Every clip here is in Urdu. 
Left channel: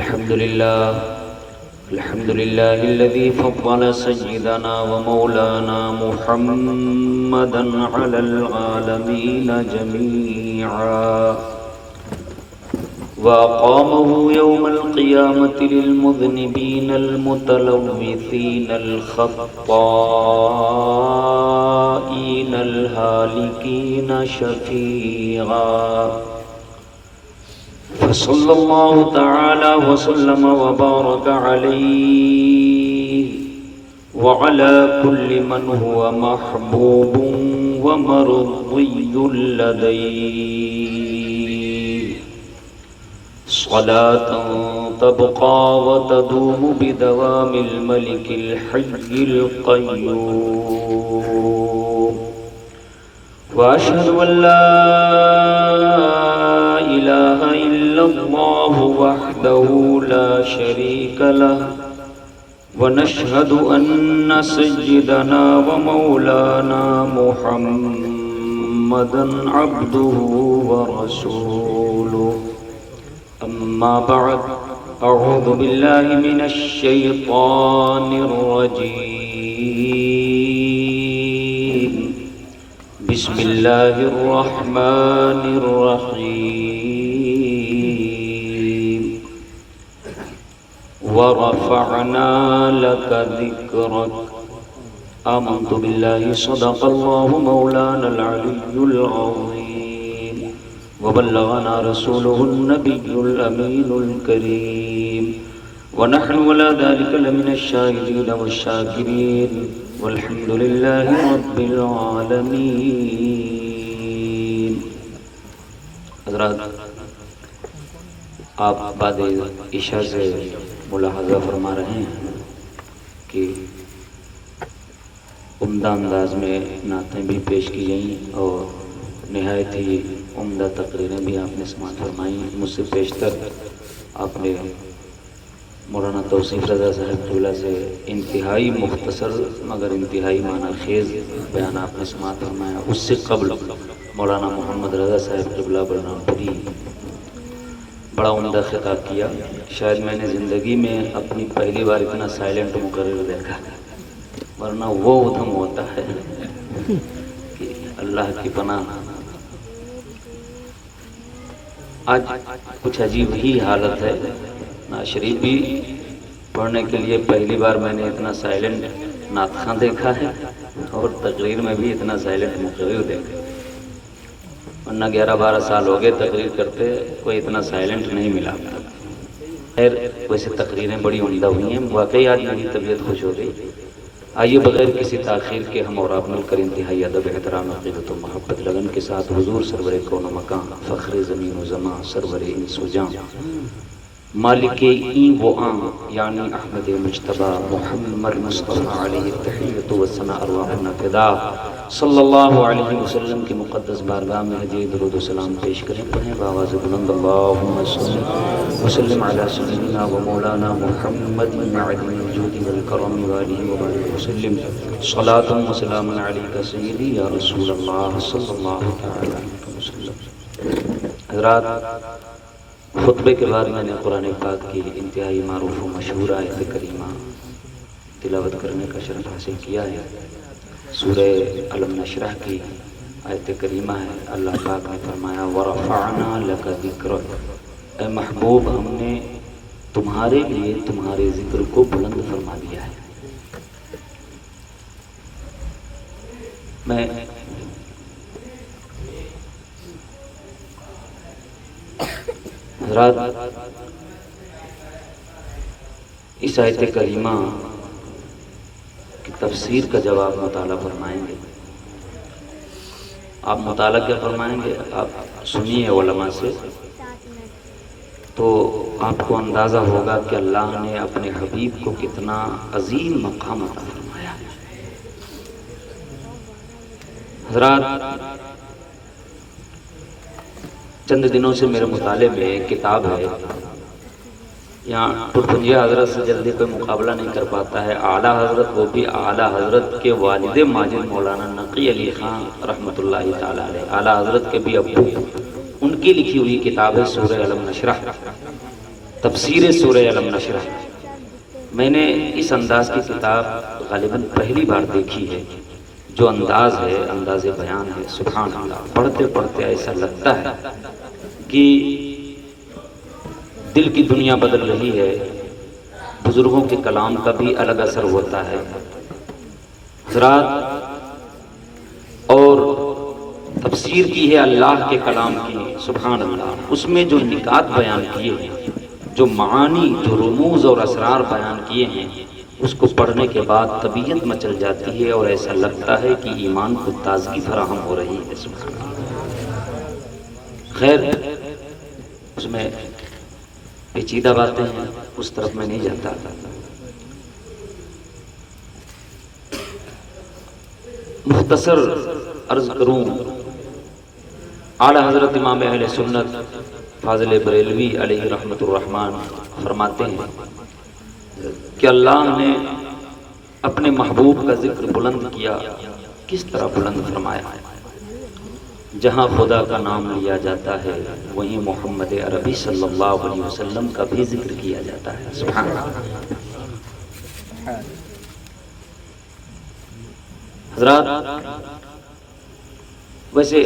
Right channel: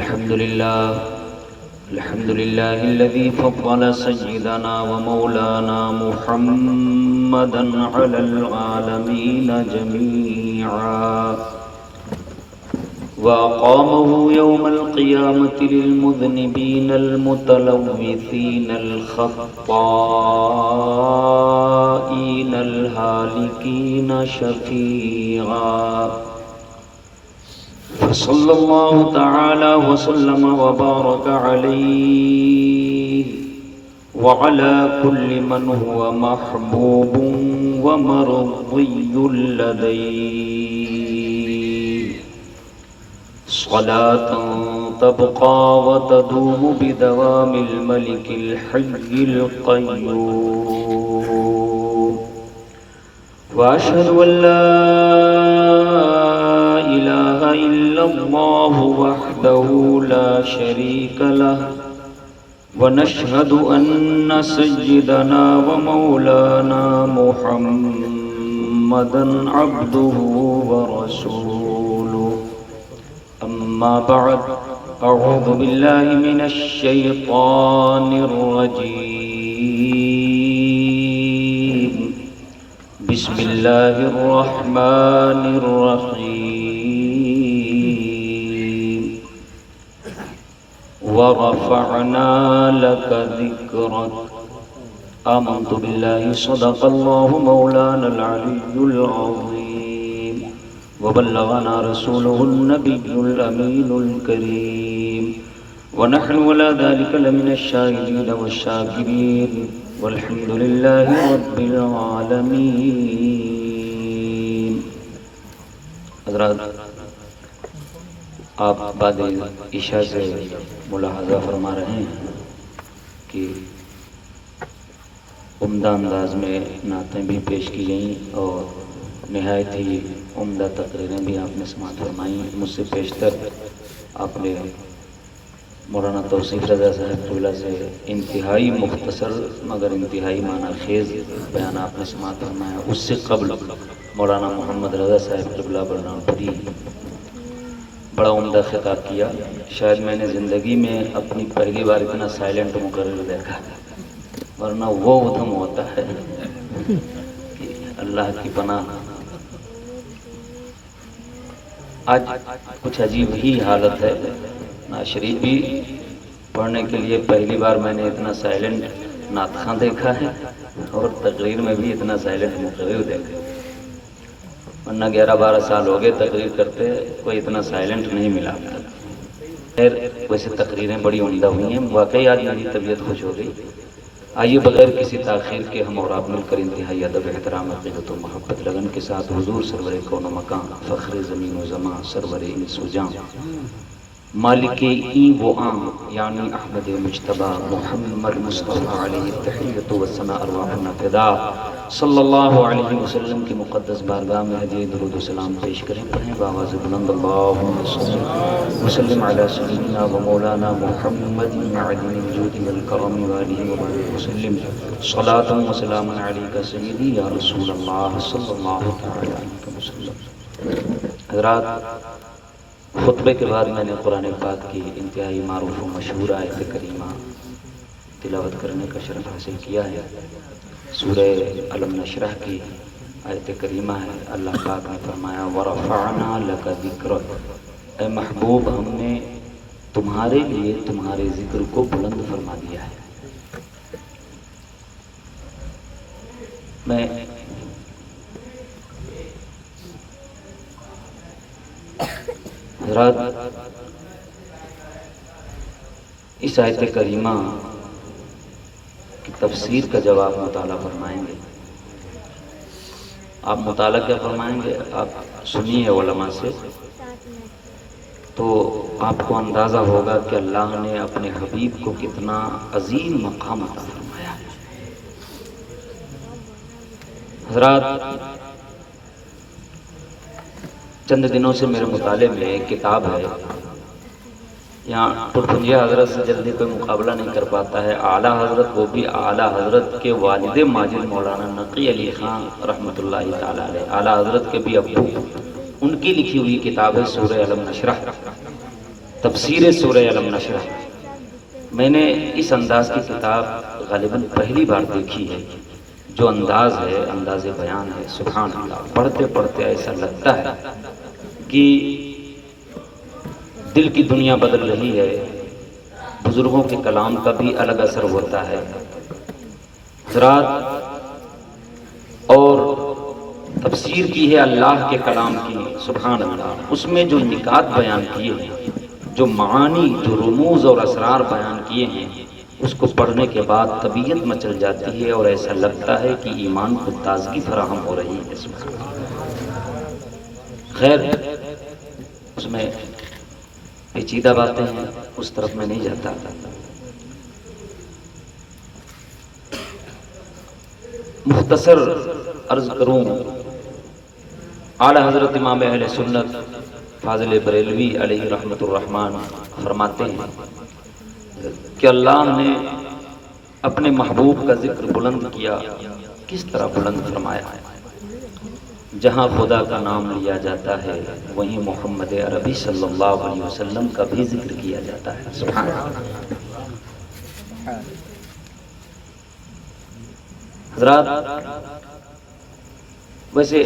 الحمد لله الذي فضل سيدنا ومولانا محمدا على العالمين جميعا وأقامه يوم القيامة للمذنبين المتلوثين الخطائين الهالكين شفيعا فصلى الله تعالى وسلم وبارك عليه وعلى كل من هو محبوب ومرضي لديه صلاة تبقى وتدوم بدوام الملك الحي القيوم وأشهد أن لا إله إلا الله وحده لا شريك له ونشهد أن سيدنا ومولانا محمدا عبده ورسوله أما بعد أعوذ بالله من الشيطان الرجيم بسم الله الرحمن الرحيم ورفعنا لك ذكرك آمنت بالله صدق الله مولانا العلي العظيم وبلغنا رسوله النبي الأمين الكريم ونحن ولا ذلك لمن الشاهدين والشاكرين والحمد لله رب العالمين. حضرات، آپ بعد عشاء سے ملاحظہ فرما رہے ہیں کہ عمدہ انداز میں نعتیں بھی پیش کی گئیں اور نہایت ہی عمدہ تقریریں بھی آپ نے سماعت فرمائیں. مجھ سے پیشتر آپ نے مولانا توصیف رضا صاحب قبلہ سے انتہائی مختصر مگر انتہائی معنی خیز بیان آپ نے سماعت فرمایا. اس سے قبل مولانا محمد رضا صاحب قبلہ برنام پری بڑا عمدہ خطاب کیا. شاید میں نے زندگی میں اپنی پہلی بار اتنا سائلنٹ مقرر دیکھا، ورنہ وہ ادھم ہوتا ہے اللہ کی پناہ. آج کچھ عجیب ہی حالت ہے. نعت شریف بھی پڑھنے کے لیے پہلی بار میں نے اتنا سائلنٹ نعت خواں دیکھا ہے اور تقریر میں بھی اتنا سائلنٹ مقرر دیکھا. ورنہ 11-12 سال ہو گئے تقریر کرتے، کوئی اتنا سائلنٹ نہیں ملا. خیر، ویسے تقریریں بڑی عمدہ ہوئی ہیں. واقعی آج میری طبیعت خوش ہو گئی. آئیے بغیر کسی تاخیر کے ہم اور آپ مل کر انتہائی ادب، احترام، عقیدت و محبت لگن کے ساتھ حضور سرور کون و مکان، فخر زمین و زمان، سرور انس و جان، مالک این و آن یعنی احمد مجتبی محمد مصطفیٰ علیہ التحیت و ثنا ارواحنا فدا صلی اللہ علیہ وسلم کی مقدس بارگاہ میں ہدیہ درود و سلام پیش کریں. پڑھیں بآواز بلند اللہم صلی وسلم علی سیدنا و مولانا محمد معدن الجود والکرم وآلہ وبارک وسلم صلاۃ و سلام علیک سیدی یا رسول اللہ صلی اللہ علیہ وسلم. حضرات، خطبے کے بعد میں نے قرآن پاک کی انتہائی معروف و مشہور آیت کریمہ تلاوت کرنے کا شرف حاصل کیا ہے. سورہ علم نشرح کی آیت کریمہ ہے. اللہ پاک نے فرمایا وَرَفَعْنَا لَكَ ذِكْرَكَ، اے محبوب ہم نے تمہارے لیے تمہارے ذکر کو بلند فرما دیا ہے. میں حضرات اس آیت کریمہ کی تفسیر کا جب آپ مطالعہ فرمائیں گے، آپ مطالعہ کیا فرمائیں گے، آپ سنیے علماء سے، تو آپ کو اندازہ ہوگا کہ اللہ نے اپنے حبیب کو کتنا عظیم مقام عطا فرمایا. حضرات، چند دنوں سے میرے مطالعے میں ایک کتاب ہے، یہاں پرپنجہ حضرت سے جلدی کوئی مقابلہ نہیں کر پاتا ہے. اعلیٰ حضرت، وہ بھی اعلیٰ حضرت کے والد ماجد مولانا نقی علی خان رحمۃ اللہ تعالیٰ علیہ، اعلیٰ حضرت کے بھی ابو، ان کی لکھی ہوئی کتاب ہے سورہ علم نشرح. تفسیر سورہ علم نشرح، میں نے اس انداز کی کتاب غالباً پہلی بار دیکھی ہے۔ جو انداز ہے، انداز بیان ہے، سبحان اللہ، پڑھتے پڑھتے ایسا لگتا ہے کہ دل کی دنیا بدل رہی ہے۔ بزرگوں کے کلام کا بھی الگ اثر ہوتا ہے حضرات، اور تفسیر کی ہے اللہ کے کلام کی، سبحان اللہ۔ اس میں جو نکات بیان کیے ہیں، جو معانی، جو رموز اور اسرار بیان کیے ہیں، اس کو پڑھنے کے بعد طبیعت مچل جاتی ہے اور ایسا لگتا ہے کہ ایمان کو تازگی فراہم ہو رہی ہے، سبحان اللہ۔ خیر، اس میں پیچیدہ باتیں ہیں، اس طرف میں نہیں جاتا۔ مختصر عرض کروں، اعلیٰ حضرت امام اہل سنت فاضل بریلوی علیہ رحمت الرحمن فرماتے ہیں کہ اللہ نے اپنے محبوب کا ذکر بلند کیا۔ کس طرح بلند فرمایا؟ جہاں خدا کا نام لیا جاتا ہے وہیں محمد عربی صلی اللہ علیہ وسلم کا بھی ذکر کیا جاتا ہے، سبحان اللہ۔ حضرات، ویسے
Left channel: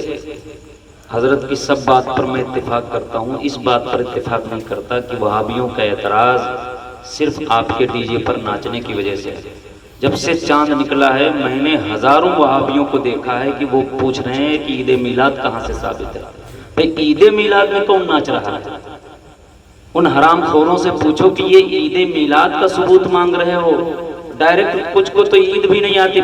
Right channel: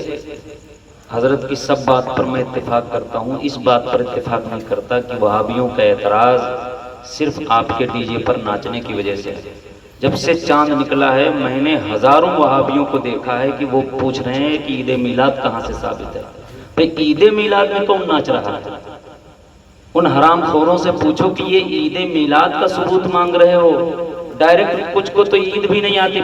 حضرت کی سب بات پر میں اتفاق کرتا ہوں، اس بات پر اتفاق نہیں کرتا کہ وہابیوں کا اعتراض صرف آپ کے ڈی جے پر ناچنے کی وجہ سے ہے۔ جب سے چاند نکلا ہے، میں نے ہزاروں وہابیوں کو دیکھا ہے کہ وہ پوچھ رہے ہیں کہ عید میلاد کہاں سے ثابت ہے۔ بھئی عید میلاد میں کون ناچ رہا ہے؟ ان حرام خوروں سے پوچھو کہ یہ عید میلاد کا ثبوت مانگ رہے ہو۔ ڈائریکٹ کچھ کو تو عید بھی نہیں آتی،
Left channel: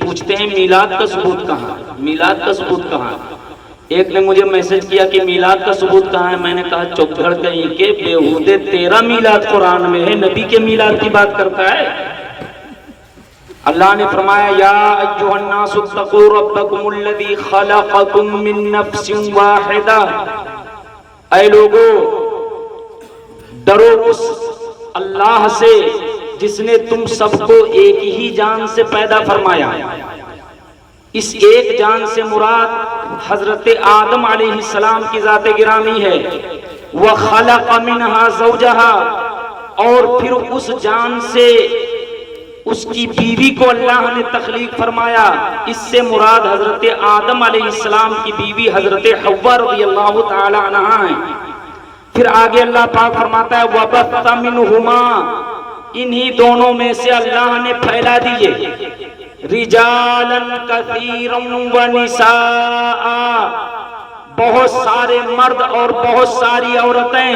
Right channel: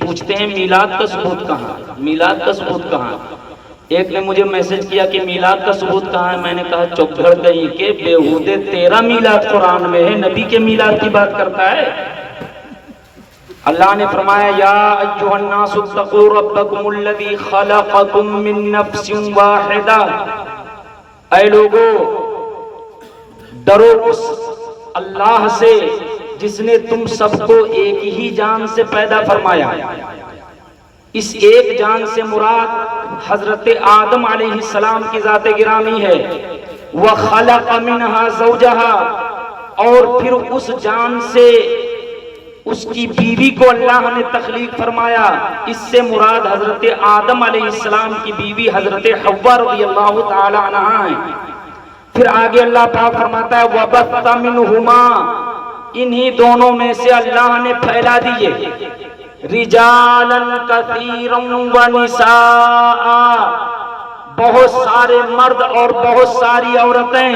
پوچھتے ہیں میلاد کا ثبوت کہاں ہے، میلاد کا ثبوت کہاں ہے۔ ایک نے مجھے میسج کیا کہ میلاد کا ثبوت کہاں ہے، میں نے کہا چپ گھڑ کہیں کہ بیہودے، تیرا میلاد قرآن میں ہے، نبی کے میلاد کی بات کرتا ہے۔ اللہ نے فرمایا یا ایھا الناس اتقوا ربکم الذی خلقکم من نفس واحدہ، اے لوگو ڈرو اس اللہ سے جس نے تم سب کو ایک ہی جان سے پیدا فرمایا۔ اس ایک جان سے مراد حضرت آدم علیہ السلام کی ذات گرامی ہے۔ وَخَلَقَ مِنْهَا زَوْجَهَا، اور پھر اس جان سے اس کی بیوی کو اللہ نے تخلیق فرمایا۔ اس سے مراد حضرت آدم علیہ السلام کی بیوی حضرت حوا رضی اللہ تعالی عنہا ہیں۔ پھر آگے اللہ پاک فرماتا ہے وَبَثَّ مِنْهُمَا، انہی دونوں میں سے اللہ نے پھیلا دیے رجالاً کثیراً ونساء، بہت سارے مرد اور بہت ساری عورتیں۔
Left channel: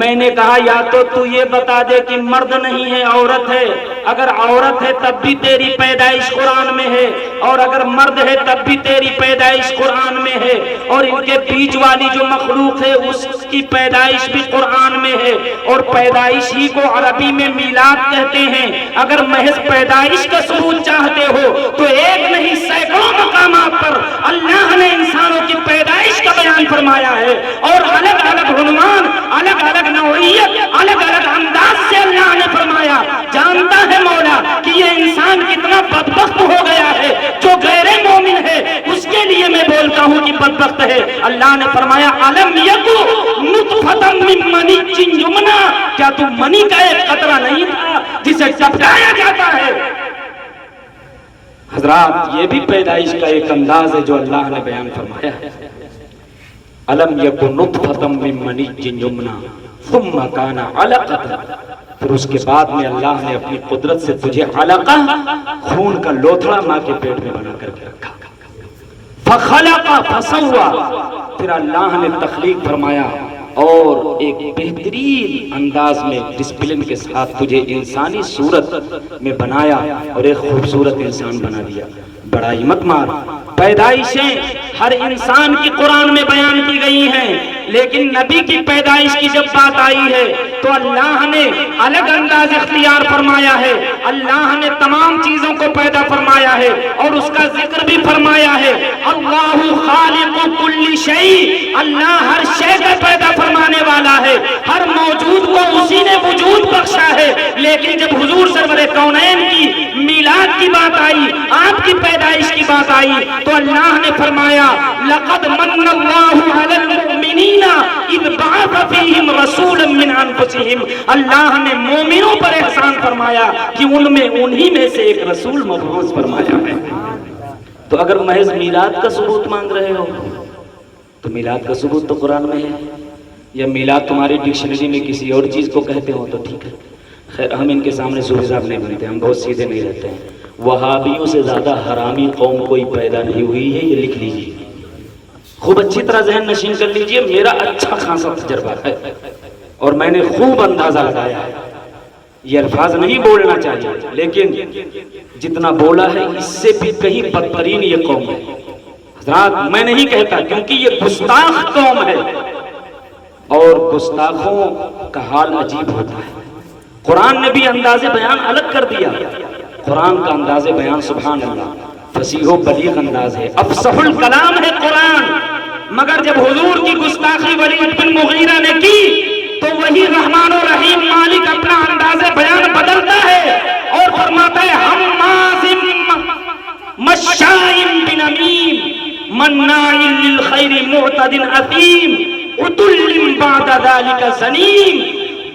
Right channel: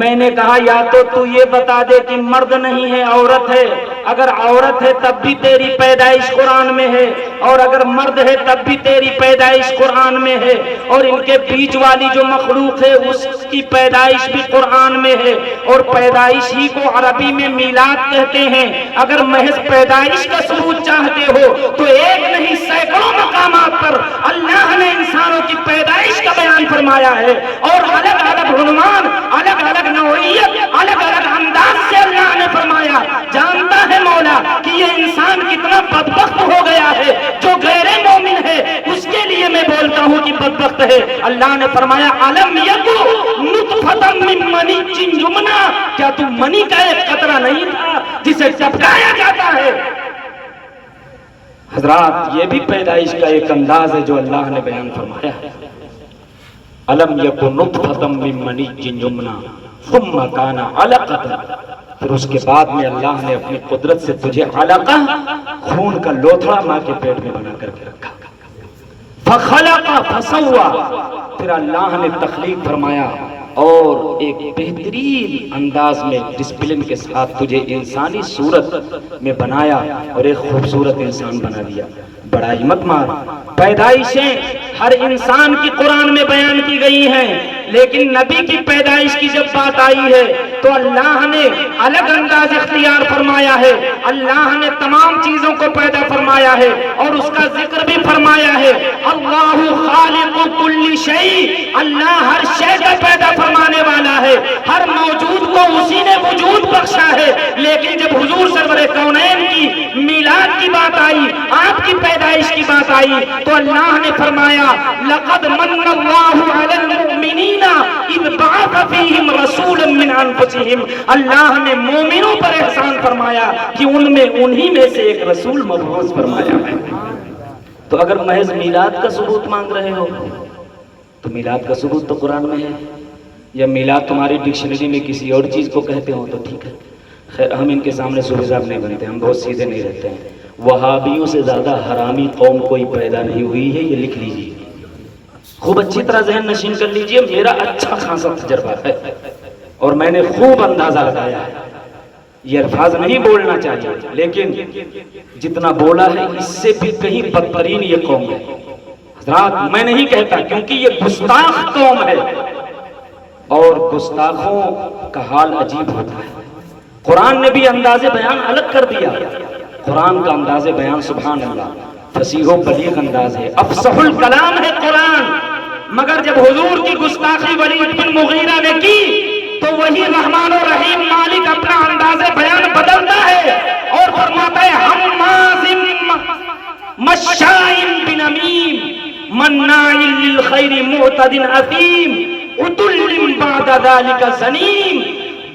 میں نے کہا یا تو یہ بتا دے کہ مرد نہیں ہے عورت ہے، اگر عورت ہے تب بھی تیری پیدائش قرآن میں ہے، اور اگر مرد ہے تب بھی تیری پیدائش قرآن میں ہے، اور ان کے بیچ والی جو مخلوق ہے اس کی پیدائش بھی قرآن میں ہے، اور پیدائش ہی کو عربی میں میلاد کہتے ہیں۔ اگر محض پیدائش کا ثبوت چاہتے ہو تو ایک نہیں سینکڑوں مقامات پر اللہ نے انسانوں کی پیدائش کا بیان فرمایا ہے، اور الگ الگ عنوان، الگ الگ نوعیت، الگ الگ انداز سے اللہ نے فرمایا۔ جانتا ہے مولا کہ یہ انسان کتنا بدبخت ہو گیا ہے، جو غیر مومن ہے اس کے لیے میں بولتا ہوں کہ بدبخت ہے۔ اللہ نے فرمایا الم یکو نطفۃ من منی یمنی، کیا تو منی کا ایک قطرہ نہیں تھا جسے ٹپکایا جاتا ہے؟ حضرات، یہ بھی پیدائش کا ایک انداز ہے جو اللہ نے بیان فرمایا ہے۔ الم یکن نطفۃ من منی یمنی ثم کان علقۃ، پھر اس کے بعد میں اللہ نے اپنی قدرت سے تجھے علقہ، خون کا لوتھڑا ماں کے پیٹ میں بنا کر کے رکھا۔ فخلق فسوا، پھر اللہ نے تخلیق فرمایا اور ایک بہترین انداز میں ڈسپلن کے ساتھ تجھے انسانی صورت میں بنایا اور ایک خوبصورت انسان بنا دیا۔ بڑائی مت مار، پیدائشیں ہر انسان کی قرآن میں بیان کی گئی ہیں، لیکن نبی کی پیدائش کی جب بات آئی ہے تو اللہ نے الگ انداز اختیار فرمایا ہے۔ اللہ نے تمام چیزوں کو پیدا فرمایا ہے اور اس کا ذکر بھی فرمایا ہے۔ اللہ خالق کل شیء، اللہ ہر شے کا پیدا فرمانے والا ہے، ہر موجود کو اسی نے وجود بخشا ہے۔ لیکن جب حضور سرور کونین کی میلاد کی بات آئی، آپ کی پیدائش کی بات آئی، تو اللہ نے فرمایا لقد من اللہ علی المؤمنین المؤمنین اذ بعث فیہم رسولا من انفسہم، اللہ نے مومنوں پر احسان فرمایا کہ ان میں انہی میں سے ایک رسول مبعوث فرمایا ہے۔ تو اگر محض میلاد کا ثبوت مانگ رہے ہو تو میلاد کا ثبوت تو قرآن میں ہے، یا میلاد تمہاری ڈکشنری میں کسی اور چیز کو کہتے ہو تو ٹھیک ہے، خیر ہم ان کے سامنے صوفی صاحب نہیں بنتے، ہم بہت سیدھے نہیں رہتے ہیں۔ وہابیوں سے زیادہ حرامی قوم کوئی پیدا نہیں ہوئی ہے، یہ لکھ لیجیے، خوب اچھی طرح ذہن نشین کر لیجیے، میرا اچھا خاصا تجربہ ہے اور میں نے خوب اندازہ لگایا۔ یہ الفاظ نہیں بولنا چاہیے لیکن جتنا بولا ہے اس سے بھی کہیں بدترین یہ قوم ہے حضرات، میں نہیں کہتا کیونکہ یہ گستاخ قوم ہے اور گستاخوں کا حال عجیب ہوتا ہے۔ قرآن نے بھی انداز بیان الگ کر دیا، قرآن کا انداز بیان سبحان اللہ فصیح و بلیغ انداز ہے، افصح الکلام ہے قرآن، مگر جب حضور کی گستاخی ولید بن مغیرہ نے کی تو وہی رحمان و رحیم مالک اپنا انداز بیان بدلتا ہے اور فرماتا ہے حماز مشاء بنمیم مناع للخیر معتد اثیم عتل بعد ذلك زنیم۔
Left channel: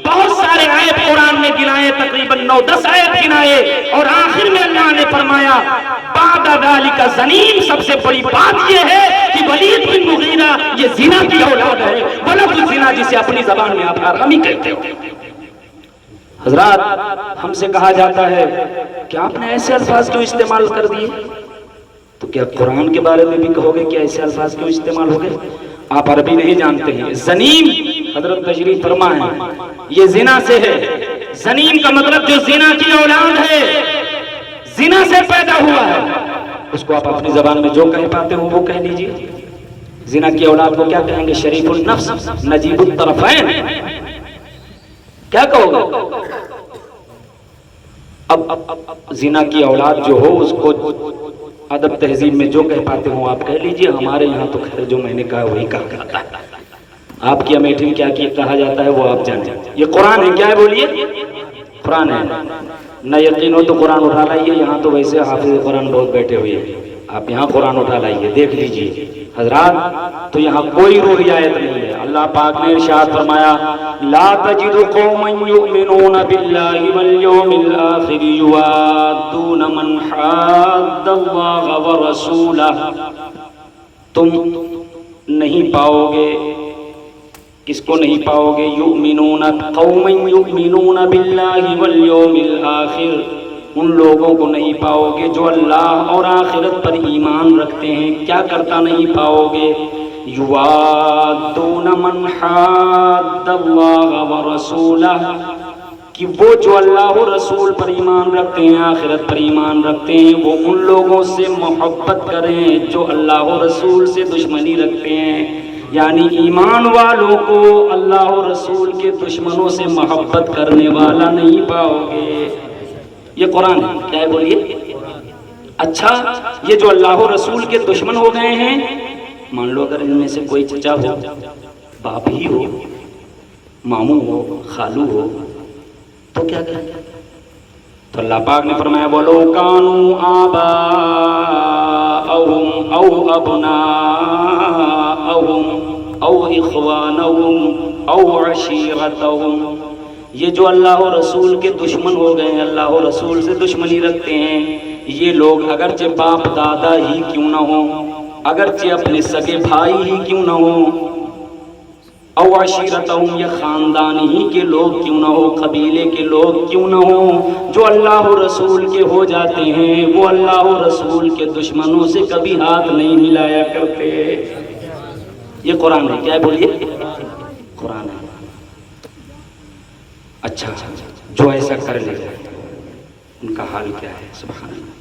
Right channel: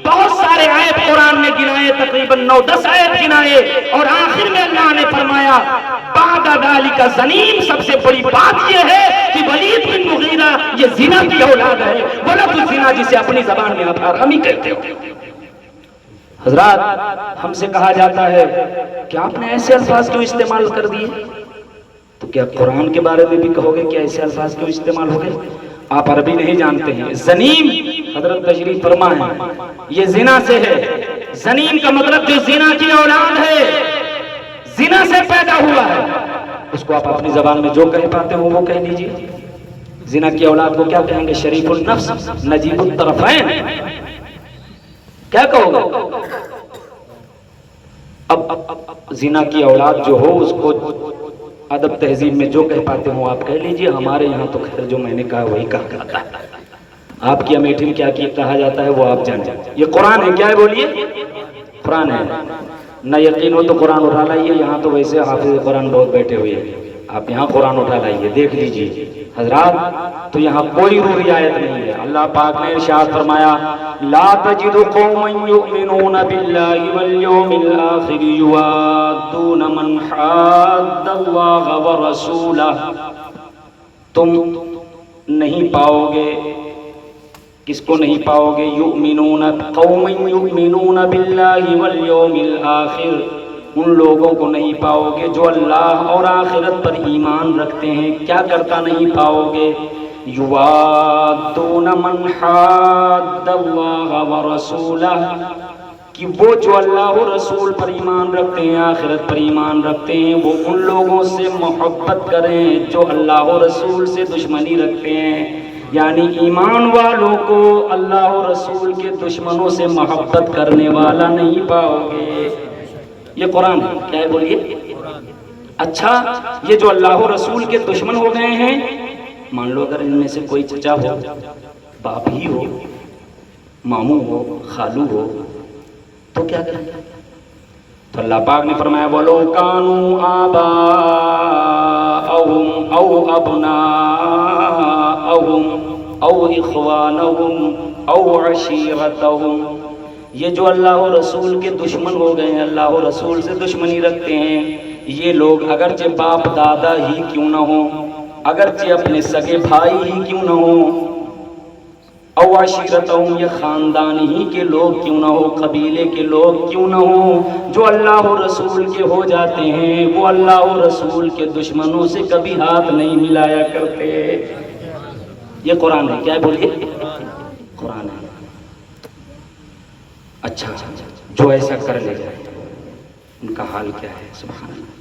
بہت سارے عیب قرآن نے گنائے، تقریباً 9-10 عیب گنائے اور آخر میں اللہ نے فرمایا بعد ذلك زنیم۔ سب سے بڑی بات یہ ہے کہ ولید بن مغیرہ یہ زنا کی اولاد ہے، ولد الزنا جسے اپنی زبان میں آپ حرامی کہتے ہو۔ حضرات ہم سے کہا جاتا ہے کہ آپ نے ایسے الفاظ کیوں استعمال کر دیے، تو کیا قرآن کے بارے میں بھی کہو گے کہ ایسے الفاظ کیوں استعمال ہو گئے؟ آپ عربی نہیں جانتے ہیں۔ زنیم حضرت تشریف فرما ہے، یہ زنا سے ہے، زنیم کا مطلب جو زنا کی اولاد ہے، زنا سے پیدا ہوا ہے، اس کو آپ اپنی زبان میں جو کہہ پاتے ہو وہ کہہ لیجیے۔ زنا کی اولاد کو کیا کہیں گے؟ شریف النفس، نجیب الطرفین، کیا کہو گے؟ اب زنا کی اولاد جو ہو اس کو ادب تہذیب میں جو کہہ پاتے ہو آپ کہہ لیجئے، ہمارے یہاں تو خیر جو میں نے کہا وہی کہا جاتا ہے، آپ کی امیٹھی میں کیا کہا جاتا ہے وہ آپ جان جائیں۔ یہ قرآن ہے، کیا ہے بولیے؟ قرآن ہے، نہ یقین ہو تو قرآن اٹھا لائیے، یہاں تو ویسے حافظ قرآن بہت بیٹھے ہوئے ہیں، آپ یہاں قرآن اٹھا لائیے دیکھ لیجئے حضرات، تو یہاں کوئی روح رعایت نہیں ہے۔ اللہ پاک نے ارشاد فرمایا لا تجد قوم یؤمنون باللہ والیوم الآخر یوادون من حاد اللہ ورسولہ، تم نہیں پاؤ گے، کس کو نہیں پاؤ گے؟ یؤمنون، قوم یؤمنون باللہ والیوم الآخر، ان لوگوں کو نہیں پاؤ گے جو اللہ اور آخرت پر ایمان رکھتے ہیں۔ کیا کرتا نہیں پاؤ گے؟ یوادون من حاد اللہ ورسولہ، کہ وہ جو اللہ و رسول پر ایمان رکھتے ہیں، آخرت پر ایمان رکھتے ہیں، وہ ان لوگوں سے محبت کریں جو اللہ و رسول سے دشمنی رکھتے ہیں۔ یعنی ایمان والوں کو اللہ و رسول کے دشمنوں سے محبت کرنے والا نہیں پاؤ گے۔ یہ قرآن ہے، کیا ہے بولیے؟ اچھا یہ جو اللہ و رسول کے دشمن ہو گئے ہیں، مان لو اگر ان میں سے کوئی چچا ہو، باپ ہی ہو، ماموں ہو، خالو ہو، تو کیا کریں؟ تو اللہ پاک نے فرمایا وَلَوْ كَانُوا آبَاءَهُمْ أَوْ أَبْنَاءَهُمْ أَوْ إِخْوَانَهُمْ أَوْ عَشِيرَتَهُمْ، یہ جو اللہ و رسول کے دشمن ہو گئے ہیں، اللہ و رسول سے دشمنی رکھتے ہیں، یہ لوگ اگرچہ باپ دادا ہی کیوں نہ ہوں، اگرچہ اپنے سگے بھائی ہی کیوں نہ ہوں، او عشیرتہم، یہ خاندان ہی کے لوگ کیوں نہ ہو، قبیلے کے لوگ کیوں نہ ہو، جو اللہ و رسول کے ہو جاتے ہیں وہ اللہ و رسول کے دشمنوں سے کبھی ہاتھ نہیں ملایا کرتے۔ یہ قرآن ہے، کیا ہے بولیے؟ قرآن ہے۔ اچھا جو ایسا کر لے ان کا حال کیا ہے؟ سبحان اللہ۔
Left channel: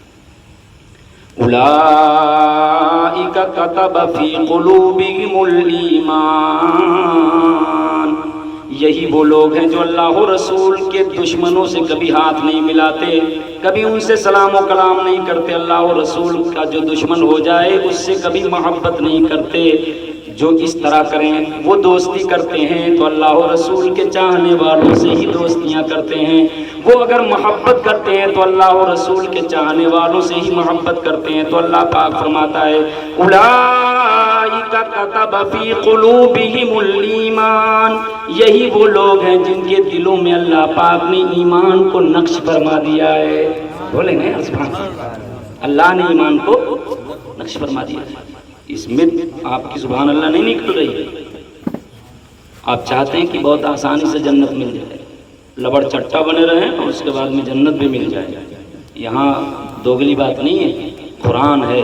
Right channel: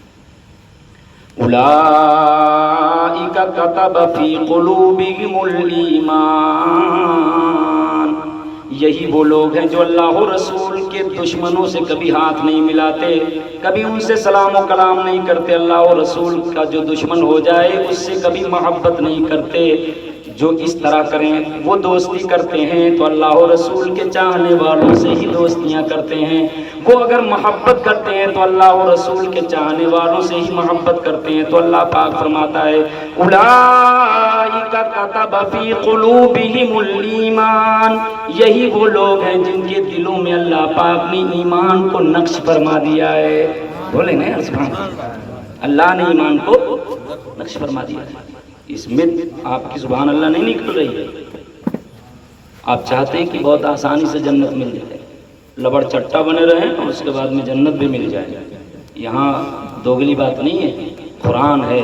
اولئک کتب فی قلوبہم الایمان، یہی وہ لوگ ہیں جو اللہ و رسول کے دشمنوں سے کبھی ہاتھ نہیں ملاتے، کبھی ان سے سلام و کلام نہیں کرتے، اللہ و رسول کا جو دشمن ہو جائے اس سے کبھی محبت نہیں کرتے۔ جو اس طرح کریں وہ دوستی کرتے ہیں تو اللہ و رسول کے چاہنے والوں سے ہی دوستیاں کرتے ہیں، وہ اگر محبت کرتے ہیں تو اللہ و رسول کے چاہنے والوں سے ہی محبت کرتے ہیں۔ تو اللہ پاک فرماتا ہے اولئک کتب فی قلوبہم الایمان، یہی وہ لوگ ہیں جن کے دلوں میں اللہ پاک نے ایمان کو نقش فرما دیا ہے۔ بولے نا سبحان اللہ، اللہ نے ایمان کو نقش فرما دیا ہے۔ اس میں آپ کی سبحان اللہ نہیں نکل رہی ہے، آپ چاہتے ہیں کہ بہت آسانی سے جنت مل جائے، لبڑ چٹا بنے رہیں اور اس کے بعد میں جنت بھی مل جائے۔ یہاں دوگلی بات نہیں ہے، قرآن ہے،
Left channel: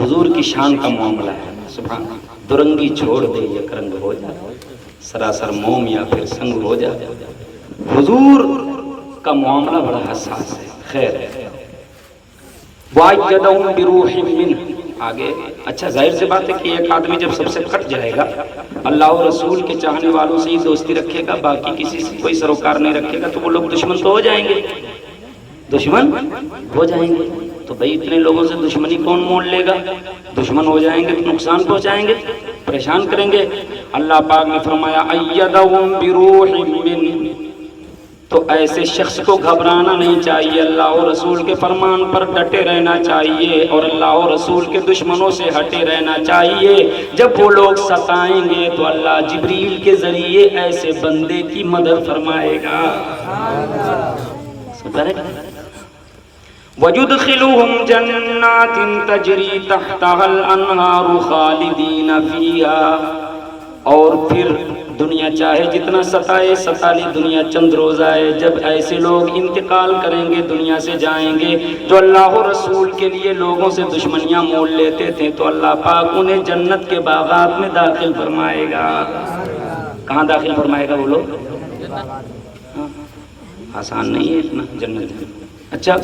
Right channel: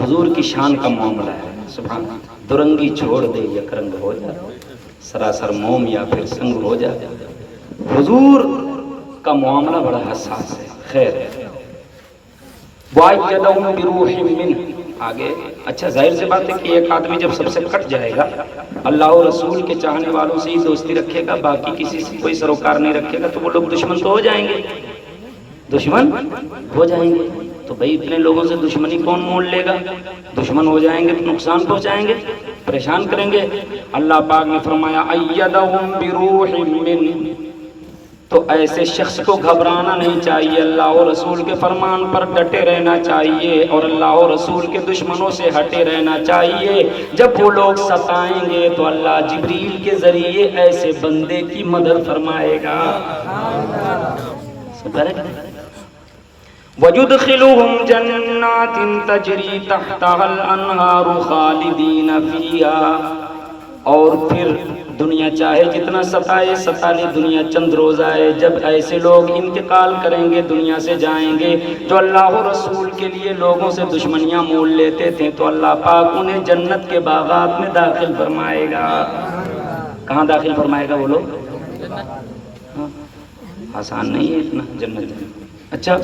حضور کی شان کا معاملہ ہے۔ سبحان اللہ، درنگی چھوڑ دے یک رنگ ہو جا، سراسر موم یا پھر سنگ ہو جا۔ حضور کا معاملہ بڑا حساس ہے۔ خیر، وَأَيَّدَهُمْ بِرُوحٍ مِّنْهُ، آگے اچھا ظاہر سے بات ہے کہ ایک آدمی جب سب سے کٹ جائے گا، اللہ و رسول کے چاہنے والوں سے ہی دوستی رکھے گا، باقی کسی سے کوئی سروکار نہیں رکھے گا، تو وہ لوگ دشمن تو ہو جائیں گے، دشمن ہو جائیں گے۔ تو بھائی اتنے لوگوں سے دشمنی کون مول لے گا؟ دشمن ہو جائیں گے تو نقصان پہنچائیں گے، پریشان کریں گے۔ اللہ پاک نے فرمایا ایدہم بروح من، تو ایسے شخص کو گھبرانا نہیں چاہیے، اللہ و رسول کے فرمان پر ڈٹے رہنا چاہیے اور اللہ و رسول کے دشمنوں سے ہٹے رہنا چاہیے۔ جب وہ لوگ ستائیں گے تو اللہ جبریل کے ذریعے ایسے بندے کی مدد فرمائے گا۔ وَيُدْخِلُهُمْ جَنَّاتٍ تَجْرِي تَحْتَهَا الْأَنْهَارُ خَالِدِينَ فِيهَا، اور پھر دنیا چاہے جتنا ستائے، ستالی دنیا چند روز آئے، جب ایسے لوگ انتقال کریں گے، دنیا سے جائیں گے، جو اللہ و رسول کے لیے لوگوں سے دشمنیاں مول لیتے تھے، تو اللہ پاک انہیں جنت کے باغات میں داخل فرمائے گا۔ کہاں داخل فرمائے گا وہ لوگ؟ آسان نہیں ہے اتنا جنت۔ اچھا،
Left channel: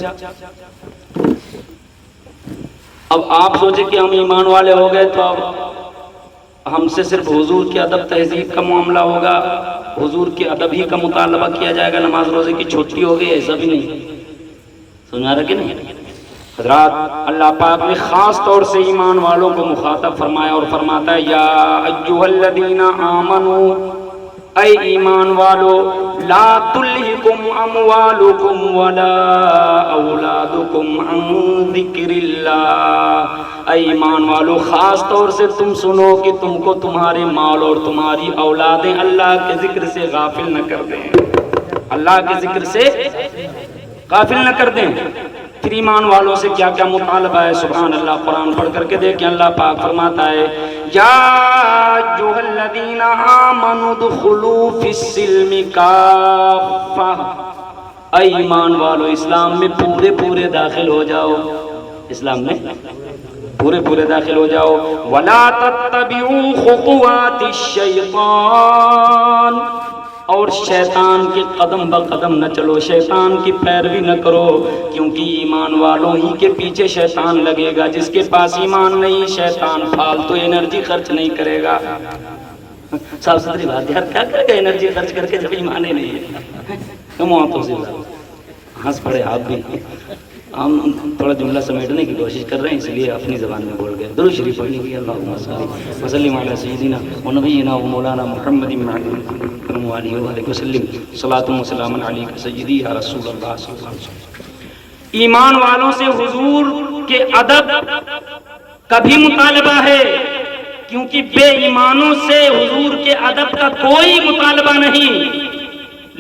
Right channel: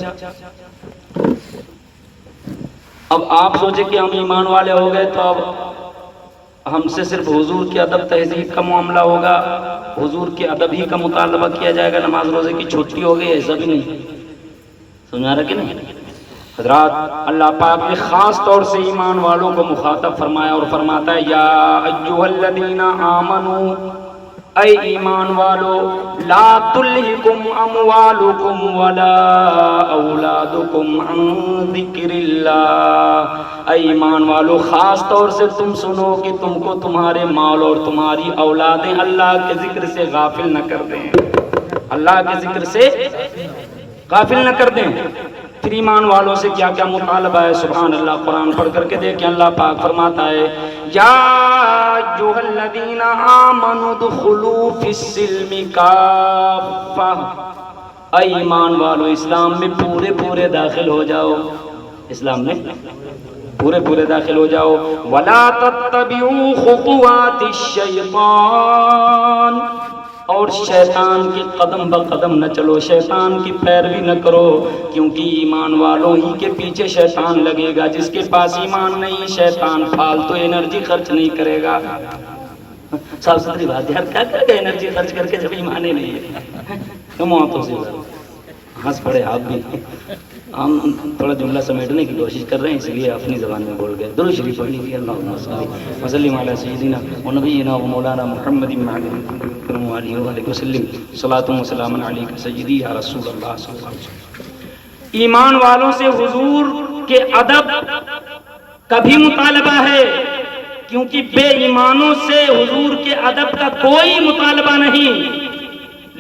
اب آپ سوچیں کہ ہم ایمان والے ہو گئے تو اب ہم سے صرف حضور کی ادب تہذیب کا معاملہ ہوگا، حضور کے ادب ہی کا مطالبہ کیا جائے گا، نماز روزے کی چھٹی ہوگی، ایسا بھی نہیں۔ سمجھا رہا کہ نہیں؟ حضرات، اللہ پاک نے خاص طور سے ایمان والوں کو مخاطب فرمایا اور فرماتا ہے یا ایھا الذین آمنوا، اے ایمان والو، لا تلہکم اموالکم ولا اولادکم عن ذکر اللہ، اے ایمان والو خاص طور سے تم سنو کہ تم کو تمہارے مال اور تمہاری اولادیں اللہ کے ذکر سے غافل نہ کر دیں، اللہ کے ذکر سے غافل نہ کر دیں۔ پھر ایمان والوں سے کیا کیا مطالبہ ہے؟ سبحان اللہ، قرآن پڑھ کر کے دیکھیں، اللہ پاک فرماتا ہے یا ایھا الذین آمنوا ادخلوا فی السلم کافہ، اے ایمان والو اسلام میں پورے پورے داخل ہو جاؤ، اسلام میں پورے پورے داخل ہو جاؤ۔ ولا تتبعوا خطوات الشیطان، اور شیطان کے قدم بقدم نہ چلو، شیطان کی پیروی نہ کرو، کیونکہ ایمان والوں ہی کے پیچھے شیطان لگے گا۔ جس کے پاس ایمان نہیں، شیطان فالتو انرجی خرچ نہیں کرے گا۔ صاف ستھری بات ہے، یار کیا کرے گا انرجی خرچ کر کے جب ایمان ہی نہیں ہے؟ کم آنکھوں سے ہنس پڑے آپ بھی۔ ہم تھوڑا جملہ سمیٹنے کی کوشش کر رہے ہیں، اس لیے اپنی زبان میں بول گئے۔ درود شریف پڑھ لیجیے، اللہم صل وسلم علی سیدنا و نبینا و مولانا محمد وعلیہ وآلہ وسلم، صلاۃ و سلام علیک سیدی یا رسول اللہ صلی اللہ علیہ وسلم۔ ایمان والوں سے حضور کے ادب کا بھی مطالبہ ہے، کیونکہ بے ایمانوں سے حضور کے ادب کا کوئی مطالبہ نہیں،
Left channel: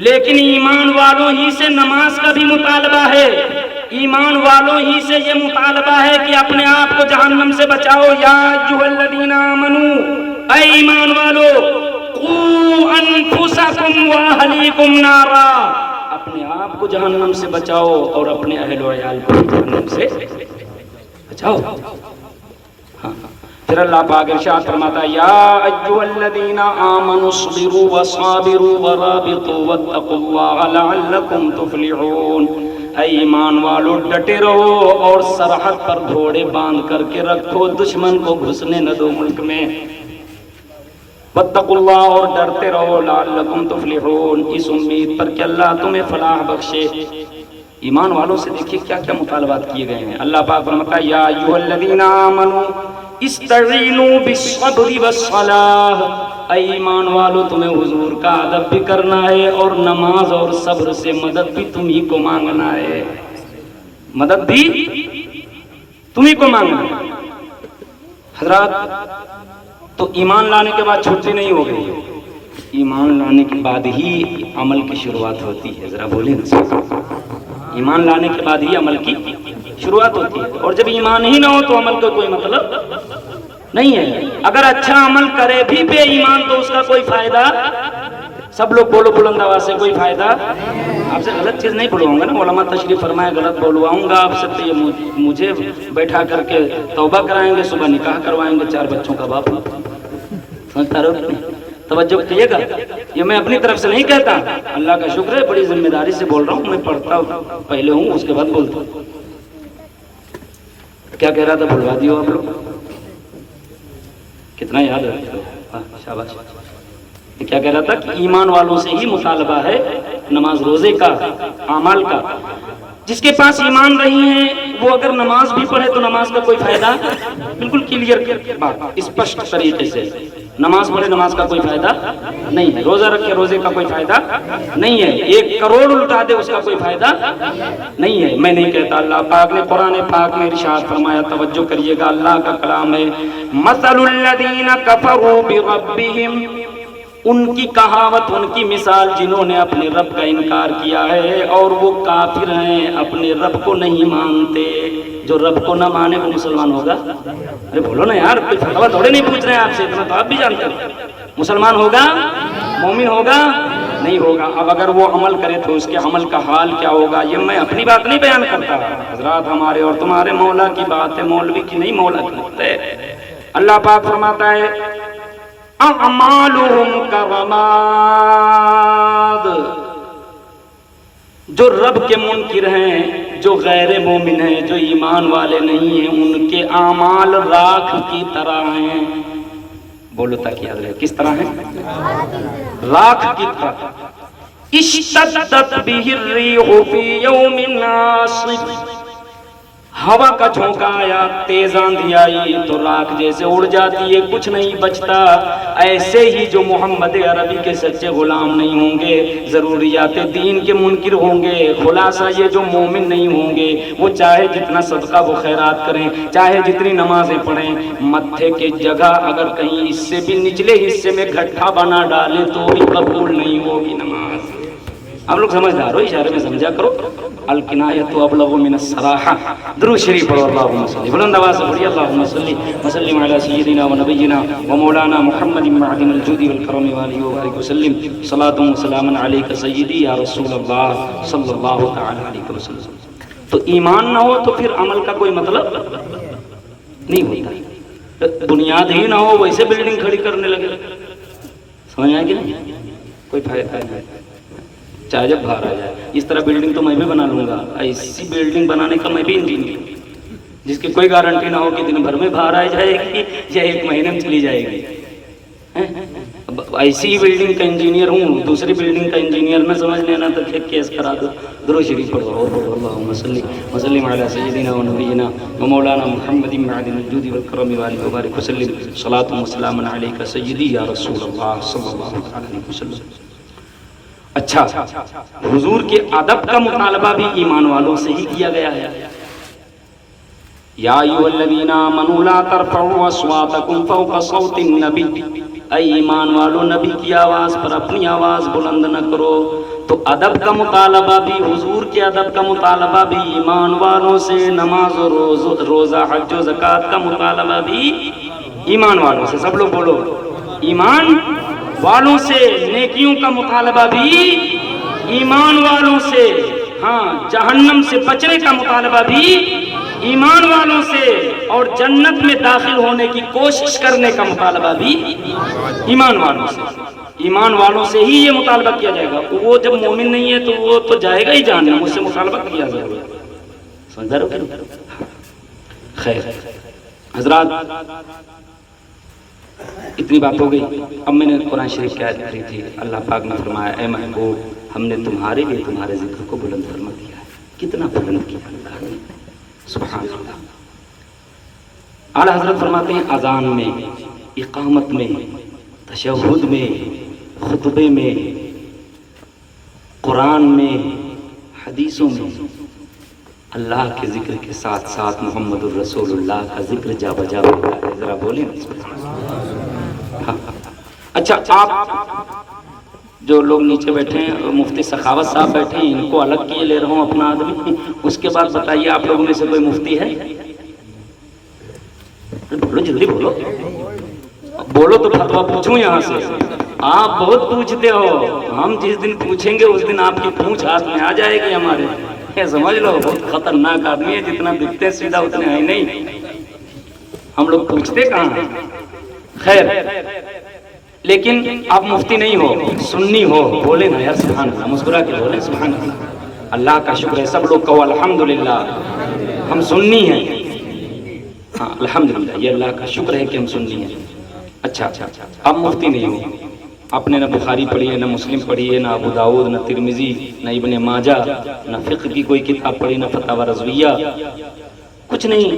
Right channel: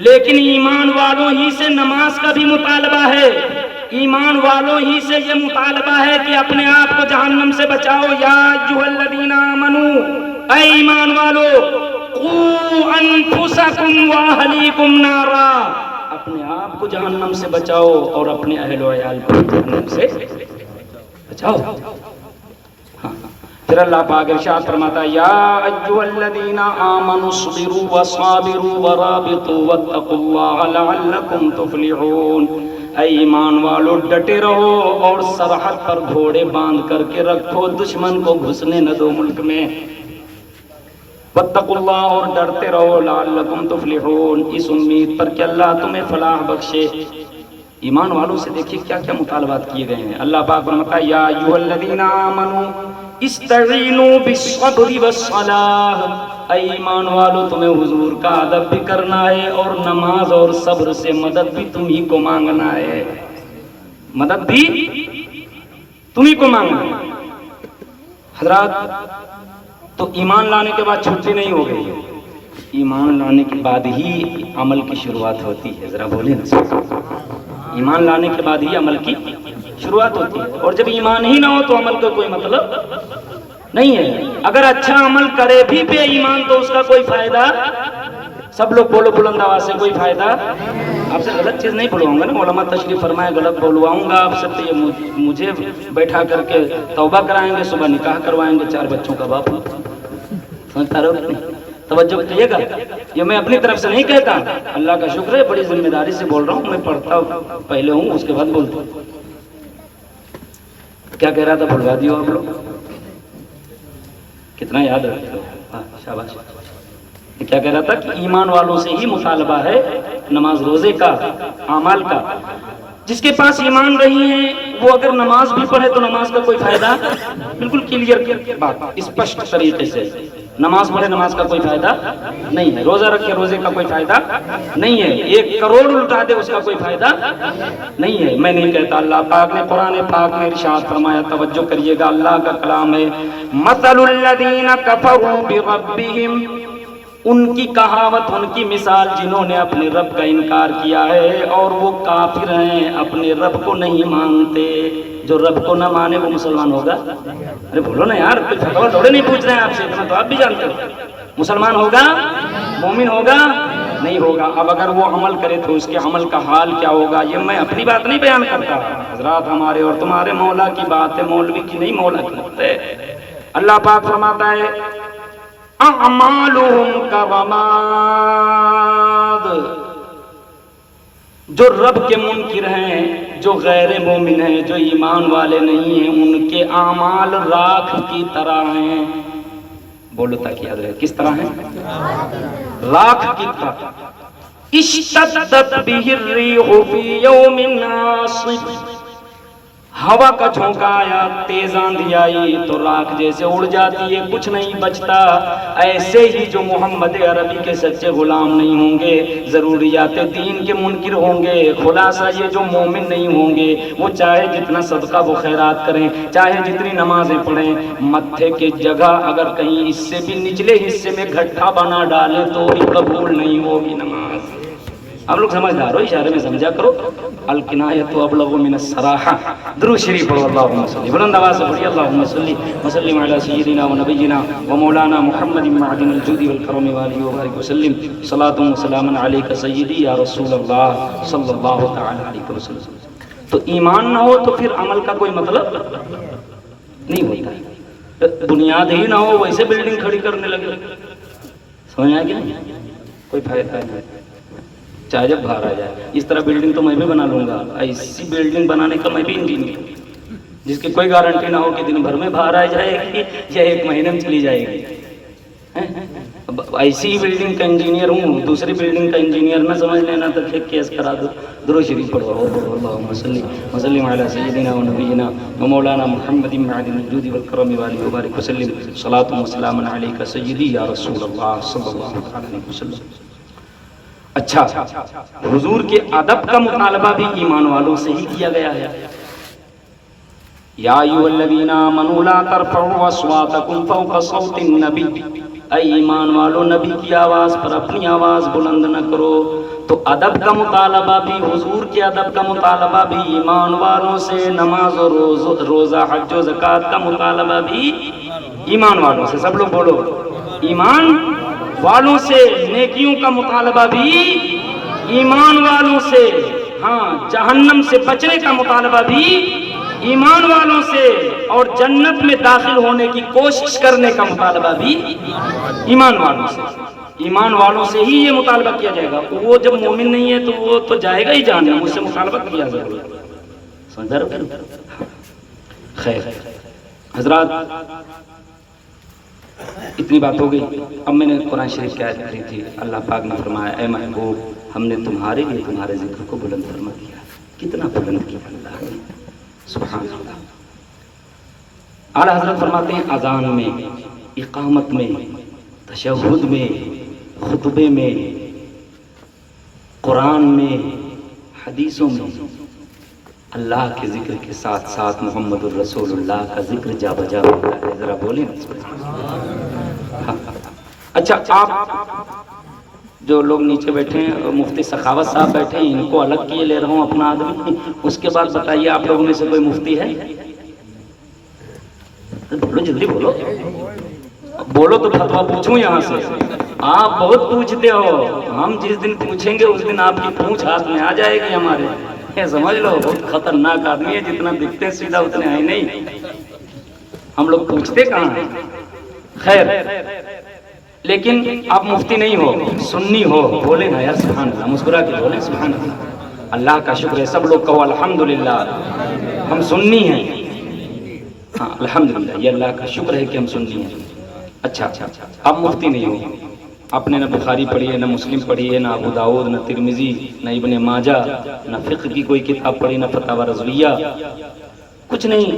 لیکن ایمان والوں ہی سے نماز کا بھی مطالبہ ہے، ایمان والوں ہی سے یہ مطالبہ ہے کہ اپنے آپ کو جہنم سے بچاؤ۔ یا ایھا الذین آمنوا، اے ایمان والو، قوا انفسکم واہلیکم نارا، اپنے آپ کو جہنم سے بچاؤ اور اپنے اہل و عیال کو جہنم سے بچاؤ۔ پھر اللہ پاک ارشاد فرماتا ہے یا ایھا الذین آمنوا اصبروا وصابروا ورابطوا واتقوا اللہ لعلکم تفلحون، اے ایمان والو ڈٹے رہو اور سرحد پر گھوڑے باندھ کر کے رکھو، دشمن کو گھسنے نہ دو ملک میں، واتقوا اللہ، اور ڈرتے رہو، لعلکم تفلحون، اس امید پر کہ اللہ تمہیں فلاح بخشے۔ ایمان والوں سے دیکھیے کیا کیا مطالبات کیے گئے ہیں۔ اللہ پاک فرماتا ہے یا ایھا الذین آمنوا، استعینوا بالصبر والصلاۃ، اے ایمان والو تمہیں حضور کا ادب بھی کرنا ہے اور نماز اور صبر سے مدد بھی تمہیں کو مانگنا ہے، مدد بھی تمہیں کو مانگنا ہے۔ حضرات تو ایمان لانے کے بعد چھٹی نہیں ہو گئی، ایمان لانے کے بعد ہی عمل کی شروعات ہوتی ہے، ذرا بولیں نا، ایمان لانے کے بعد ہی عمل کی شروعات ہوتی ہے، اور جب ایمان ہی نہ ہو تو عمل کا کوئی مطلب نہیں ہے۔ اگر اچھا عمل کرے بھی بے ایمان تو اس کا کوئی فائدہ، سب لوگ بولو بلند آواز سے، کوئی فائدہ۔ آپ سے غلط چیز نہیں بلواؤں گا نا، علماء تشریف فرمائے، غلط بولواؤں گا آپ سے تو یہ مجھے بیٹھا کر کے توبہ کرائیں گے، صبح نکاح کروائیں گے 4 بچوں کا باپ۔ سمجھتا رہو، توجہ کیے گا، یہ میں اپنی طرف سے نہیں کہتا، اللہ کا شکر ہے بڑی ذمہ داری سے بول رہا ہوں، میں پڑھتا پہلے ہوں اس کے بعد بولتا ہوں۔ کیا کہہ رہا تھا بھلوا دیو آپ لوگ، کتنا یاد رکھتے ہو، شاباش۔ کیا کہہ رہا تھا کہ ایمان والوں سے ہی مطالبہ ہے نماز روزے کا، اعمال کا۔ جس کے پاس ایمان رہی ہے وہ اگر نماز بھی پڑھے تو نماز کا کوئی فائدہ، بالکل کلیئر بات، اسپشٹ طریقے سے، نماز پڑھے نماز کا کوئی فائدہ نہیں ہے، روزہ رکھے روزے کا کوئی فائدہ نہیں ہے، 1 کروڑ الٹا دے اس کا کوئی فائدہ نہیں ہے۔ میں نہیں کہتا، اللہ پاک نے قرآن پاک میں ارشاد فرمایا، توجہ کریے گا، اللہ کا کلام ہے، مثل الذین کفروا بربہم، ان کی کہاوت، ان کی مثال، جنہوں نے اپنے رب کا انکار کیا ہے اور وہ کافر ہیں، اپنے رب کو نہیں مانتے۔ جو رب کو نہ مانے وہ مسلمان ہوگا؟ ارے بولو نا یار، کوئی فتویٰ تھوڑے نہیں پوچھ رہے ہیں آپ سے، اتنا تو آپ بھی جانتے ہو۔ مسلمان ہوگا؟ مومن ہوگا؟ نہیں ہوگا۔ اب اگر وہ عمل کرے تو اس کے عمل کا حال کیا ہوگا؟ یہ میں اپنی بات نہیں بیان کرتا، حضرات ہمارے اور تمہارے مولا کی بات ہے، مولوی کی نہیں، مولا کی بات ہے۔ اللہ پاک فرماتا ہے، اعمالهم کرماد، جو رب کے منکر ہیں، جو غیر مومن ہیں، جو ایمان والے نہیں ہیں، ان کے اعمال راکھ کی طرح ہیں۔ بولو تاکہ یاد رہے، کس طرح ہیں؟ راکھ کی طرح۔ اشتدت به الریح فی یوم عاصف، ہوا کا جھونکا آیا، تیز آندھی آئی تو راکھ جیسے اڑ جاتی ہے، کچھ نہیں بچتا۔ ایسے ہی جو محمد عربی کے سچے غلام نہیں ہوں گے، ضروریات دین کے منکر ہوں گے، خلاصہ یہ جو مومن نہیں ہوں گے، وہ چاہے جتنا صدقہ و خیرات کریں، چاہے جتنی نمازیں پڑھیں، متھے کی جگہ اگر کہیں اس سے بھی نچلے حصے میں گھٹا بنا ڈالے تو بھی قبول نہیں ہوگی نماز۔ آپ لوگ سمجھدار ہو، اشارے میں سمجھا کرو۔ الکنایۃ ابلغ من الصراحہ، درود شریف پڑھو، اللہم صلی، بلند آواز سے پڑھیے، اللہم صلی وسلم علی سیدنا و نبینا و مولانا محمد معدن الجود والکرم وآلہ وبارک وسلم، صلاۃ و سلام علیک سیدی یا رسول اللہ صلی اللہ تعالی علیہ وسلم۔ تو ایمان نہ ہو تو پھر عمل کا کوئی مطلب نہیں ہوتا، بنیاد ہی نہ ہو ویسے بلڈنگ کھڑی کرنے لگے، سمجھا کیا؟ کوئی فائدہ نہیں، چاہے جب باہر آ جائے۔ اس طرح بلڈنگ تو میں بھی بنا لوں گا، ایسی بلڈنگ بنانے کا میں بھی انجینئر ہوں، جس کی کوئی گارنٹی نہ ہو کہ دن بھر میں باہر آ جائے گی یا 1 مہینے میں چلی جائے گی۔ ایسی ہی بلڈنگ کا انجینئر ہوں، دوسری بلڈنگ کا انجینئر نہ سمجھ لینا تو پھر کیس کرا دو۔ درود شریف پڑھو، اللہم صلی وسلم علی سیدنا و نبینا و مولانا محمد معدن الجود والکرم وآلہ وبارک وسلم، صلاۃ و سلام علیک سیدی یا رسول اللہ صلی اللہ علیہ وسلم۔ اچھا، حضور کے ادب کا مطالبہ بھی ایمان والوں سے ہی کیا گیا ہے۔ یا ایھا الذین آمنوا لا ترفعوا اصواتکم فوق صوت النبی، اے ایمان والو نبی کی آواز پر اپنی آواز بلند نہ کرو۔ تو ادب کا مطالبہ بھی، حضور کے ادب کا مطالبہ بھی ایمان والوں سے، نماز و روزہ حج و زکوٰۃ کا مطالبہ بھی ایمان والوں سے۔ سب لوگ بولو، ایمان والوں سے، نیکیوں کا مطالبہ بھی ایمان والوں سے، ہاں، جہنم سے بچنے کا مطالبہ بھی ایمان والوں سے، اور جنت میں داخل ہونے کی کوشش کرنے کا مطالبہ بھی ایمان والوں سے۔ ایمان والوں سے ہی یہ مطالبہ کیا جائے گا، وہ جب مومن نہیں ہے تو وہ تو جائے گا ہی جہنم، اس سے مطالبہ کیا جائے گا، سمجھا رہو کہ؟ خیر حضرات، اتنی بات ہو گئی۔ اب میں نے قرآن شریف کی آیت پڑھی تھی، اللہ پاک نے فرمایا، اے محبوب، ہم نے تمہارے لیے تمہارے ذکر کو بلند فرما کیا ہے۔ کتنا بلند کیا اللہ نے، سبحان اللہ۔ اعلیٰ حضرت فرماتے ہیں اذان میں، اقامت میں، تشہد میں، خطبے میں، قرآن میں، حدیثوں میں اللہ کے ذکر کے ساتھ ساتھ محمد الرسول اللہ کا ذکر جا بجا ہوتا ہے. ذرا بولیں. اچھا، آپ جو لوگ نیچے بیٹھے ہیں اور مفتی سخاوت صاحب بیٹھے ہیں، ان کو الگ کیے لے رہا ہوں اپنا آدمی. اس کے بعد بتائیے آپ لوگوں میں سے کوئی مفتی ہے؟ بولو جلدی بولو، بولو تو فتویٰ پوچھوں یہاں سے. آپ بہت پوچھتے ہو، ہم جس دن پوچھیں گے اس دن آپ کی پونچھ ہاتھ میں آ جائے گی ہمارے. سمجھ لو بہت خطرناک آدمی ہے، جتنا دکھتے ہیں سیدھا اتنے ہیں نہیں. ہم لوگ پوچھتے کہاں ہیں. خیر، لیکن آپ مفتی نہیں ہو، سنی ہو. بولے نا یار سبحان اللہ، مسکرا کے بولیں سبحان اللہ. اللہ کا شکر ہے، سب لوگ کہو الحمدللہ ہم سنی ہیں. ہاں الحمدللہ، یہ اللہ کا شکر ہے کہ ہم سنی ہیں. اچھا، اب مفتی نہیں ہو. آپ نے نہ بخاری پڑھی ہے، نہ مسلم پڑھی ہے، نہ ابو داؤد، نہ ترمذی، نہ ابن ماجہ، نہ فقہ کی کوئی کتاب پڑھی، نہ فتاوی رضویہ، کچھ نہیں.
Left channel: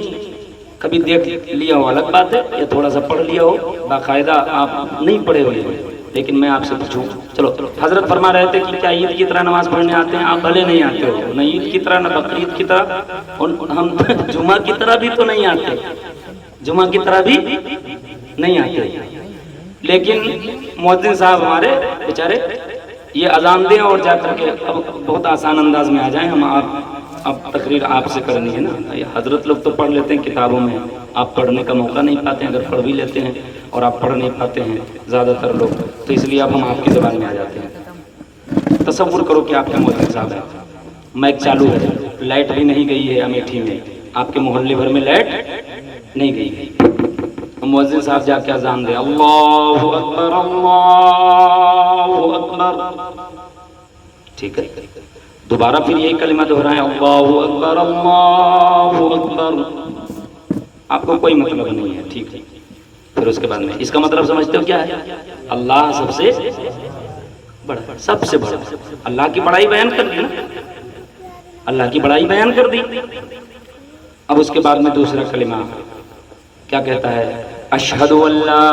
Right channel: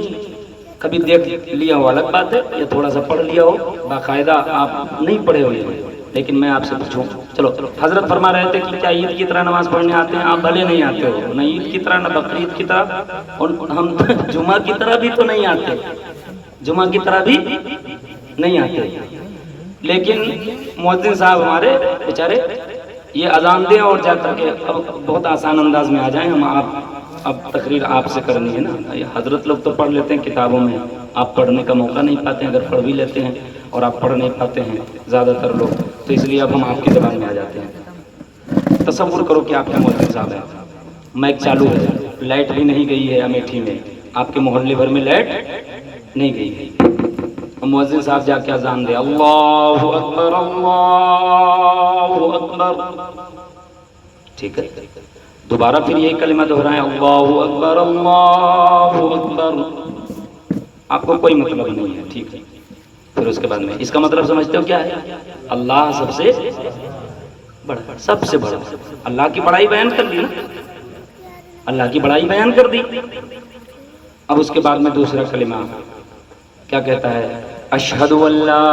کبھی دیکھ لیا ہو الگ بات ہے، یا تھوڑا سا پڑھ لیا ہو. باقاعدہ آپ نہیں پڑھے ہوئے ہیں. لیکن میں آپ سے پوچھوں، چلو حضرت فرما رہے تھے کہ کیا عید کی طرح نماز پڑھنے آتے ہیں؟ آپ بھلے نہیں آتے ہو، نہ عید کی طرح، نہ بقرعید کی طرح، اور ہم جمعہ کی طرح بھی تو نہیں آتے، جمعہ کی طرح بھی نہیں آتے. لیکن مؤذن صاحب ہمارے بیچارے یہ اذان دیں اور جا کر کے اب بہت آسان انداز میں آ جائیں. ہم اب تقریر آپ سے کرنی ہے نا. یہ حضرت لوگ تو پڑھ لیتے ہیں کتابوں میں، آپ پڑھنے کا موقع نہیں پاتے ہیں. اگر پڑھ بھی لیتے ہیں اور آپ پڑھ نہیں پاتے ہیں زیادہ تر لوگ، تو اس لیے اب ہم آپ کی زبان میں آ جاتے ہیں. تصور کرو کہ آپ کے مؤذن صاحب ہیں، مائک چالو ہے، لائٹ بھی نہیں گئی ہے امیٹھی میں، آپ کے محلے بھر میں لائٹ نہیں گئی. مؤذن صاحب جا کے اذان دے، اللہ اکبر اللہ اکبر. ٹھیک ہے، دوبارہ پھر یہی کلمہ دہرائیں، اللہ اکبر اللہ اکبر. آپ کو کوئی مطلب نہیں ہے، ٹھیک ہے. پھر اس کے بعد میں اس کا مطلب سمجھتے ہو کیا ہے؟ اللہ سب سے بڑا، سب سے بڑا. اللہ کی بڑائی بیان کر دی نا، اللہ کی بڑائی بیان کر دی. اب اس کے بعد میں دوسرا کلمہ کیا کہتا ہے؟ اشہد ان لا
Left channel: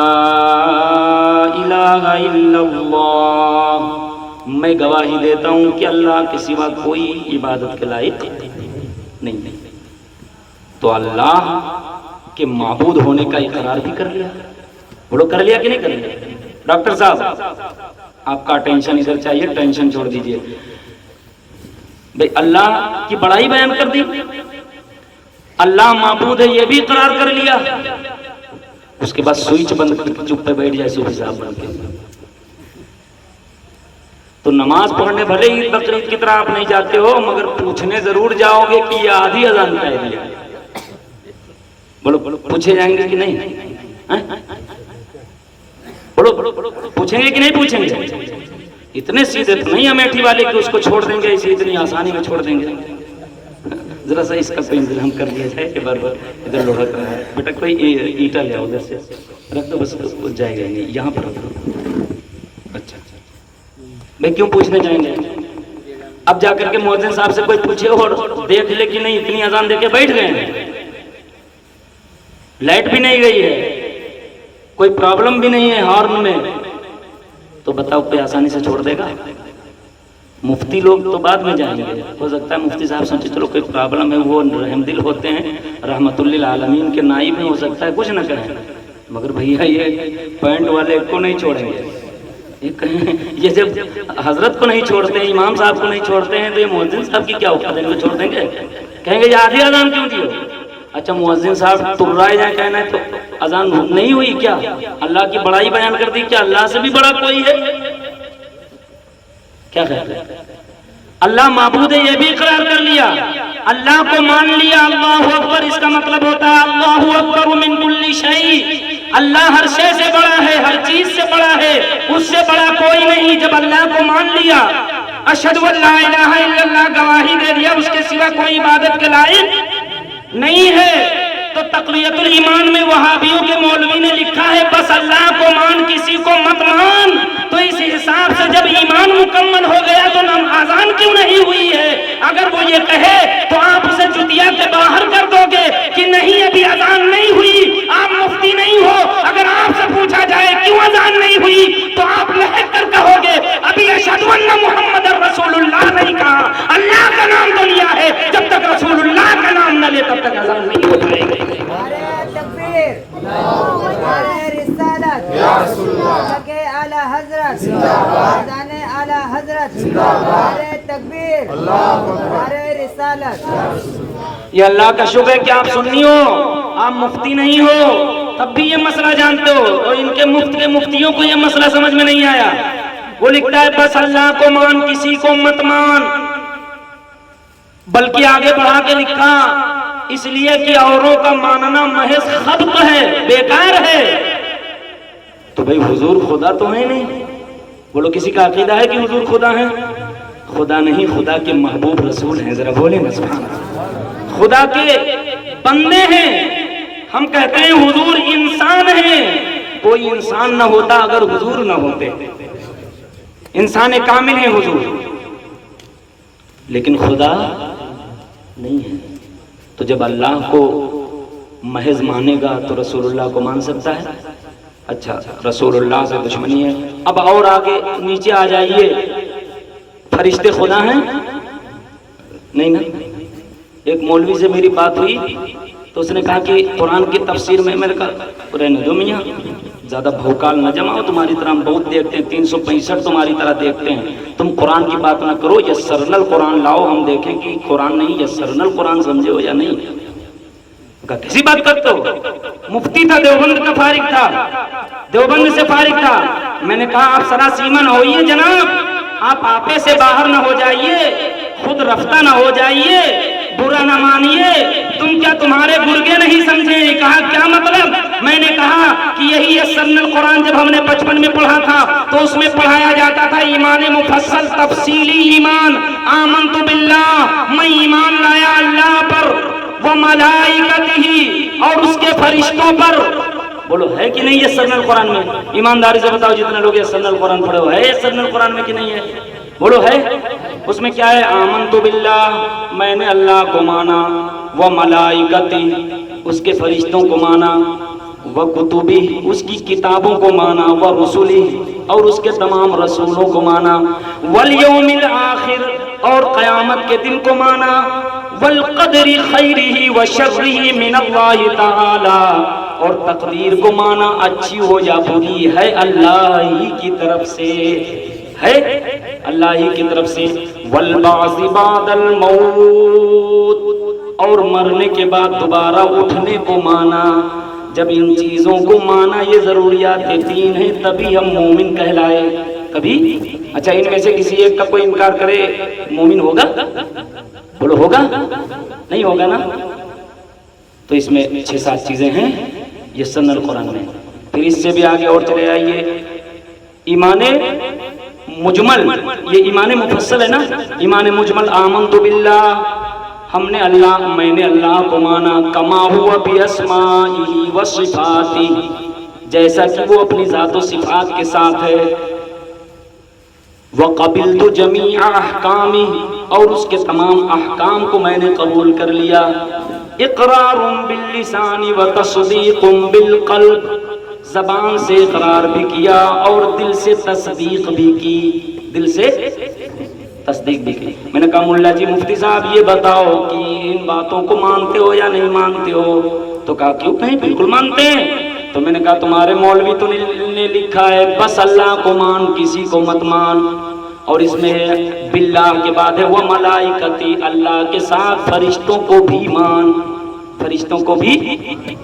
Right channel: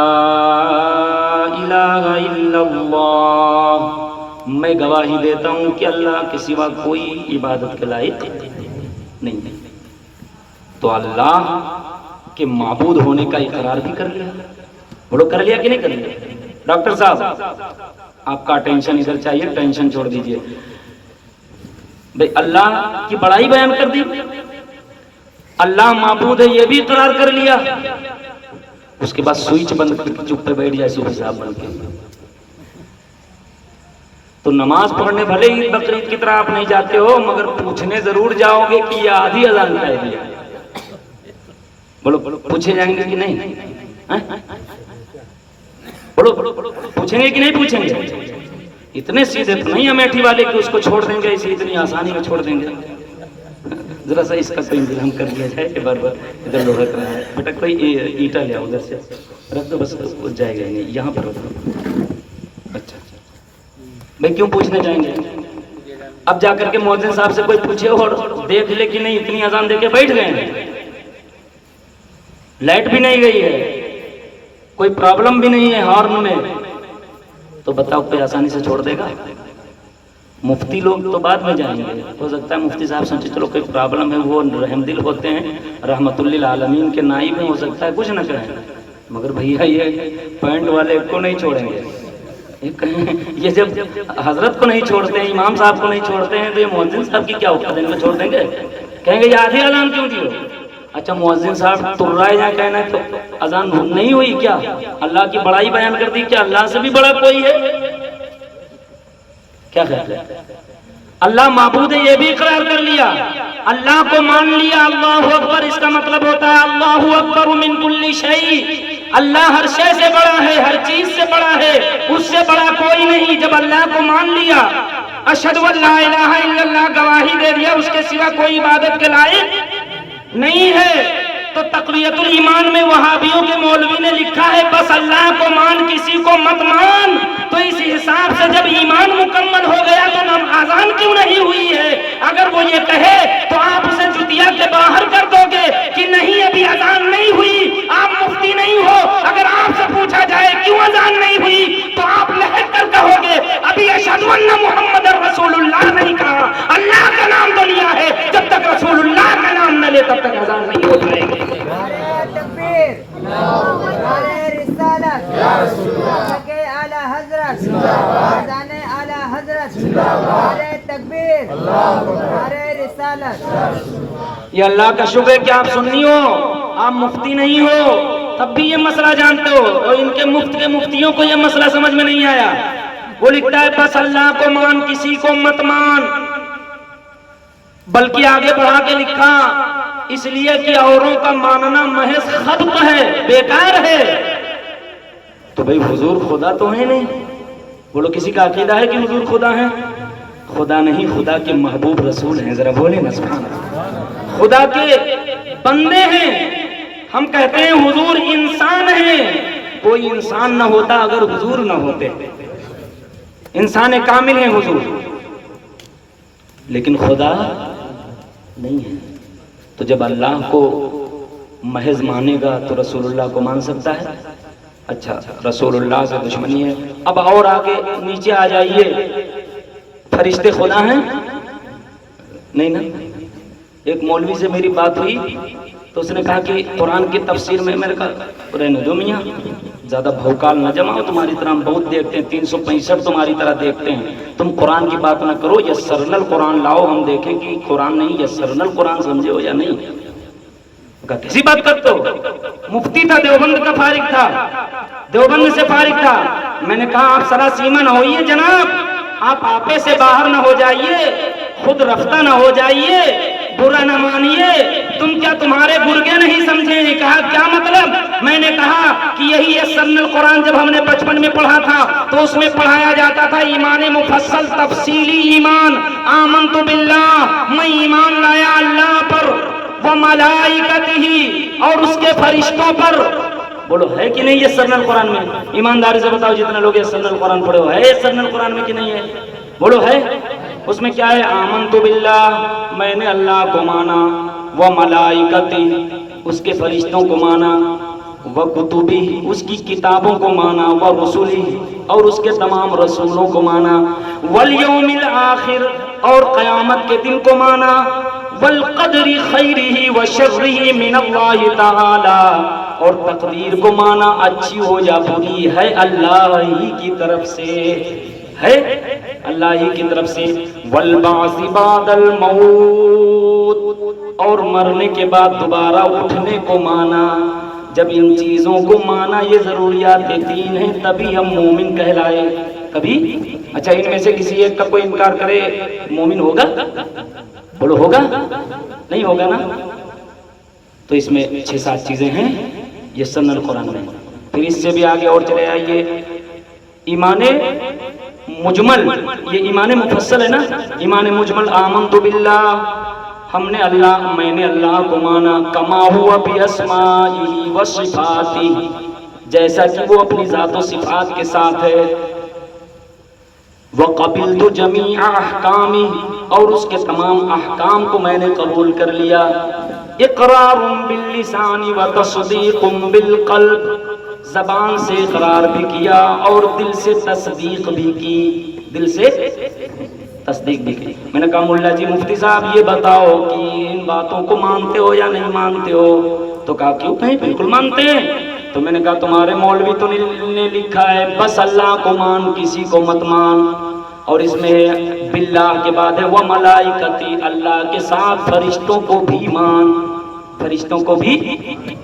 الہ الا اللہ، میں گواہی دیتا ہوں کہ اللہ کے سوا کوئی عبادت کے لائق نہیں. تو اللہ کے معبود ہونے کا اقرار بھی کر لیا. بولو کر لیا کہ نہیں کر لیا؟ ڈاکٹر صاحب آپ کا ٹینشن ادھر چاہیے، ٹینشن چھوڑ دیجئے. بھئی اللہ کی بڑائی بیان کر دی، اللہ معبود ہے یہ بھی اقرار کر لیا. اس کے بعد سوئچ بند کر کے چپ پہ بیٹھ جائے صوفی صاحب بن کے. تو نماز پڑھنے بھلے ہی بقرعید کی طرح آپ نہیں جاتے ہو، مگر پوچھنے ضرور جاؤ گے کہ یہ آدھی اذان کا ہے. بولو پوچھے جائیں گے کہ نہیں؟ بولو پوچھیں گے کہ نہیں پوچھیں گے؟ اتنے سیدھے تو نہیں امیٹھی والے کہ اس کو چھوڑ دیں گے اسی اتنی آسانی میں چھوڑ دیں گے. ذرا سا اس کا کوئی انتظام کر دیا جائے کہ بار بار ادھر لوہا کر رہا ہے. بیٹا کوئی اینٹا لے آؤ ادھر سے رکھ دو، بس جائے گا نہیں یہاں پر رکھ دو. اچھا بھائی کیوں پوچھنے جائیں گے؟ اب جا کر کے مؤذن صاحب سے کوئی پوچھے اور دیکھ لے کہ نہیں اتنی اذان دے کے بیٹھ گئے ہیں، لائٹ بھی نہیں گئی ہے، کوئی پرابلم بھی نہیں ہے ہارن میں، تو بتاؤ کوئی آسانی سے چھوڑ دے گا؟ مفتی لوگ تو بعد میں جائیں گے. ہو سکتا ہے مفتی صاحب سوچے چلو کوئی پرابلم ہے، وہ رحم دل ہوتے ہیں، رحمت للعالمین کے نائب میں، ہو سکتا ہے کچھ نہ کہیں. مگر بھیا یہ پوائنٹ والے کو نہیں چھوڑیں گے. یہ جب حضرت کو نہیں چھوڑتے ہیں، امام صاحب کو نہیں چھوڑتے ہیں، تو یہ مؤذن صاحب کی کیا اوقات ہے؟ ان کو چھوڑ دیں گے؟ کہیں گے یہ آدھی اذان کیوں دی ہو؟ اچھا مؤذن صاحب تر رہا ہے یا کہنا ہے تو اذان نہیں ہوئی کیا؟ اللہ کی بڑائی بیان کر دی، کیا اللہ سے بھی بڑا کوئی ہے؟ کیا خیال ہے؟ اللہ معبود ہے یہ بھی اقرار کر لیا، اللہ کو مان لیا. اللہ اکبر اس کا مطلب ہوتا ہے اللہ اکبر من کل شیء، اللہ ہر شے سے بڑا ہے، ہر چیز سے بڑا ہے، اس سے بڑا کوئی نہیں. جب اللہ کو مان لیا، اشہد ان لا الہ الا اللہ گواہی دے دیا اس کے سوا کوئی عبادت کے لائق نہیں ہے، تو تقویت الایمان میں وہابیوں کے مولوی نے لکھا ہے بس اللہ کو مان کسی کو مت مان. تو اس حساب سے جب ایمان مکمل ہو گیا تو اذان کیوں نہیں ہوئی ہے؟ اگر وہ یہ کہے تو آپ اسے جتیا کے باہر کر دو گے کہ نہیں ابھی اذان نہیں ہوئی، آپ مفتی نہیں ہو. اگر آپ سے پوچھا جائے کیوں اذان نہیں ہوئی تو آپ لہک کر کہو گے ابھی اشہد ان محمد رسول اللہ نہیں کہا. اللہ کا نام تو لیا ہے, جب تک رسول اللہ کا نام نہ لے تب تک اذان نہیں ہو جائے گی. نعرہ تکبیر، نعرہ رسالت، حق اعلی حضرت، اذان اعلی حضرت، نعرہ تکبیر، نعرہ رسالت. یہ اللہ کا شکر ہے کہ آپ سنی ہو, آپ مفتی نہیں ہو, تب بھی یہ مسئلہ جانتے ہو, اور ان کے مفتیوں کو یہ مسئلہ سمجھ میں نہیں آیا. وہ لکھتا ہے بس اللہ کو مان, کسی کو مت مان. بلکہ آگے بڑھا کے لکھا اس لیے کہ اوروں کا ماننا محض خبط ہے, بیکار ہے. تو بھئی حضور خدا تو ہے نہیں. بولو کسی کا عقیدہ ہے کہ حضور خدا ہے؟ خدا نہیں, خدا کے محبوب رسول ہیں. ذرا بولیں نا سبحان اللہ. خدا کے بندے ہیں. ہم کہتے ہیں حضور انسان ہیں. کوئی انسان نہ ہوتا اگر حضور نہ ہوتے. انسان کامل ہیں حضور, لیکن خدا نہیں ہے. تو جب اللہ کو محض مانے گا تو رسول اللہ کو مان سکتا ہے؟ اچھا, رسول اللہ سے دشمنی ہے. اب اور آگے نیچے آ جائیے, فرشتے خدا ہیں؟ نہیں نا. ایک مولوی سے میری بات ہوئی تو اس نے کہا کہ قرآن کی تفسیر میں, میرے کہا رہنے دو میاں, زیادہ بھوکال نہ جماؤ, تمہاری طرح ہم بہت دیکھتے ہیں, 365 تمہاری طرح دیکھتے ہیں, تم قرآن کی بات نہ کرو, یسرنا القرآن لاؤ, ہم دیکھیں کہ قرآن نہیں یسرنا القرآن سمجھے ہو یا نہیں. کسی بات کرتے ہو؟ مفتی تھا, دیوبند کا فارغ تھا, دیوبند سے فارغ تھا. میں نے کہا آپ سراسیمہ نہ ہوئیے جناب, آپ آپے سے باہر نہ ہو جائیے, خود رفتہ نہ ہو جائیے, برا نہ مانیے. تم کیا تمہارے گرگے نہیں سمجھے؟ کہا کیا مطلب؟ میں نے کہا کہ یہی یسرنا القرآن جب ہم نے بچپن میں پڑھا تھا تو اس میں پڑھایا جاتا تھا ایمان مفصل تفصیلی ایمان. آمنت باللہ, میں ایمان لایا اللہ پر, وہ ملائکتہ, اور اس کے فرشتوں پر. بولو ہے کہ نہیں یسرنا القرآن میں؟ ایمانداری سے بتاؤ جتنے لوگ یسرنا القرآن پڑھے ہو, ہے یسرنا القرآن میں کہ نہیں ہے؟ بولو ہے. اس میں کیا ہے؟ آمنت باللہ, میں نے اللہ کو مانا, و ملائکتی, اس کے فرشتوں کو مانا, و کتبی, اس کی کتابوں کو مانا, و رسولی, اور اس کے تمام رسولوں کو مانا, والیوم الآخر, اور قیامت کے دن کو مانا, والقدر خیرہ و شرہ من اللہ تعالی, اور تقدیر کو مانا, اچھی ہو یا بری ہے اللہ ہی کی طرف سے, ہے اللہ ہی کی طرف سے. والبعث بعد الموت, اور مرنے کے بعد دوبارہ اٹھنے کو مانا. جب ان چیزوں کو مانا, یہ ضروریات کے 3 ہیں, تبھی ہم مومن کہلائے. کبھی اچھا ان میں سے کسی ایک کا کوئی انکار کرے, مومن ہوگا؟ بولو ہوگا؟ نہیں ہوگا نا. تو اس میں 6-7 چیزیں ہیں یسرنا القرآن میں. پھر اس سے بھی آگے اور چلے آئیے, ایمان مجمل, یہ ایمان مفصل ہے نا. ایمان مجمل, آمنت باللہ, ہم نے اللہ, میں نے اللہ کو مانا, کما ہوا باسمائہ و صفاتہ, جیسا کہ وہ اپنی ذات و صفات کے ساتھ ہے. وقبلت جمیع احکامہ, اور اس کے تمام احکام کو میں نے قبول کر لیا. اقرار باللسان و تصدیق بالقلب, زبان سے اقرار بھی کیا اور دل سے تصدیق بھی کی, دل سے تصدیق بھی کی. میں نے کہا ملا جی مفتی صاحب یہ بتاؤ کہ ان باتوں کو مانتے ہو یا نہیں مانتے ہو؟ تو کہا کیوں کہیں بالکل مانتے ہیں. تو میں نے کہا تمہارے مولوی تو نے لکھا ہے بس اللہ کو مان, کسی کو مت مان, اور اس میں باللہ کے بعد ہے وہ ملائکتی, اللہ کے ساتھ فرشتوں کو بھی مان, فرشتوں کو بھی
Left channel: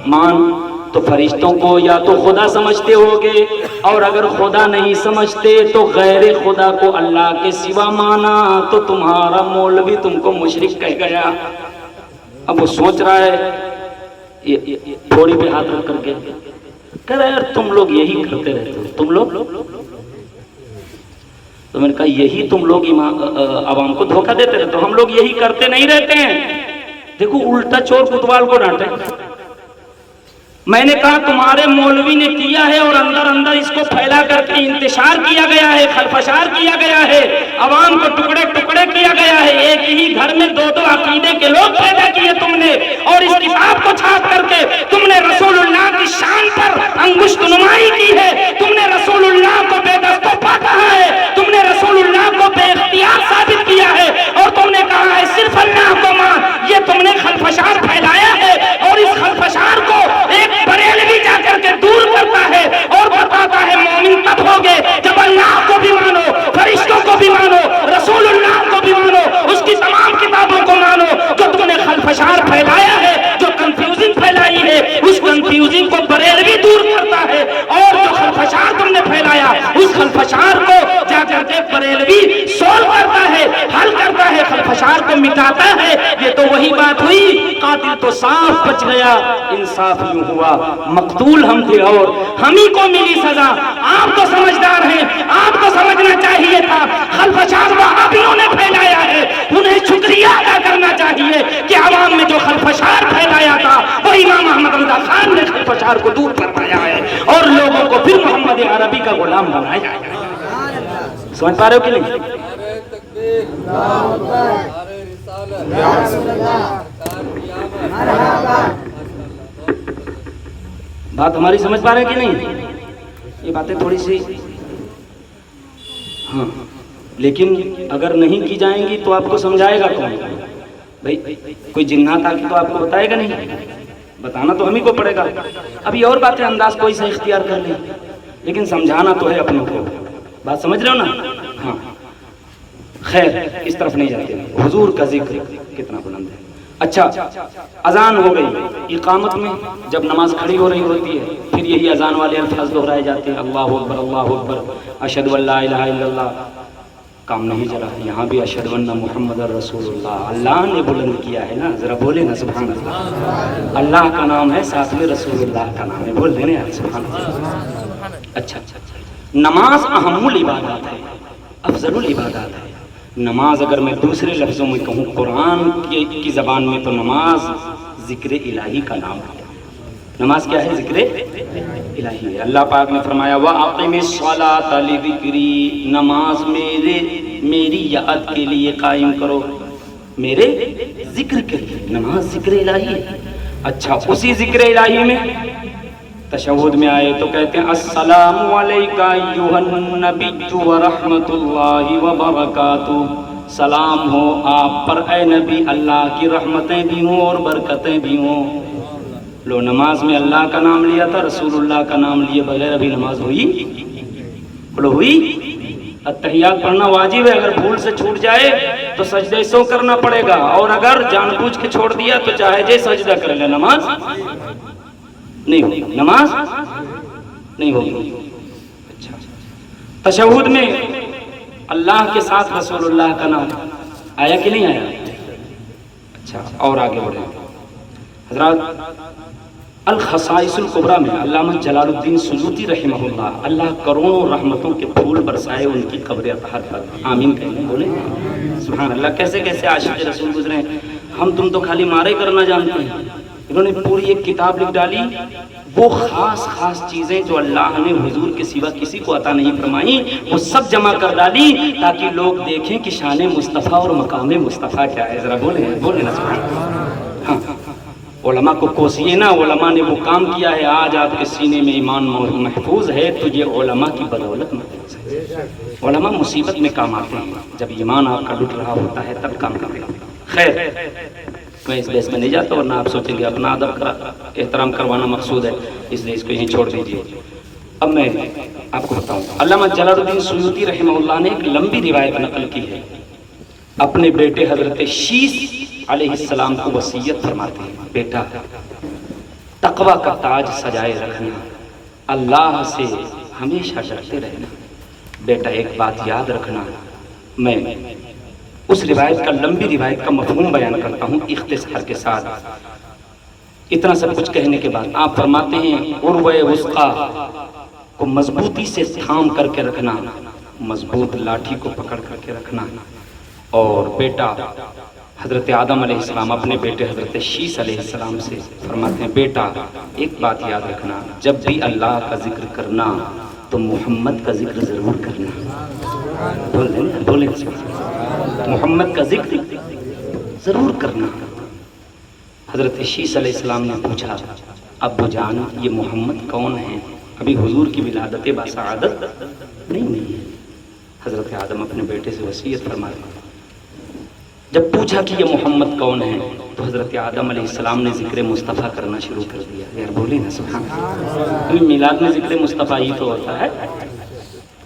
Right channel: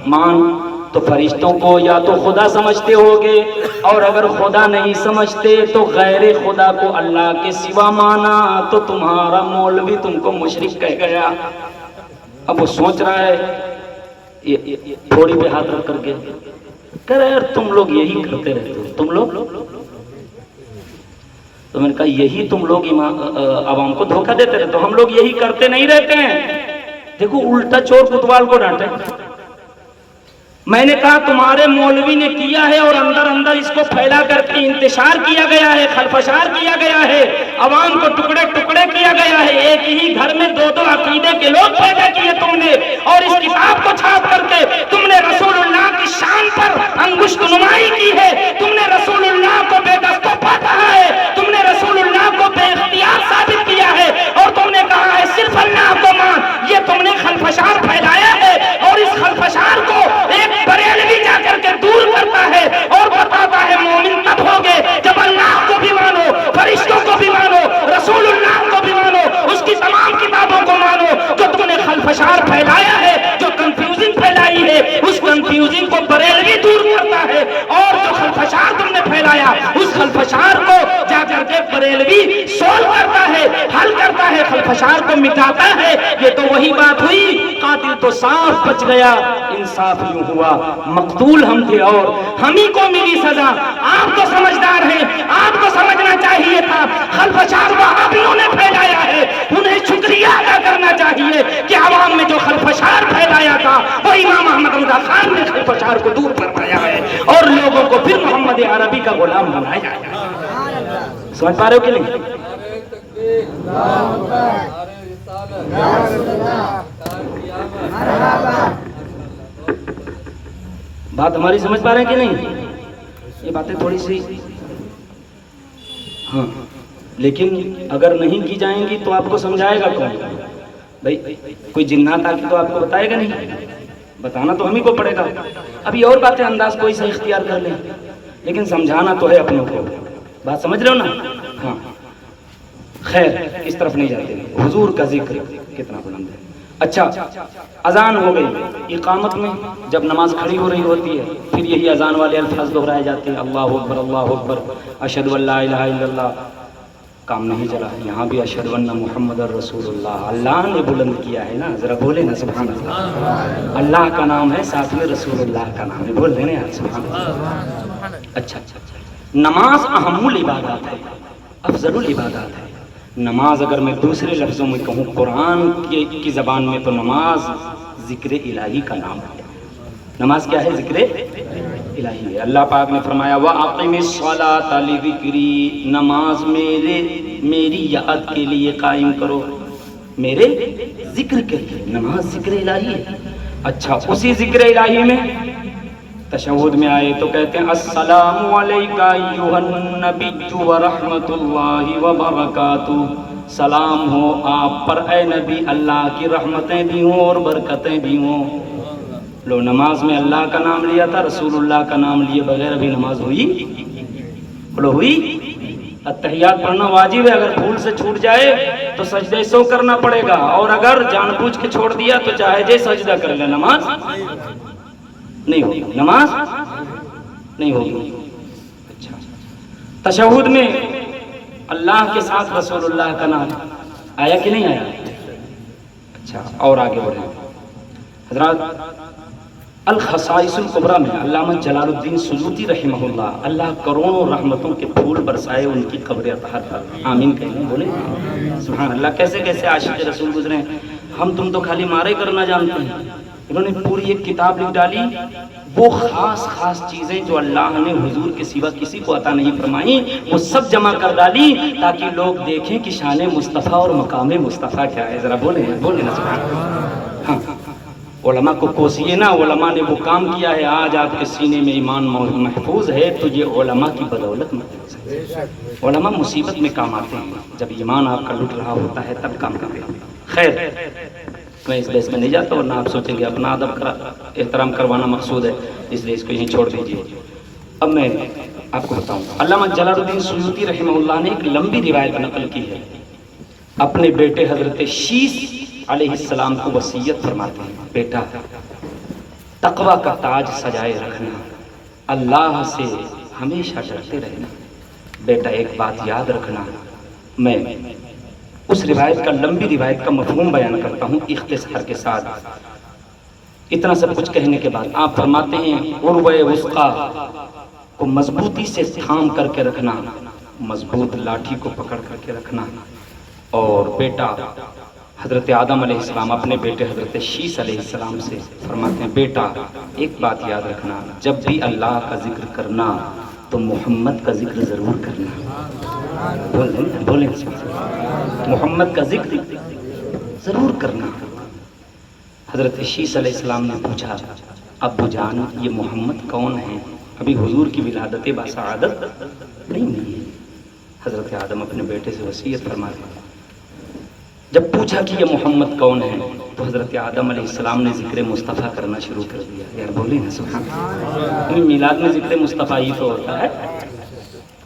مان. تو فرشتوں کو یا تو خدا سمجھتے ہوگے, اور اگر خدا نہیں سمجھتے تو غیر خدا کو اللہ کے سوا مانا, تو تمہارا مولوی تم کو مشرک کہہ گیا. اب وہ سوچ رہا ہے, تھوڑی پہ ہاتھ رکھ کر کے کہہ رہا ہے یار تم لوگ یہی کرتے رہتے ہو, تم لوگ. تو میں نے کہا یہی تم لوگ عوام کو دھوکہ دیتے رہتے ہو, ہم لوگ یہی کرتے نہیں رہتے ہیں. دیکھو الٹا چور کوتوال کو ڈانٹے. میں نے کہا تمہارے مولوی نے کیا ہے اور اندر اندر اس کو پھیلا کر کے انتشار کیا گیا ہے, خلفشار کیا گیا ہے, عوام کو ٹکڑے ٹکڑے کیا گیا ہے. ایک ہی گھر میں دو دو عقیدے کے لوگ پیدا کیے تم نے، اور اس کتاب کو چھاپ کر کے تم نے رسول اللہ کی شان پر انگشت نمائی کی ہے، تم نے رسول اللہ کو بے دست و پا کہا ہے، تم نے رسول اللہ کو بے اختیار ثابت کیا ہے، اور تم نے کہا ہے صرف اللہ کو مان۔ یہ تم نے خلفشار پھیلایا ہے، اور اس خلفشار کو ایک بریلوی جا کر کے دور کرتا ہے اور بتاتا ہے مومن تب ہوگے جب اللہ کو بھی مانو، فرشتوں کو بھی مانو، رسول اللہ کو بھی مانو، اس کی تمام کتابوں کو مانو۔ جو تم نے خلفشار پھیلایا ہے، جو کنفیوزنگ پھیلائی ہے، اس کنفیوزنگ کو بریلوی دور کرتا ہے، اور جو خلفشار تم نے پھیلایا اس خلفشار کو جا کر کے بریلوی سولو کرتا ہے، حل کرتا ہے، خلفشار کو مٹاتا ہے۔ یہ تو وہی بات ہوئی، قاتل تو صاف بچ گیا، انصاف یوں ہوا مقتول ہم تھے اور ہم ہی کو ملی سزا۔ آپ تو سمجھدار ہیں، آپ کو سمجھنا چاہیے تھا خلفشار وہابیوں نے پھیلایا ہے، انہیں شکریہ ادا کرنا چاہیے کہ عوام میں جو خلفشار پھیلایا تھا وہ امام احمد رضا خان نے خلفشار کو دور کروایا ہے اور لوگوں کو پھر محمد عربی کا غلام بنایا ہے۔ سمجھ پا رہے ہو کہ نہیں؟ بات ہماری سمجھ پا رہے ہیں کہ نہیں؟ یہ باتیں تھوڑی سی ہاں، لیکن اگر نہیں کی جائیں گی تو آپ کو سمجھائے گا کون؟ بھائی کوئی جنات آ کے تو آپ کو بتائے گا نہیں، بتانا تو ہم ہی کو پڑے گا۔ ابھی اور باتیں انداز کوئی سا اختیار کر لیں، لیکن سمجھانا تو ہے اپنوں کو۔ بات سمجھ رہے ہو نا؟ ہاں خیر، اس طرف نہیں جاتے۔ حضور کا ذکر کتنا بلند ہے۔ اچھا، اذان ہو گئی، اقامت میں جب نماز کھڑی ہو رہی ہوتی ہے پھر یہی اذان والے الفاظ دہرائے جاتے ہیں، اللہ اکبر اللہ اکبر، اشہد ان لا الہ الا اللہ۔ کام نہیں چلا، یہاں بھی اشہد ان محمد رسول اللہ، اللہ نے بلند کیا ہے نا، ذرا بولے نا سبحان اللہ۔ اللہ کا نام ہے، ساتھ میں رسول اللہ کا نام ہے، بول رہے ہیں سبحان اللہ۔ اچھا، نماز اہم العبادات ہے، افضل العبادات ہے۔ نماز اگر میں دوسرے لفظوں میں کہوں قرآن کی زبان میں تو نماز ذکر الہی کا نام ہے۔ نماز کیا ہے؟ ذکر الہی ہے۔ اللہ پاک نے فرمایا وَأَقِمِ الصَّلَاةَ لِذِكْرِي، نماز میری یاد کے لیے قائم کرو، میرے ذکر کے لیے۔ نماز ذکر الہی ہے۔ اچھا، اسی ذکر الہی میں تشہد میں آئے تو کہتے ہیں السلام علیکہ ایھا النبی ورحمۃ اللہ وبرکاتہ، سلام ہو آپ پر اے نبی، اللہ کی رحمتیں بھی ہوں اور برکتیں بھی ہوں۔ لو، نماز میں اللہ کا نام لیا تھا، رسول اللہ کا نام لیے بغیر ابھی نماز ہوئی؟ بولو ہوئی؟ اتحیات پڑھنا واجب ہے، اگر بھول سے چھوٹ جائے تو سجدے سو کرنا پڑے گا، اور اگر جان بوجھ کے چھوڑ دیا تو چاہے جے سجدہ کر لے، نماز نہیں ہوگی، نماز نہیں ہوگی۔ اچھا، تشہد میں اللہ کے ساتھ رسول اللہ کا نام آیا کہ نہیں آیا؟ اچھا، اور آگے بڑھیں حضرات۔ الخصائص الکبریٰ میں علامہ جلال الدین سیوطی رحمہ اللہ کروڑوں رحمتوں کے پھول برسائے ان کی قبر اطہر پر، آمین کہیں، بولیں سبحان اللہ۔ کیسے کیسے عاشق رسول گزرے ہیں، ہم تم تو خالی مارے کرنا جانتے ہیں، انہوں نے پوری ایک کتاب لکھ ڈالی، وہ خاص چیزیں جو اللہ نے حضور کے سوا کسی کو عطا نہیں فرمائی وہ سب جمع کر ڈالی تاکہ لوگ دیکھیں کہ شان مصطفیٰ اور مقام مصطفیٰ کیا ہے۔ ذرا بولیں سبحان اللہ۔ ہاں، علماء کو کوسیے نا، علماء نے وہ کام کیا ہے، آج آپ کے سینے میں ایمان محفوظ ہے تو یہ علماء کی بدولت محفوظ ہے۔ علماء مصیبت میں کام آتے ہیں، جب ایمان آپ کا لٹ رہا ہوتا ہے تب کام کرتا ہے۔ خیر، میں اس بحث میں نہیں جاتا، ورنہ آپ سوچیں گے اپنا ادب احترام کروانا مقصود ہے، اس لیے اس کو یہیں چھوڑ دیجیے۔ اب میں آپ کو بتاؤں، علامہ جلال الدین سیوطی رحمہ اللہ نے ایک لمبی روایت نقل کی ہے، اپنے بیٹے حضرت شیس علیہ السلام کو وصیت فرماتے ہیں، بیٹا تقوی کا تاج سجائے رکھنا، اللہ سے ہمیشہ ڈرتے رہنا، بیٹا ایک بات یاد رکھنا۔ میں اس روایت کا، لمبی روایت کا مفہوم بیان کرتا ہوں اختصار کے ساتھ۔ اتنا سب کچھ کہنے کے بعد آپ فرماتے ہیں عروہ وثقیٰ کو مضبوطی سے تھام کر کے رکھنا، مضبوط لاٹھی کو پکڑ کر کے رکھنا، اور بیٹا حضرت آدم علیہ السلام اپنے بیٹے حضرت شیس علیہ السلام سے فرماتے ہیں بیٹا ایک بات یاد رکھنا، جب بھی اللہ کا ذکر کرنا تو محمد کا ذکر ضرور کرنا۔ بولیں محمد کا ذکر ضرور کرنا۔ حضرت شیس علیہ السلام نے پوچھا ابو جان یہ محمد کون ہیں؟ ابھی حضور کی ولادت بسعادت نہیں ہوئی۔ حضرت آدم اپنے بیٹے سے وصیت فرمایا۔ جب پوچھا کہ یہ محمد کون ہے تو حضرت آدم علیہ السلام نے ذکر مصطفیٰ کرنا شروع کر دیا۔ یار بولے نا سبحان اللہ، میلاد میں ذکر مصطفیٰ ہی تو ہوتا ہے۔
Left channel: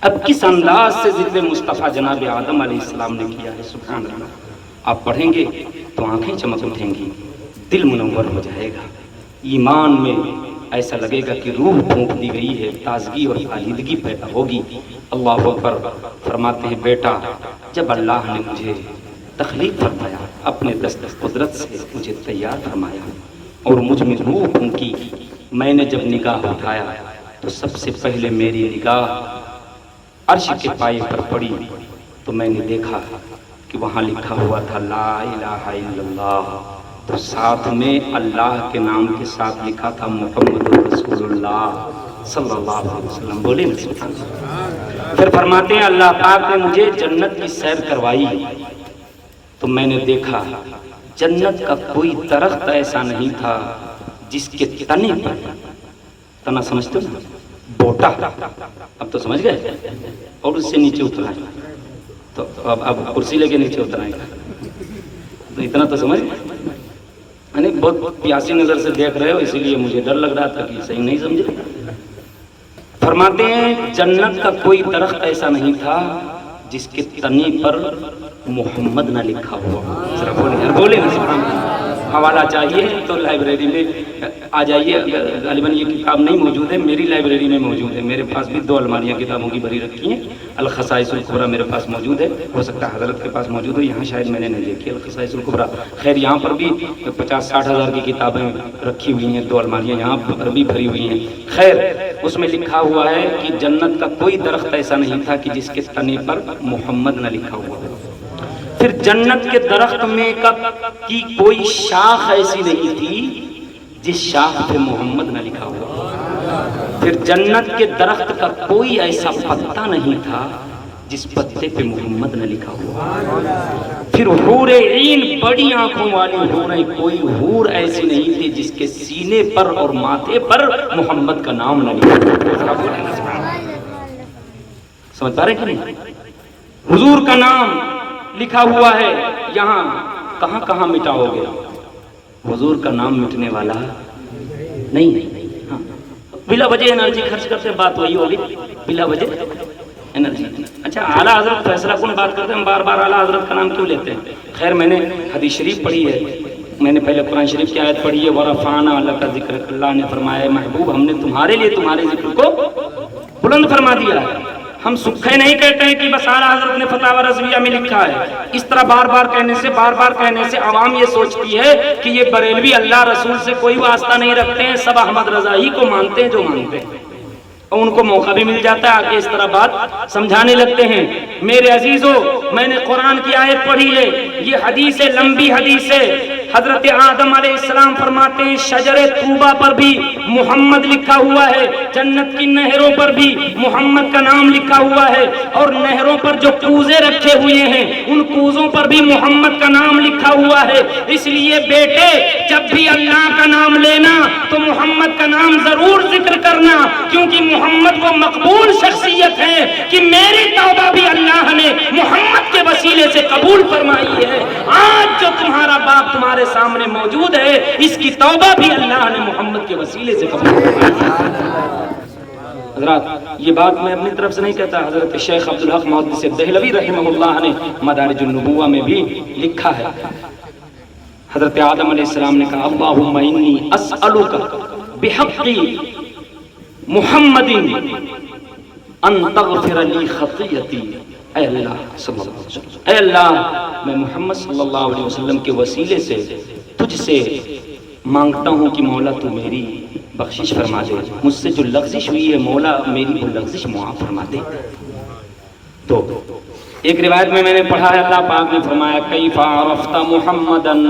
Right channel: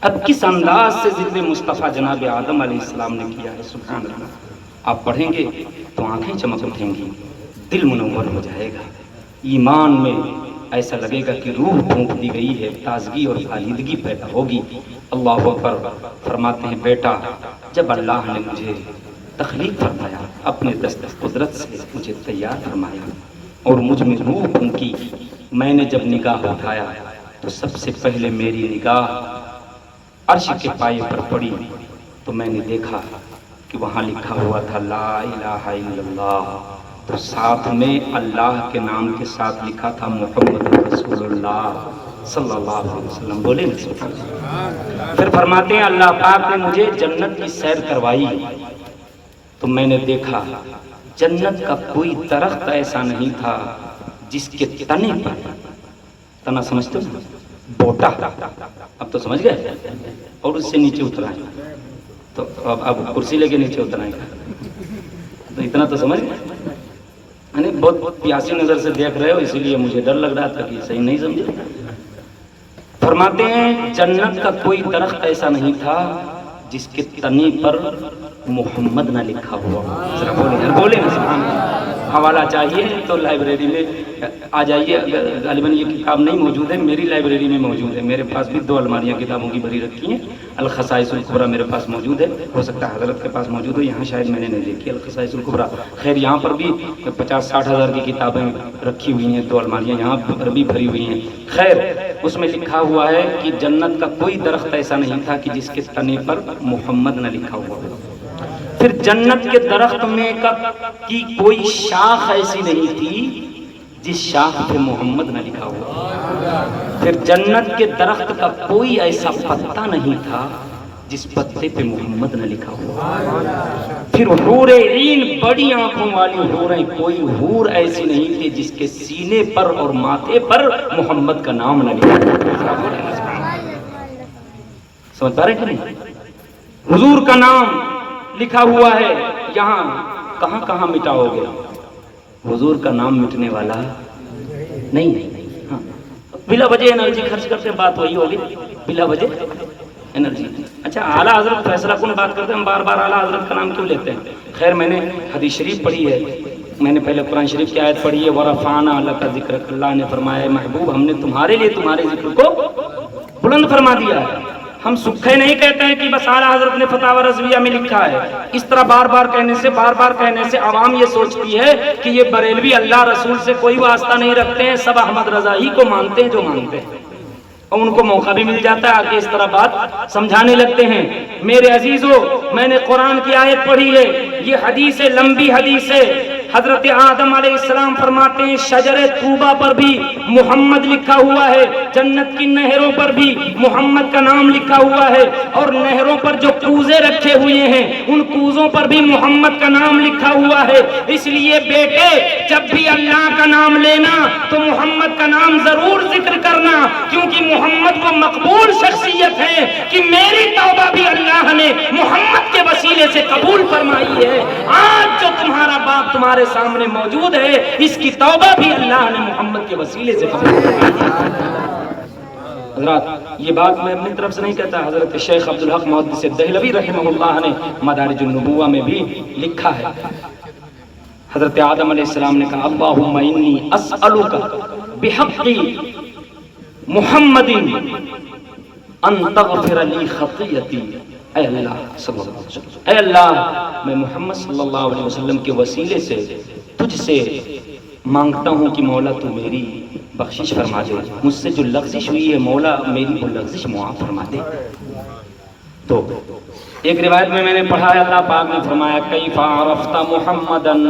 اب کس انداز سے ذکر مصطفیٰ جناب آدم علیہ السلام نے کیا ہے، سبحان اللہ۔ آپ پڑھیں گے تو آنکھیں چمک اٹھیں گی، دل منور ہو جائے گا، ایمان میں ایسا لگے گا کہ روح پھونک دی گئی ہے، تازگی اور خالدگی پیدا ہوگی۔ اللہ اکبر۔ فرماتے ہیں بیٹا جب اللہ نے مجھے تخلیق فرمایا، اپنے دست قدرت سے مجھے تیار فرمایا اور مجھ میں روح پھونکی، میں نے جب نگاہ اٹھایا تو سب سے پہلے میری نگاہ عرش کے پائے پر پڑی تو میں نے دیکھا کہ وہاں لکھا ہوا تھا لا الہ الا اللہ، تو ساتھ میں اللہ کے نام کے ساتھ لکھا تھا محمد رسول اللہ صلی اللہ علیہ وسلم۔ بولے نا سبحان اللہ۔ پھر فرماتے ہیں اللہ پاک نے مجھے جنت کی سیر کروائی تو میں نے دیکھا جنت کا کوئی درخت ایسا نہیں تھا جس کے تنے پر، تنا سمجھتے ہو بوٹا، اب تو سمجھ گئے، اور اس سے نیچے اترا ہے تو اب کرسی لے کے نیچے اترائیں تو اتنا تو سمجھ گئے۔ یعنی بہت پیاسی نظر سے دیکھ رہے ہو اسی لیے مجھے ڈر لگ رہا تھا کہ صحیح نہیں سمجھے۔ فرماتے ہیں جنت کا کوئی درخت ایسا نہیں تھا جس کے تنے پر محمد نہ لکھا ہوا۔ ذرا بولے سبحان اللہ۔ حوالہ چاہیے تو لائبریری میں آ جائیے، غالباً یہ کتاب نہیں موجود ہے، میری لائبریری میں موجود ہے، میرے پاس بھی 2 الماریاں کتابوں کی بھری رکھی ہیں۔ الخصائص الکبریٰ میرے پاس موجود ہے، ہو سکتا ہے حضرت کے پاس موجود ہو، یہاں شاید میں نے نہیں دیکھی الخصائص الکبریٰ۔ خیر یہاں پر بھی 50-60 ہزار کی کتابیں رکھی ہوئی ہیں، 2 الماریاں یہاں پر بھی بھری ہوئی ہیں۔ خیر اس میں لکھا ہوا ہے کہ جنت کا کوئی درخت ایسا نہیں تھا کہ جس کے تنے پر محمد نہ لکھا ہوا ہو۔ پھر جنت کے درخت میں کی کوئی شاخ ایسی نہیں تھی جس شاخ پہ محمد نہ لکھا ہوا۔ پھر جنت کے درخت کا کوئی ایسا پتا نہیں تھا جس پتے پہ محمد نہ لکھا ہوا۔ پھر حور عین بڑی آنکھوں والی حوریں، کوئی حور ایسی نہیں تھی جس کے سینے پر اور ماتھے پر محمد کا نام نہ لکھا ہوا۔ سمجھ پا رہے کہ نہیں؟ حضور کا نام لکھا ہوا ہے، یہاں کہاں کہاں مٹاؤ گے؟ حضور کا نام مٹنے والا نہیں۔ ہاں بلا وجہ انرجی خرچ کرتے، بات وہی ہوگی، بلا وجہ انرجی۔ اچھا اعلیٰ حضرت فیصلہ کن بات کرتے ہیں، بار بار اعلیٰ حضرت کا نام کیوں لیتے ہیں؟ خیر میں نے حدیث شریف پڑھی ہے، میں نے پہلے قرآن شریف کی آیت پڑھی ہے وَرَفَعْنَا لَكَ ذِكْرَكَ، اللہ نے فرمایا محبوب ہم نے تمہارے لیے تمہارے ذکر کو بلند فرما دیا ہے۔ ہم سکھے نہیں کہتے ہیں کہ بس اعلیٰ حضرت نے فتاوی رضویہ میں لکھا ہے۔ اس طرح بار بار کہنے سے عوام یہ سوچتی ہے کہ یہ بریلوی اللہ رسول سے کوئی واسطہ نہیں رکھتے ہیں، سب احمد رضا ہی کو مانتے ہیں جو مانتے ہیں، اور ان کو موقع بھی مل جاتا ہے آگے اس طرح بات سمجھانے لگتے ہیں۔ میرے عزیزو میں نے قرآن کی آیت پڑھی ہے، یہ حدیث ہے، لمبی حدیث ہے۔ حضرت آدم علیہ السلام فرماتے ہیں شجر طوبہ پر بھی محمد لکھا ہوا ہے، جنت کی نہروں پر بھی محمد کا نام لکھا ہوا ہے، اور نہروں پر جو کوزے رکھے ہوئے ہیں ان کوزوں پر بھی محمد کا نام لکھا ہوا ہے۔ اس لیے بیٹے جب بھی اللہ کا نام لینا تو محمد کا نام ضرور ذکر کرنا، کیونکہ محمد وہ مقبول شخصیت ہے کہ میری توبہ بھی اللہ نے محمد کے وسیلے سے قبول فرمائی ہے۔ آج جو تمہارا باپ تمہارے سامنے موجود ہے اس کی توبہ بھی اللہ نے محمد کے وسیلے سے قبول فرمائی۔ حضرات یہ بات میں اپنی طرف سے نہیں کہتا، حضرت شیخ عبدالحق محدث دہلوی رحمہ اللہ نے مدارج النبوہ میں بھی لکھا ہے۔ حضرت آدم علیہ السلام نے کہا اللہم انی اسألک بحق محمد ان تغفر لی خطیتی، اے اللہ صلی اللہ علیہ وسلم، اے اللہ میں محمد صلی اللہ علیہ وسلم کے وسیلے سے تجھ سے مانگتا ہوں کہ مولا تو میری بخشش فرما دے، مجھ سے جو لغزش ہوئی ہے مولا میری وہ لغزش معاف فرما دے۔ تو ایک روایت میں نے پڑھا ہے اللہ پاک نے فرمایا کیف عرفت محمدن،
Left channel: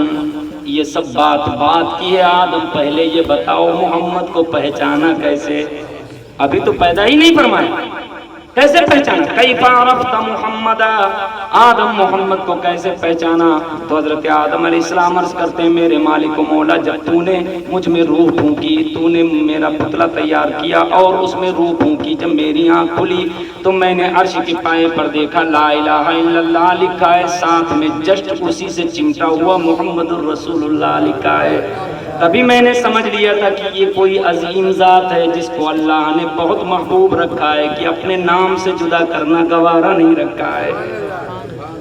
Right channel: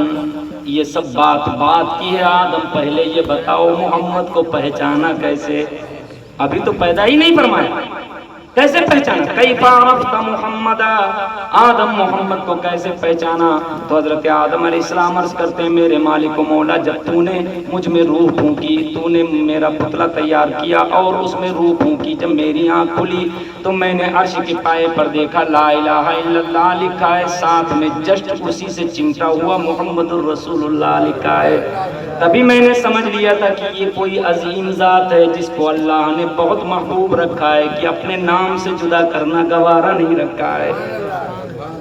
یہ سب بات کی ہے آدم پہلے یہ بتاؤ محمد کو پہچانا کیسے؟ ابھی تو پیدا ہی نہیں فرمایا، کیسے پہچانا؟ کیف عرفت محمد، آدم محمد کو کیسے پہچانا؟ تو حضرت آدم علیہ السلام عرض کرتے ہیں میرے مالک و مولا، جب تو نے مجھ میں روح پھونکی، تو نے میرا پتلا تیار کیا اور اس میں روح پھونکی، جب میری آنکھ کھلی تو میں نے عرش کے پائے پر دیکھا لا الہ الا اللہ لکھا ہے، ساتھ میں جسٹ اسی سے چمٹا ہوا محمد الرسول اللہ لکھا ہے۔ تبھی میں نے سمجھ لیا تھا کہ یہ کوئی عظیم ذات ہے جس کو اللہ نے بہت محبوب رکھا ہے، کہ اپنے نام سے جدا کرنا گوارا نہیں رکھا ہے۔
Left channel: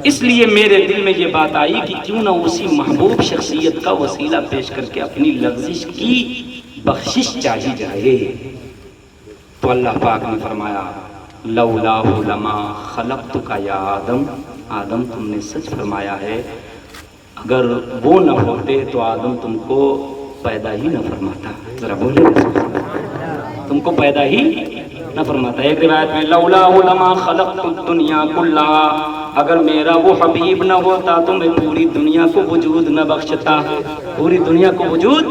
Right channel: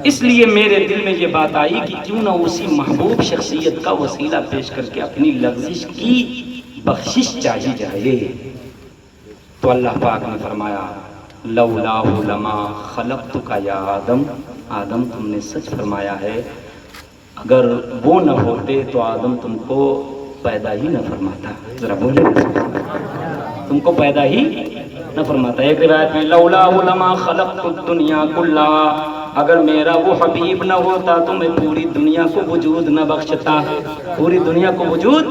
اس لیے میرے دل میں یہ بات آئی کہ کیوں نہ اسی محبوب شخصیت کا وسیلہ پیش کر کے اپنی لغزش کی بخشش چاہی جائے۔ تو اللہ پاک نے فرمایا لولا لما خلقتک یا آدم، آدم تم نے سچ فرمایا ہے، اگر وہ نہ ہوتے تو آدم تم کو پیدا ہی نہ فرماتا۔ ذرا بولے، تم کو پیدا ہی نہ فرماتا۔ ایک روایت میں لولا لما خلقت الدنیا کلھا، اگر میرا وہ حبیب نہ ہوتا تو میں پوری دنیا کو وجود نہ بخشتا، پوری دنیا کو وجود